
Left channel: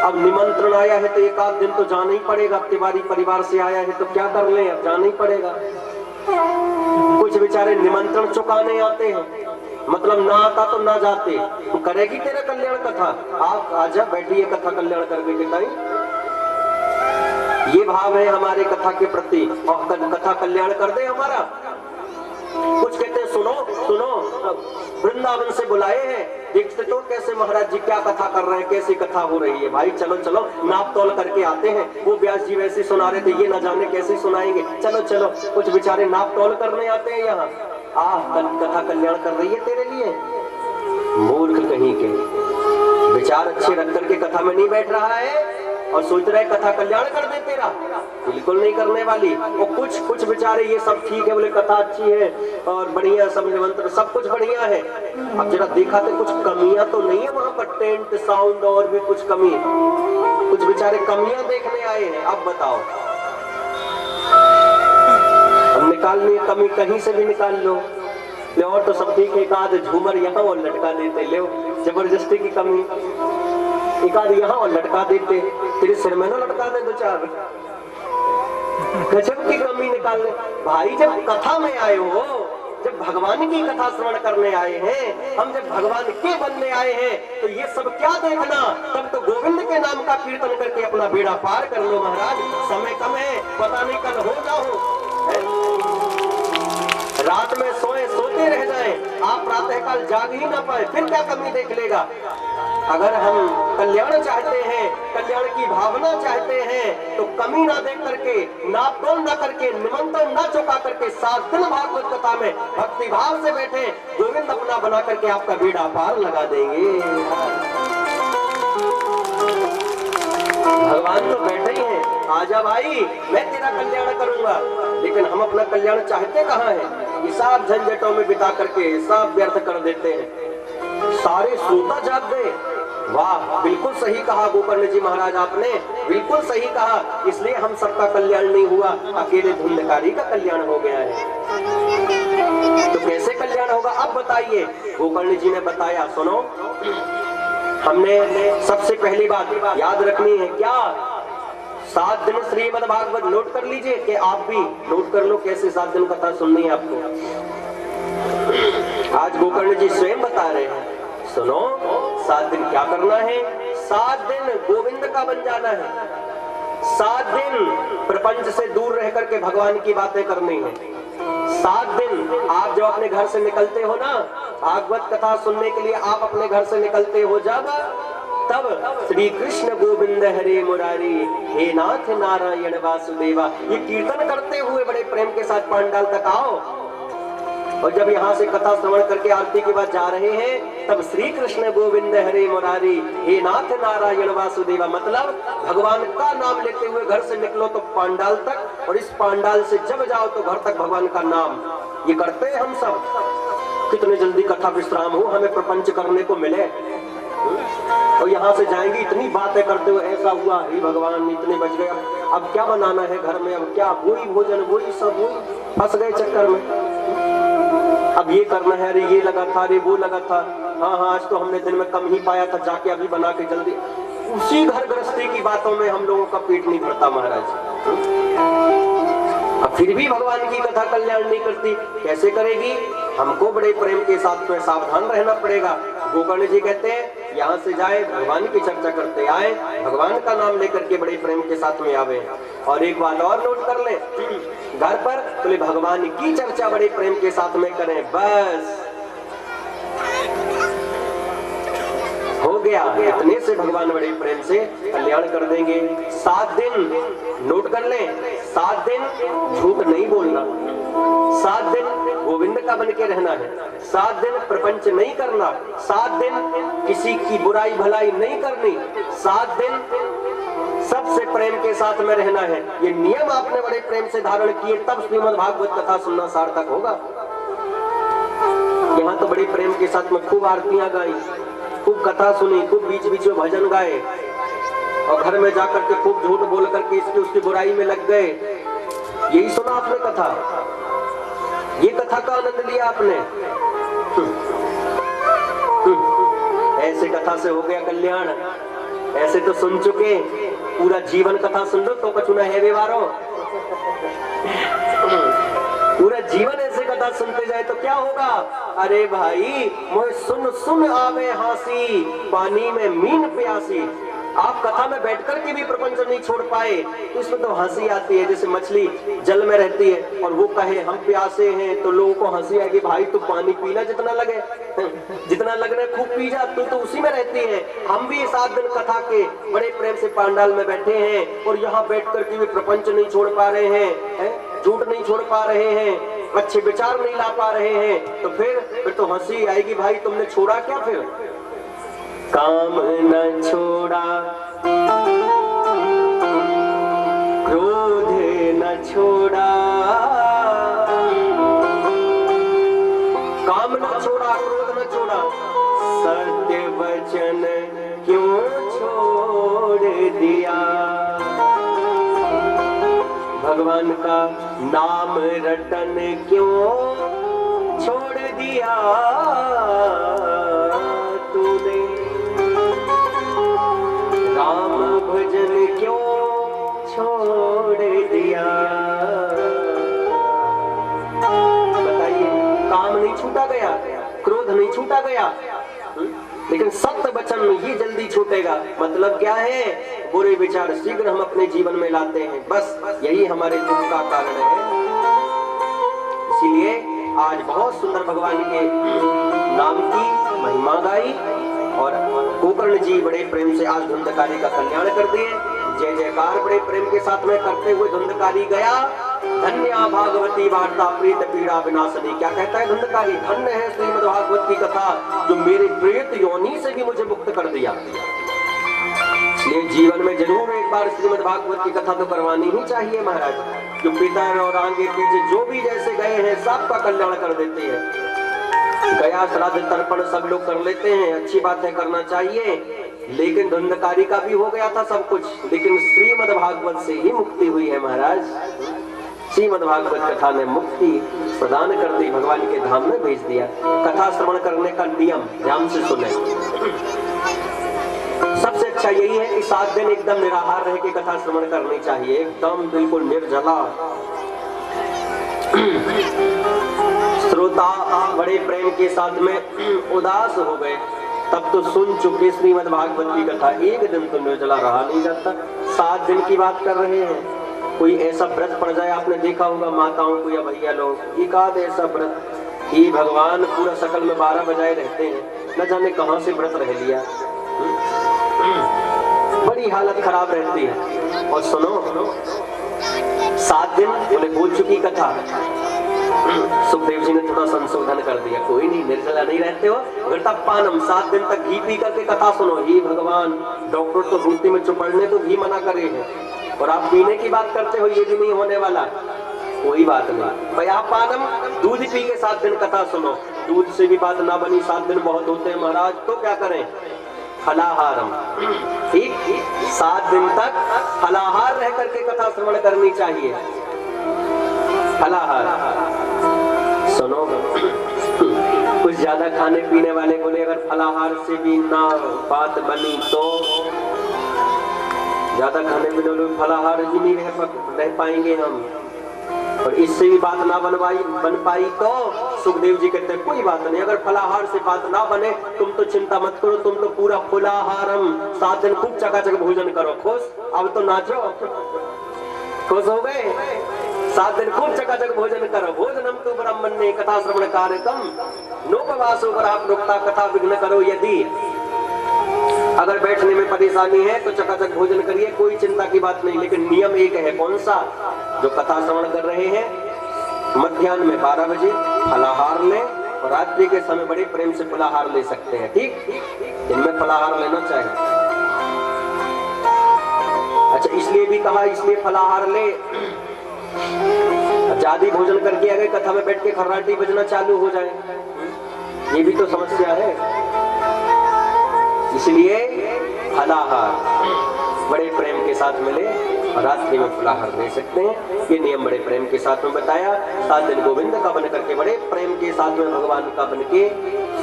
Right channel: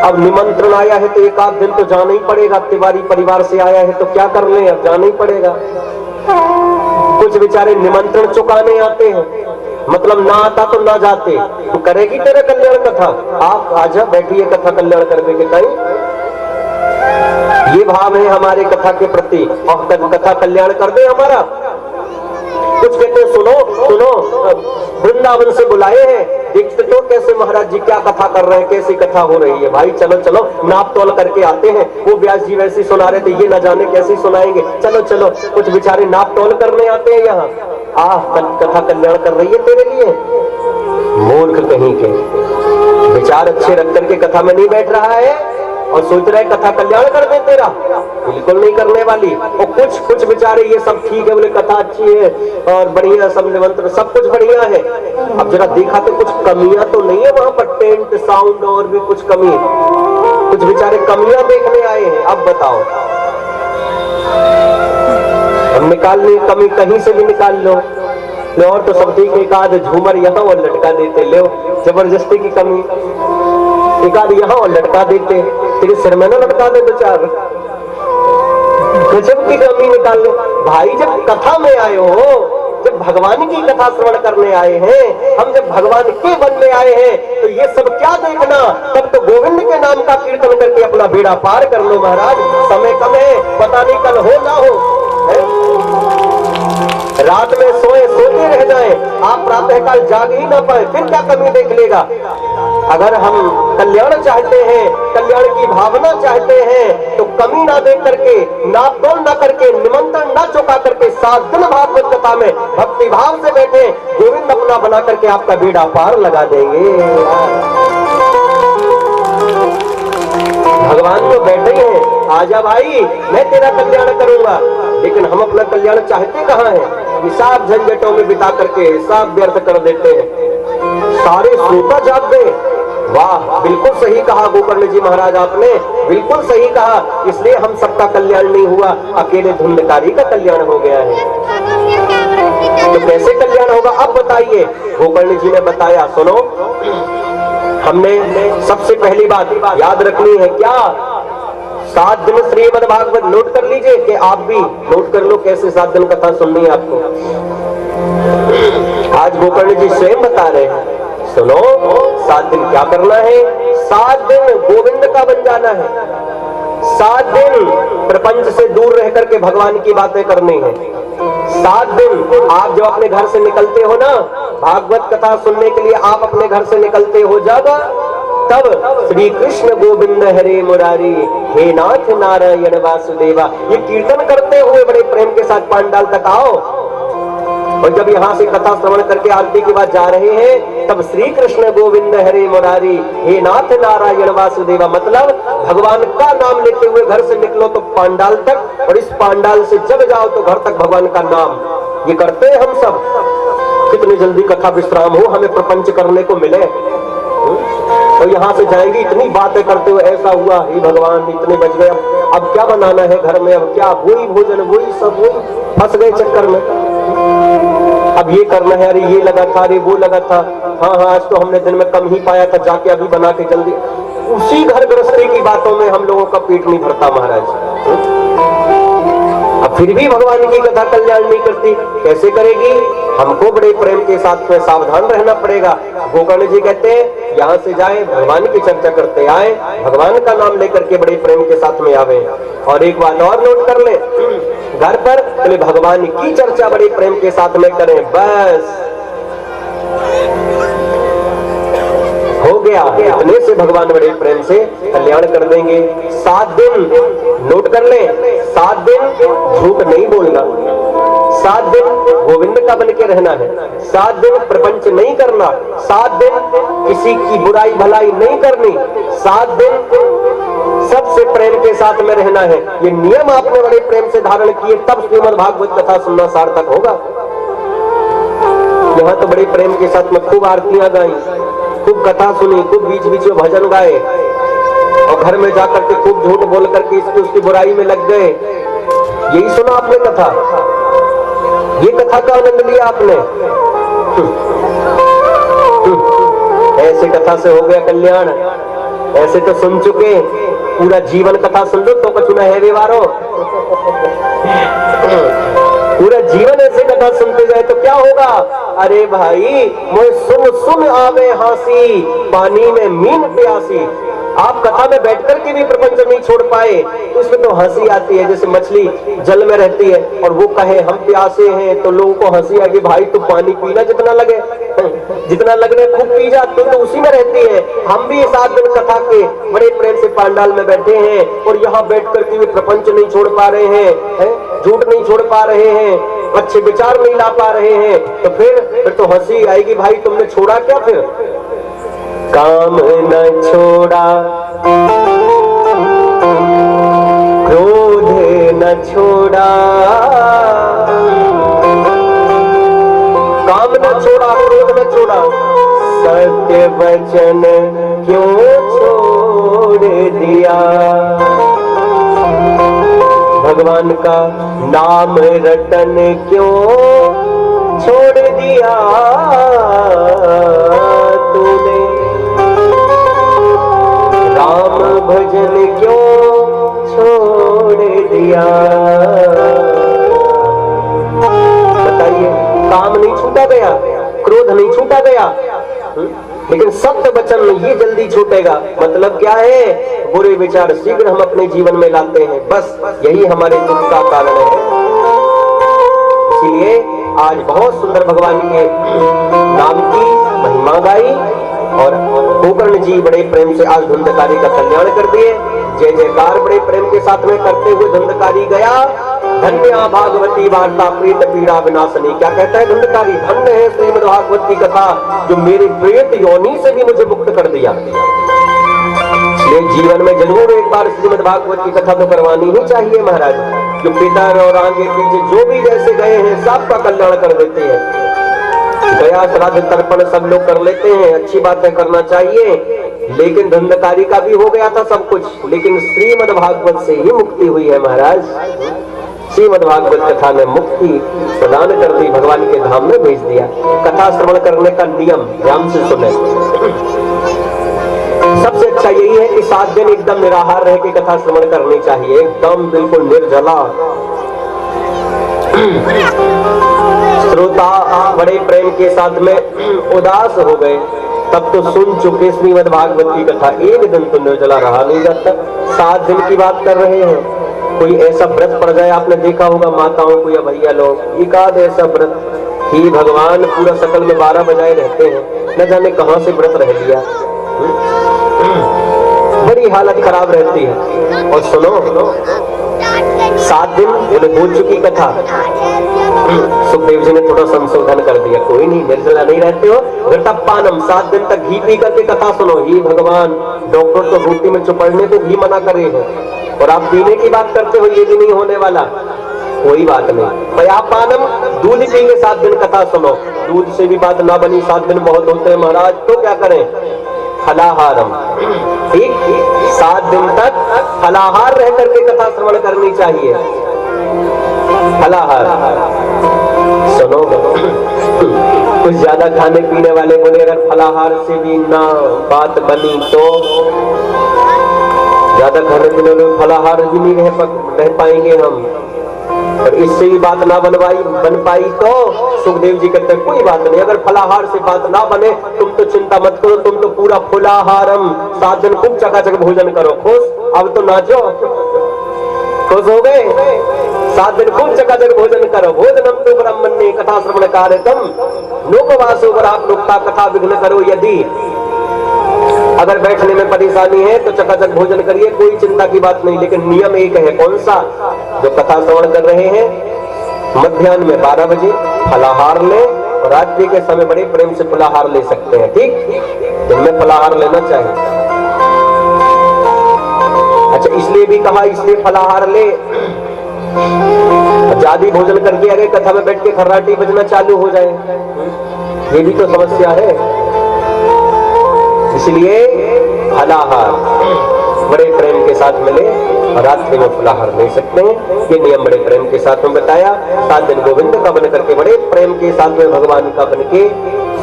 अब निमंत्रण आया है तो 1 आध दिन तो जाना ही पड़ेगा, तिवारी परिवार से आया है तो क्या कर ले, अब जाना ही पड़ेगा। कुछ बेचारे निमंत्रण चुकाने आते हैं, मतलब ना आता तो ना जाते, तो करेगी तेरा कल्याण कथा, आप आजा बैठिए कथा कल्याण करने के टाइम। ये भाव है हमारे कथा के प्रति, और कथा कल्याण कर दे हमारा। कुछ कहते हैं, सुनो सुनो, वृंदावन से बुलाए हैं, देखते तो कैसे महाराज जी क्या कथा कर रहे हैं, कैसी कथा हो रही है। भाई चलो चलो, नाप तोल करके आते हैं। वो व्यास जी वैसे सुना रहे थे, ये न जाने कैसे सुनाएंगे, चलो चलो। कुछ बेचारे नाप तोल करने आते हैं यहाँ, कथा कल्याण कर रही है तेरे लिए। मूर्ख कहीं के, विचार अच्छे रख करके कथा में नहीं बैठ रहा है और सोच रहे कथा कल्याण कर दे तेरा, बिल्कुल नहीं करने वाली। और कुछ बेचारे ये सब ठीक है, बोले कथा अच्छी है और बढ़िया, सब निमंत्रण सब कुछ बढ़िया है। अब जरा देखा तो कुछ कमियां तो नहीं है वहां पर, टेंट साउंड और भी कुछ कमी, कुछ बेचारे कमियां देखने आए हैं। अब बताओ, अब निकालनी कमी कहीं से भी निकाल लो, और तो सब ठीक, एक आध झूमर यहाँ और लटका देते, ले जबरदस्ती की कमी, एक आध यहाँ और लटका देते, तेरे सिर में ना लटका दे 2-4, गजब की कमी निकाल लो। भाई जब कथा में आए हो, जब भगवान की कथा श्रवण करने आए हैं, हम जब भगवान के वन में आए हैं, तो ये सब क्या देखना, तब तो गोविंद के नाम का कीर्तन करके अपना बेड़ा पार कर लो महाराज। समय कम है, पता नहीं कल हो ना हो, रात में सोते रह जाए, आप प्रातःकाल जाग ही ना पाए, फिर क्या कमी देख लेगा। अगर हम कल्याण चाहते हैं, कल्याण की भावना चाहते हैं, तो कमी ना देख करके, नाप तोल ना करके, निमंत्रण ना चुका करके 7 दिन भागवत कथा में भक्ति भाव से बैठे, गोविंद अपना बना करके आपका बेड़ा पार लगा देंगे। भगवान तो बैठे ही हैं, आजा भाई मैं तेरा कल्याण करूंगा। लेकिन हम अपना कल्याण चाहते कहाँ हैं? हिसाब झंझटों में बिता करके हिसाब व्यर्थ कर देते हैं। सारे श्रोता जाग गए। वाह, बिल्कुल सही कहा गोकर्ण जी महाराज आपने, बिल्कुल सही कहा। इसलिए हम सबका कल्याण नहीं हुआ, अकेले धुंधकारी का कल्याण हो गया है। तो कैसे कल्याण होगा अब बताइए। गोकर्ण जी ने बताया, सुनो, हमने सबसे पहली बात याद रखनी है। क्या? 7 दिन श्रीमद् भागवत नोट कर लीजिए, कि आप भी नोट कर लो कैसे 7 दिन कथा सुननी है आपको। आज गोकर्ण जी स्वयं बता रहे हैं, सुनो 7 दिन क्या करना है। 7 दिन गोविंद का बन जाना है। 7 दिन प्रपंच से दूर रह करके भगवान की बातें करनी है। 7 दिन आप जो अपने घर से निकलते हो ना, भागवत कथा सुनने के लिए आप अपने घर से निकलते हो जब, तब श्री कृष्ण गोविंद हरे मुरारी, हे नाथ नारायण वासुदेवा, ये कीर्तन करते हुए बड़े प्रेम के साथ पांडाल तक आओ। और जब यहाँ से कथा श्रवण करके आरती के बाद जा रहे हैं, तब श्री कृष्ण गोविंद हरे मुरारी, हे नाथ नारायण वासुदेवा, मतलब भगवान का नाम लेते हुए घर से निकलो तो पांडाल तक, और इस पांडाल से जब जाओ तो घर तक भगवान का नाम। ये करते हैं हम सब। कितनी जल्दी कथा विश्राम हो, हमें प्रपंच करने को मिले। और यहाँ से जाएंगे इतनी बातें करते हुए, ऐसा हुआ, हे भगवान इतने बच गए, अब क्या बनाना है घर में, अब क्या, वही भोजन, वही सब, वही फंस गए चक्कर में। अब ये करना है, अरे ये लगा था, अरे वो लगा था, हाँ हाँ आज तो हमने दिन में कम ही पाया था, जाके अभी बना के जल्दी। उसी घर गृहस्थी की बातों में हम लोगों का पेट नहीं भरता महाराज। अब फिर भी भगवान की कथा कल्याण नहीं करती, कैसे करेगी? हमको बड़े प्रेम के साथ में सावधान रहना पड़ेगा। गोकर्ण जी कहते हैं, यहाँ से जाए भगवान की चर्चा करते आए, भगवान का नाम लेकर के बड़े प्रेम के साथ में आवे। और एक बात और नोट कर ले, घर पर पहले भगवान की चर्चा बड़े प्रेम के साथ में करें, बस हो गया। इतने से भगवान बड़े प्रेम से कल्याण कर देंगे। 7 दिन नोट कर ले, 7 दिन झूठ नहीं बोलना, 7 दिन गोविंद का बन के रहना है, 7 दिन प्रपंच नहीं करना, 7 दिन किसी की बुराई भलाई नहीं करनी, 7 दिन सबसे प्रेम के साथ में रहना है। ये नियम आपने बड़े प्रेम से धारण किए, तब श्रीमद् भागवत कथा सुनना सार्थक होगा। यहाँ तो बड़े प्रेम के साथ में खूब आरतियां गाई, खूब कथा सुनी, खूब बीच बीच में भजन गाए, और घर में जाकर के खूब झूठ बोल करके इसकी उसकी बुराई में लग गए। यही सुना आपने कथा, ये कथा का आनंद लिया आपने। ऐसे कथा से हो गया कल्याण। ऐसे तो सुन चुके, पूरा जीवन कथा सुन लो तो कुछ ना है व्यवहारो। पूरा जीवन ऐसे कथा सुनते जाए तो क्या होगा? अरे भाई मोए सुन सुन आवे हंसी, पानी में मीन प्यासी। आप कथा में बैठकर के भी प्रपंच नहीं छोड़ पाए, उसमें तो हंसी आती है। जैसे मछली जल में रहती है और वो कहे हम प्यासे हैं, तो लोगों को हंसी आएगी, भाई तू पानी पीना जितना लगे, जितना लगने खूब पी जा, तू तो उसी में रहती है। हम भी 7 दिन कथा के बड़े प्रेम से पांडाल में बैठे हैं, और यहाँ बैठ करके भी प्रपंच नहीं छोड़ पा रहे हैं, झूठ नहीं छोड़ पा रहे हैं, अच्छे विचार नहीं ला पा रहे हैं, तो फिर तो हंसी आएगी, भाई तुमने छोड़ा क्या? फिर काम न छोड़ा, क्रोध न छोड़ा, काम न छोड़ा, क्रोध न छोड़ा, सत्य वचन क्यों छोड़ दिया? भगवान का नाम रटन क्यों छोड़ दिया तूने? राम भजन क्यों छोड़ दिया? बताइए, काम नहीं छूटा गया, क्रोध नहीं छूटा गया, लेकिन सत्य वचन ये जल्दी छूटेगा। मतलब क्या है? बुरे विचार शीघ्र हम अपने जीवन में लाते हैं, बस यही हमारे दुख का कारण है। इसीलिए आज बहुत सुंदर भगवान के नाम की महिमा गाई और गोकर्ण जी बड़े प्रेम से आज धुंधकारी का कल्याण कर दिए। जय जयकार बड़े प्रेम के साथ में करते हुए धुंधकारी गया। धन्य भागवती वार्ता प्रेत पीड़ा विनाशनी। क्या कहता है धुंधकारी? धन्य है श्रीमद् भागवत की कथा जो मेरे प्रेत योनि से भी मुझे मुक्त कर दिया। इसलिए जीवन में जरूर एक बार श्रीमद् भागवत की कथा तो करवानी ही चाहिए महाराज। जो पितर और आगे पीछे जो भी जैसे गए हैं सबका कल्याण कर देते हैं। गया श्राद्ध तर्पण सब लोग कर लेते हैं, अच्छी बात है, करना चाहिए। लेकिन धुंधकारी का भी हो गया था सब कुछ, लेकिन श्रीमद् भागवत से ही मुक्ति हुई है महाराज। श्रीमद् भागवत कथा ने मुक्ति प्रदान कर दी, भगवान के धाम में भेज दिया। कथा श्रवण करने का नियम ध्यान से सुने। सबसे अच्छा यही है कि 7 दिन एकदम निराहार रह के कथा श्रवण करनी चाहिए, एकदम बिल्कुल निर्जला। श्रोता बड़े प्रेम के साथ में उदास हो गए, तब तो सुन चुके श्रीमद् भागवत की कथा, एक दिन तो निर्जला रहा नहीं जाता। 7 दिन की बात कर रहे हैं। कोई ऐसा व्रत पड़ जाए, आपने देखा होगा माताओं को या भैया लोग, एकाध ऐसा व्रत ही भगवान पूरा सकल में 12 बजाए रहते हैं, न जाने कहां से व्रत रह लिया। बड़ी हालत खराब रहती है। और सुनो 7 दिन बोले हो चुकी कथा। सुखदेव जी ने थोड़ा संशोधन कर दिया, कोई नहीं, निर्जला नहीं रहते हो, घृतपानम 7 दिन तक घी पी करके कथा सुनो। ही भगवान, डॉक्टर तो रोटी में चुपड़ने को घी मना करे हैं और आप पीने की बात करते हो, ये भी नहीं होने वाला। कोई बात नहीं, पयापानम दूध पीएंगे 7 दिन कथा सुनो। दूध से भी बात ना बनी, 7 दिन बहुत होते हैं महाराज, तो क्या करें? फलाहारम, ठीक 7 दिन तक फलाहार रह करके कथा श्रवण करनी चाहिए। फलाहार सुनो। कुछ ज्यादा खाने पीने वाले बोले अगर फलाहार से भी ना बात बनी तो ज्यादा खाने पीने वाले फलाहार भी नहीं रह पाएंगे हम, और इससे भी बात ना बन पाई तो सुखदेव जी कहते हैं कोई बात नहीं, अगर फलाहार से बात ना बने तुम तो चिंता मत करो, तुम तो पूरा फुलाहारम 7 दिन खूब चकाचक भोजन करो। खुश? अब तो नाचो, खुश हो गए? 7 दिन खूब चकाचक भोजन करो। भोजनम तो ब्राह्मण्य कथा श्रवण कार्यक्रम लोकवासो नुक्ता कथा विघ्न करो। यदि अगर बैठने में परेशानी है तो चकाचक भोजन करिए, कोई चिंता की बात नहीं। लेकिन नियम एक है, कौन सा? जो कथा श्रवण कर रहे हैं मध्याह्न में 12 बजे फलाहार लें और रात्रि के समय बड़े प्रेम से फलाहार ले सकते हैं, ठीक? दिन में फलाहार लेना चाहिए। अच्छा, इसलिए भी कहा, इसलिए फलाहार ले। ज्यादा भोजन करके अगर कथा में बैठ के खर्राटी बजना चालू हो जाए, ये भी तो समस्या है। इसलिए फलाहार बड़े प्रेम के साथ मिले और रात्रि में फलाहार ले सकते हैं। ये नियम बड़े प्रेम के साथ में बताया। 7 दिन गोविंद का बन करके बड़े प्रेम के साथ में भगवान का बन के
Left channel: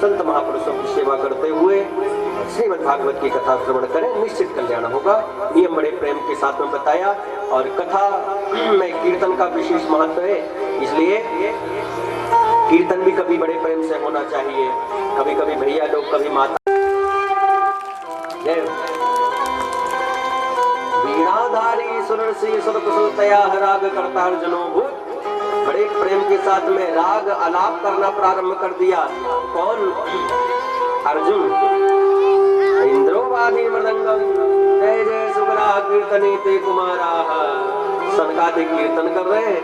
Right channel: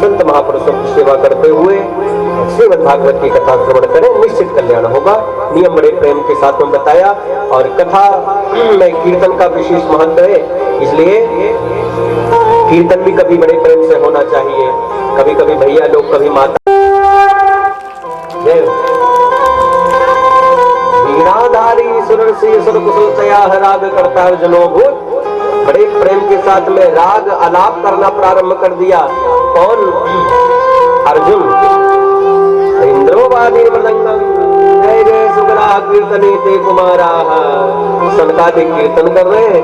संत महापुरुषों की सेवा करते हुए श्रीमद् भागवत की कथा श्रवण करें, निश्चित कल्याण होगा। नियम बड़े प्रेम के साथ में बताया। और कथा में कीर्तन का विशेष महत्व है, इसलिए कीर्तन भी कभी बड़े प्रेम से होना चाहिए। कभी कभी भैया लोग, कभी माता, वीणाधारी सुर से सुर कुशलतया राग करता अर्जुनो भूत। बड़े प्रेम के साथ में राग आलाप करना प्रारंभ कर दिया। कौन? अर्जुन। इंद्रोवादी मृदंगम जय जय सुगरा कीर्तनी ते कुमारा। सनकादिक कीर्तन कर रहे हैं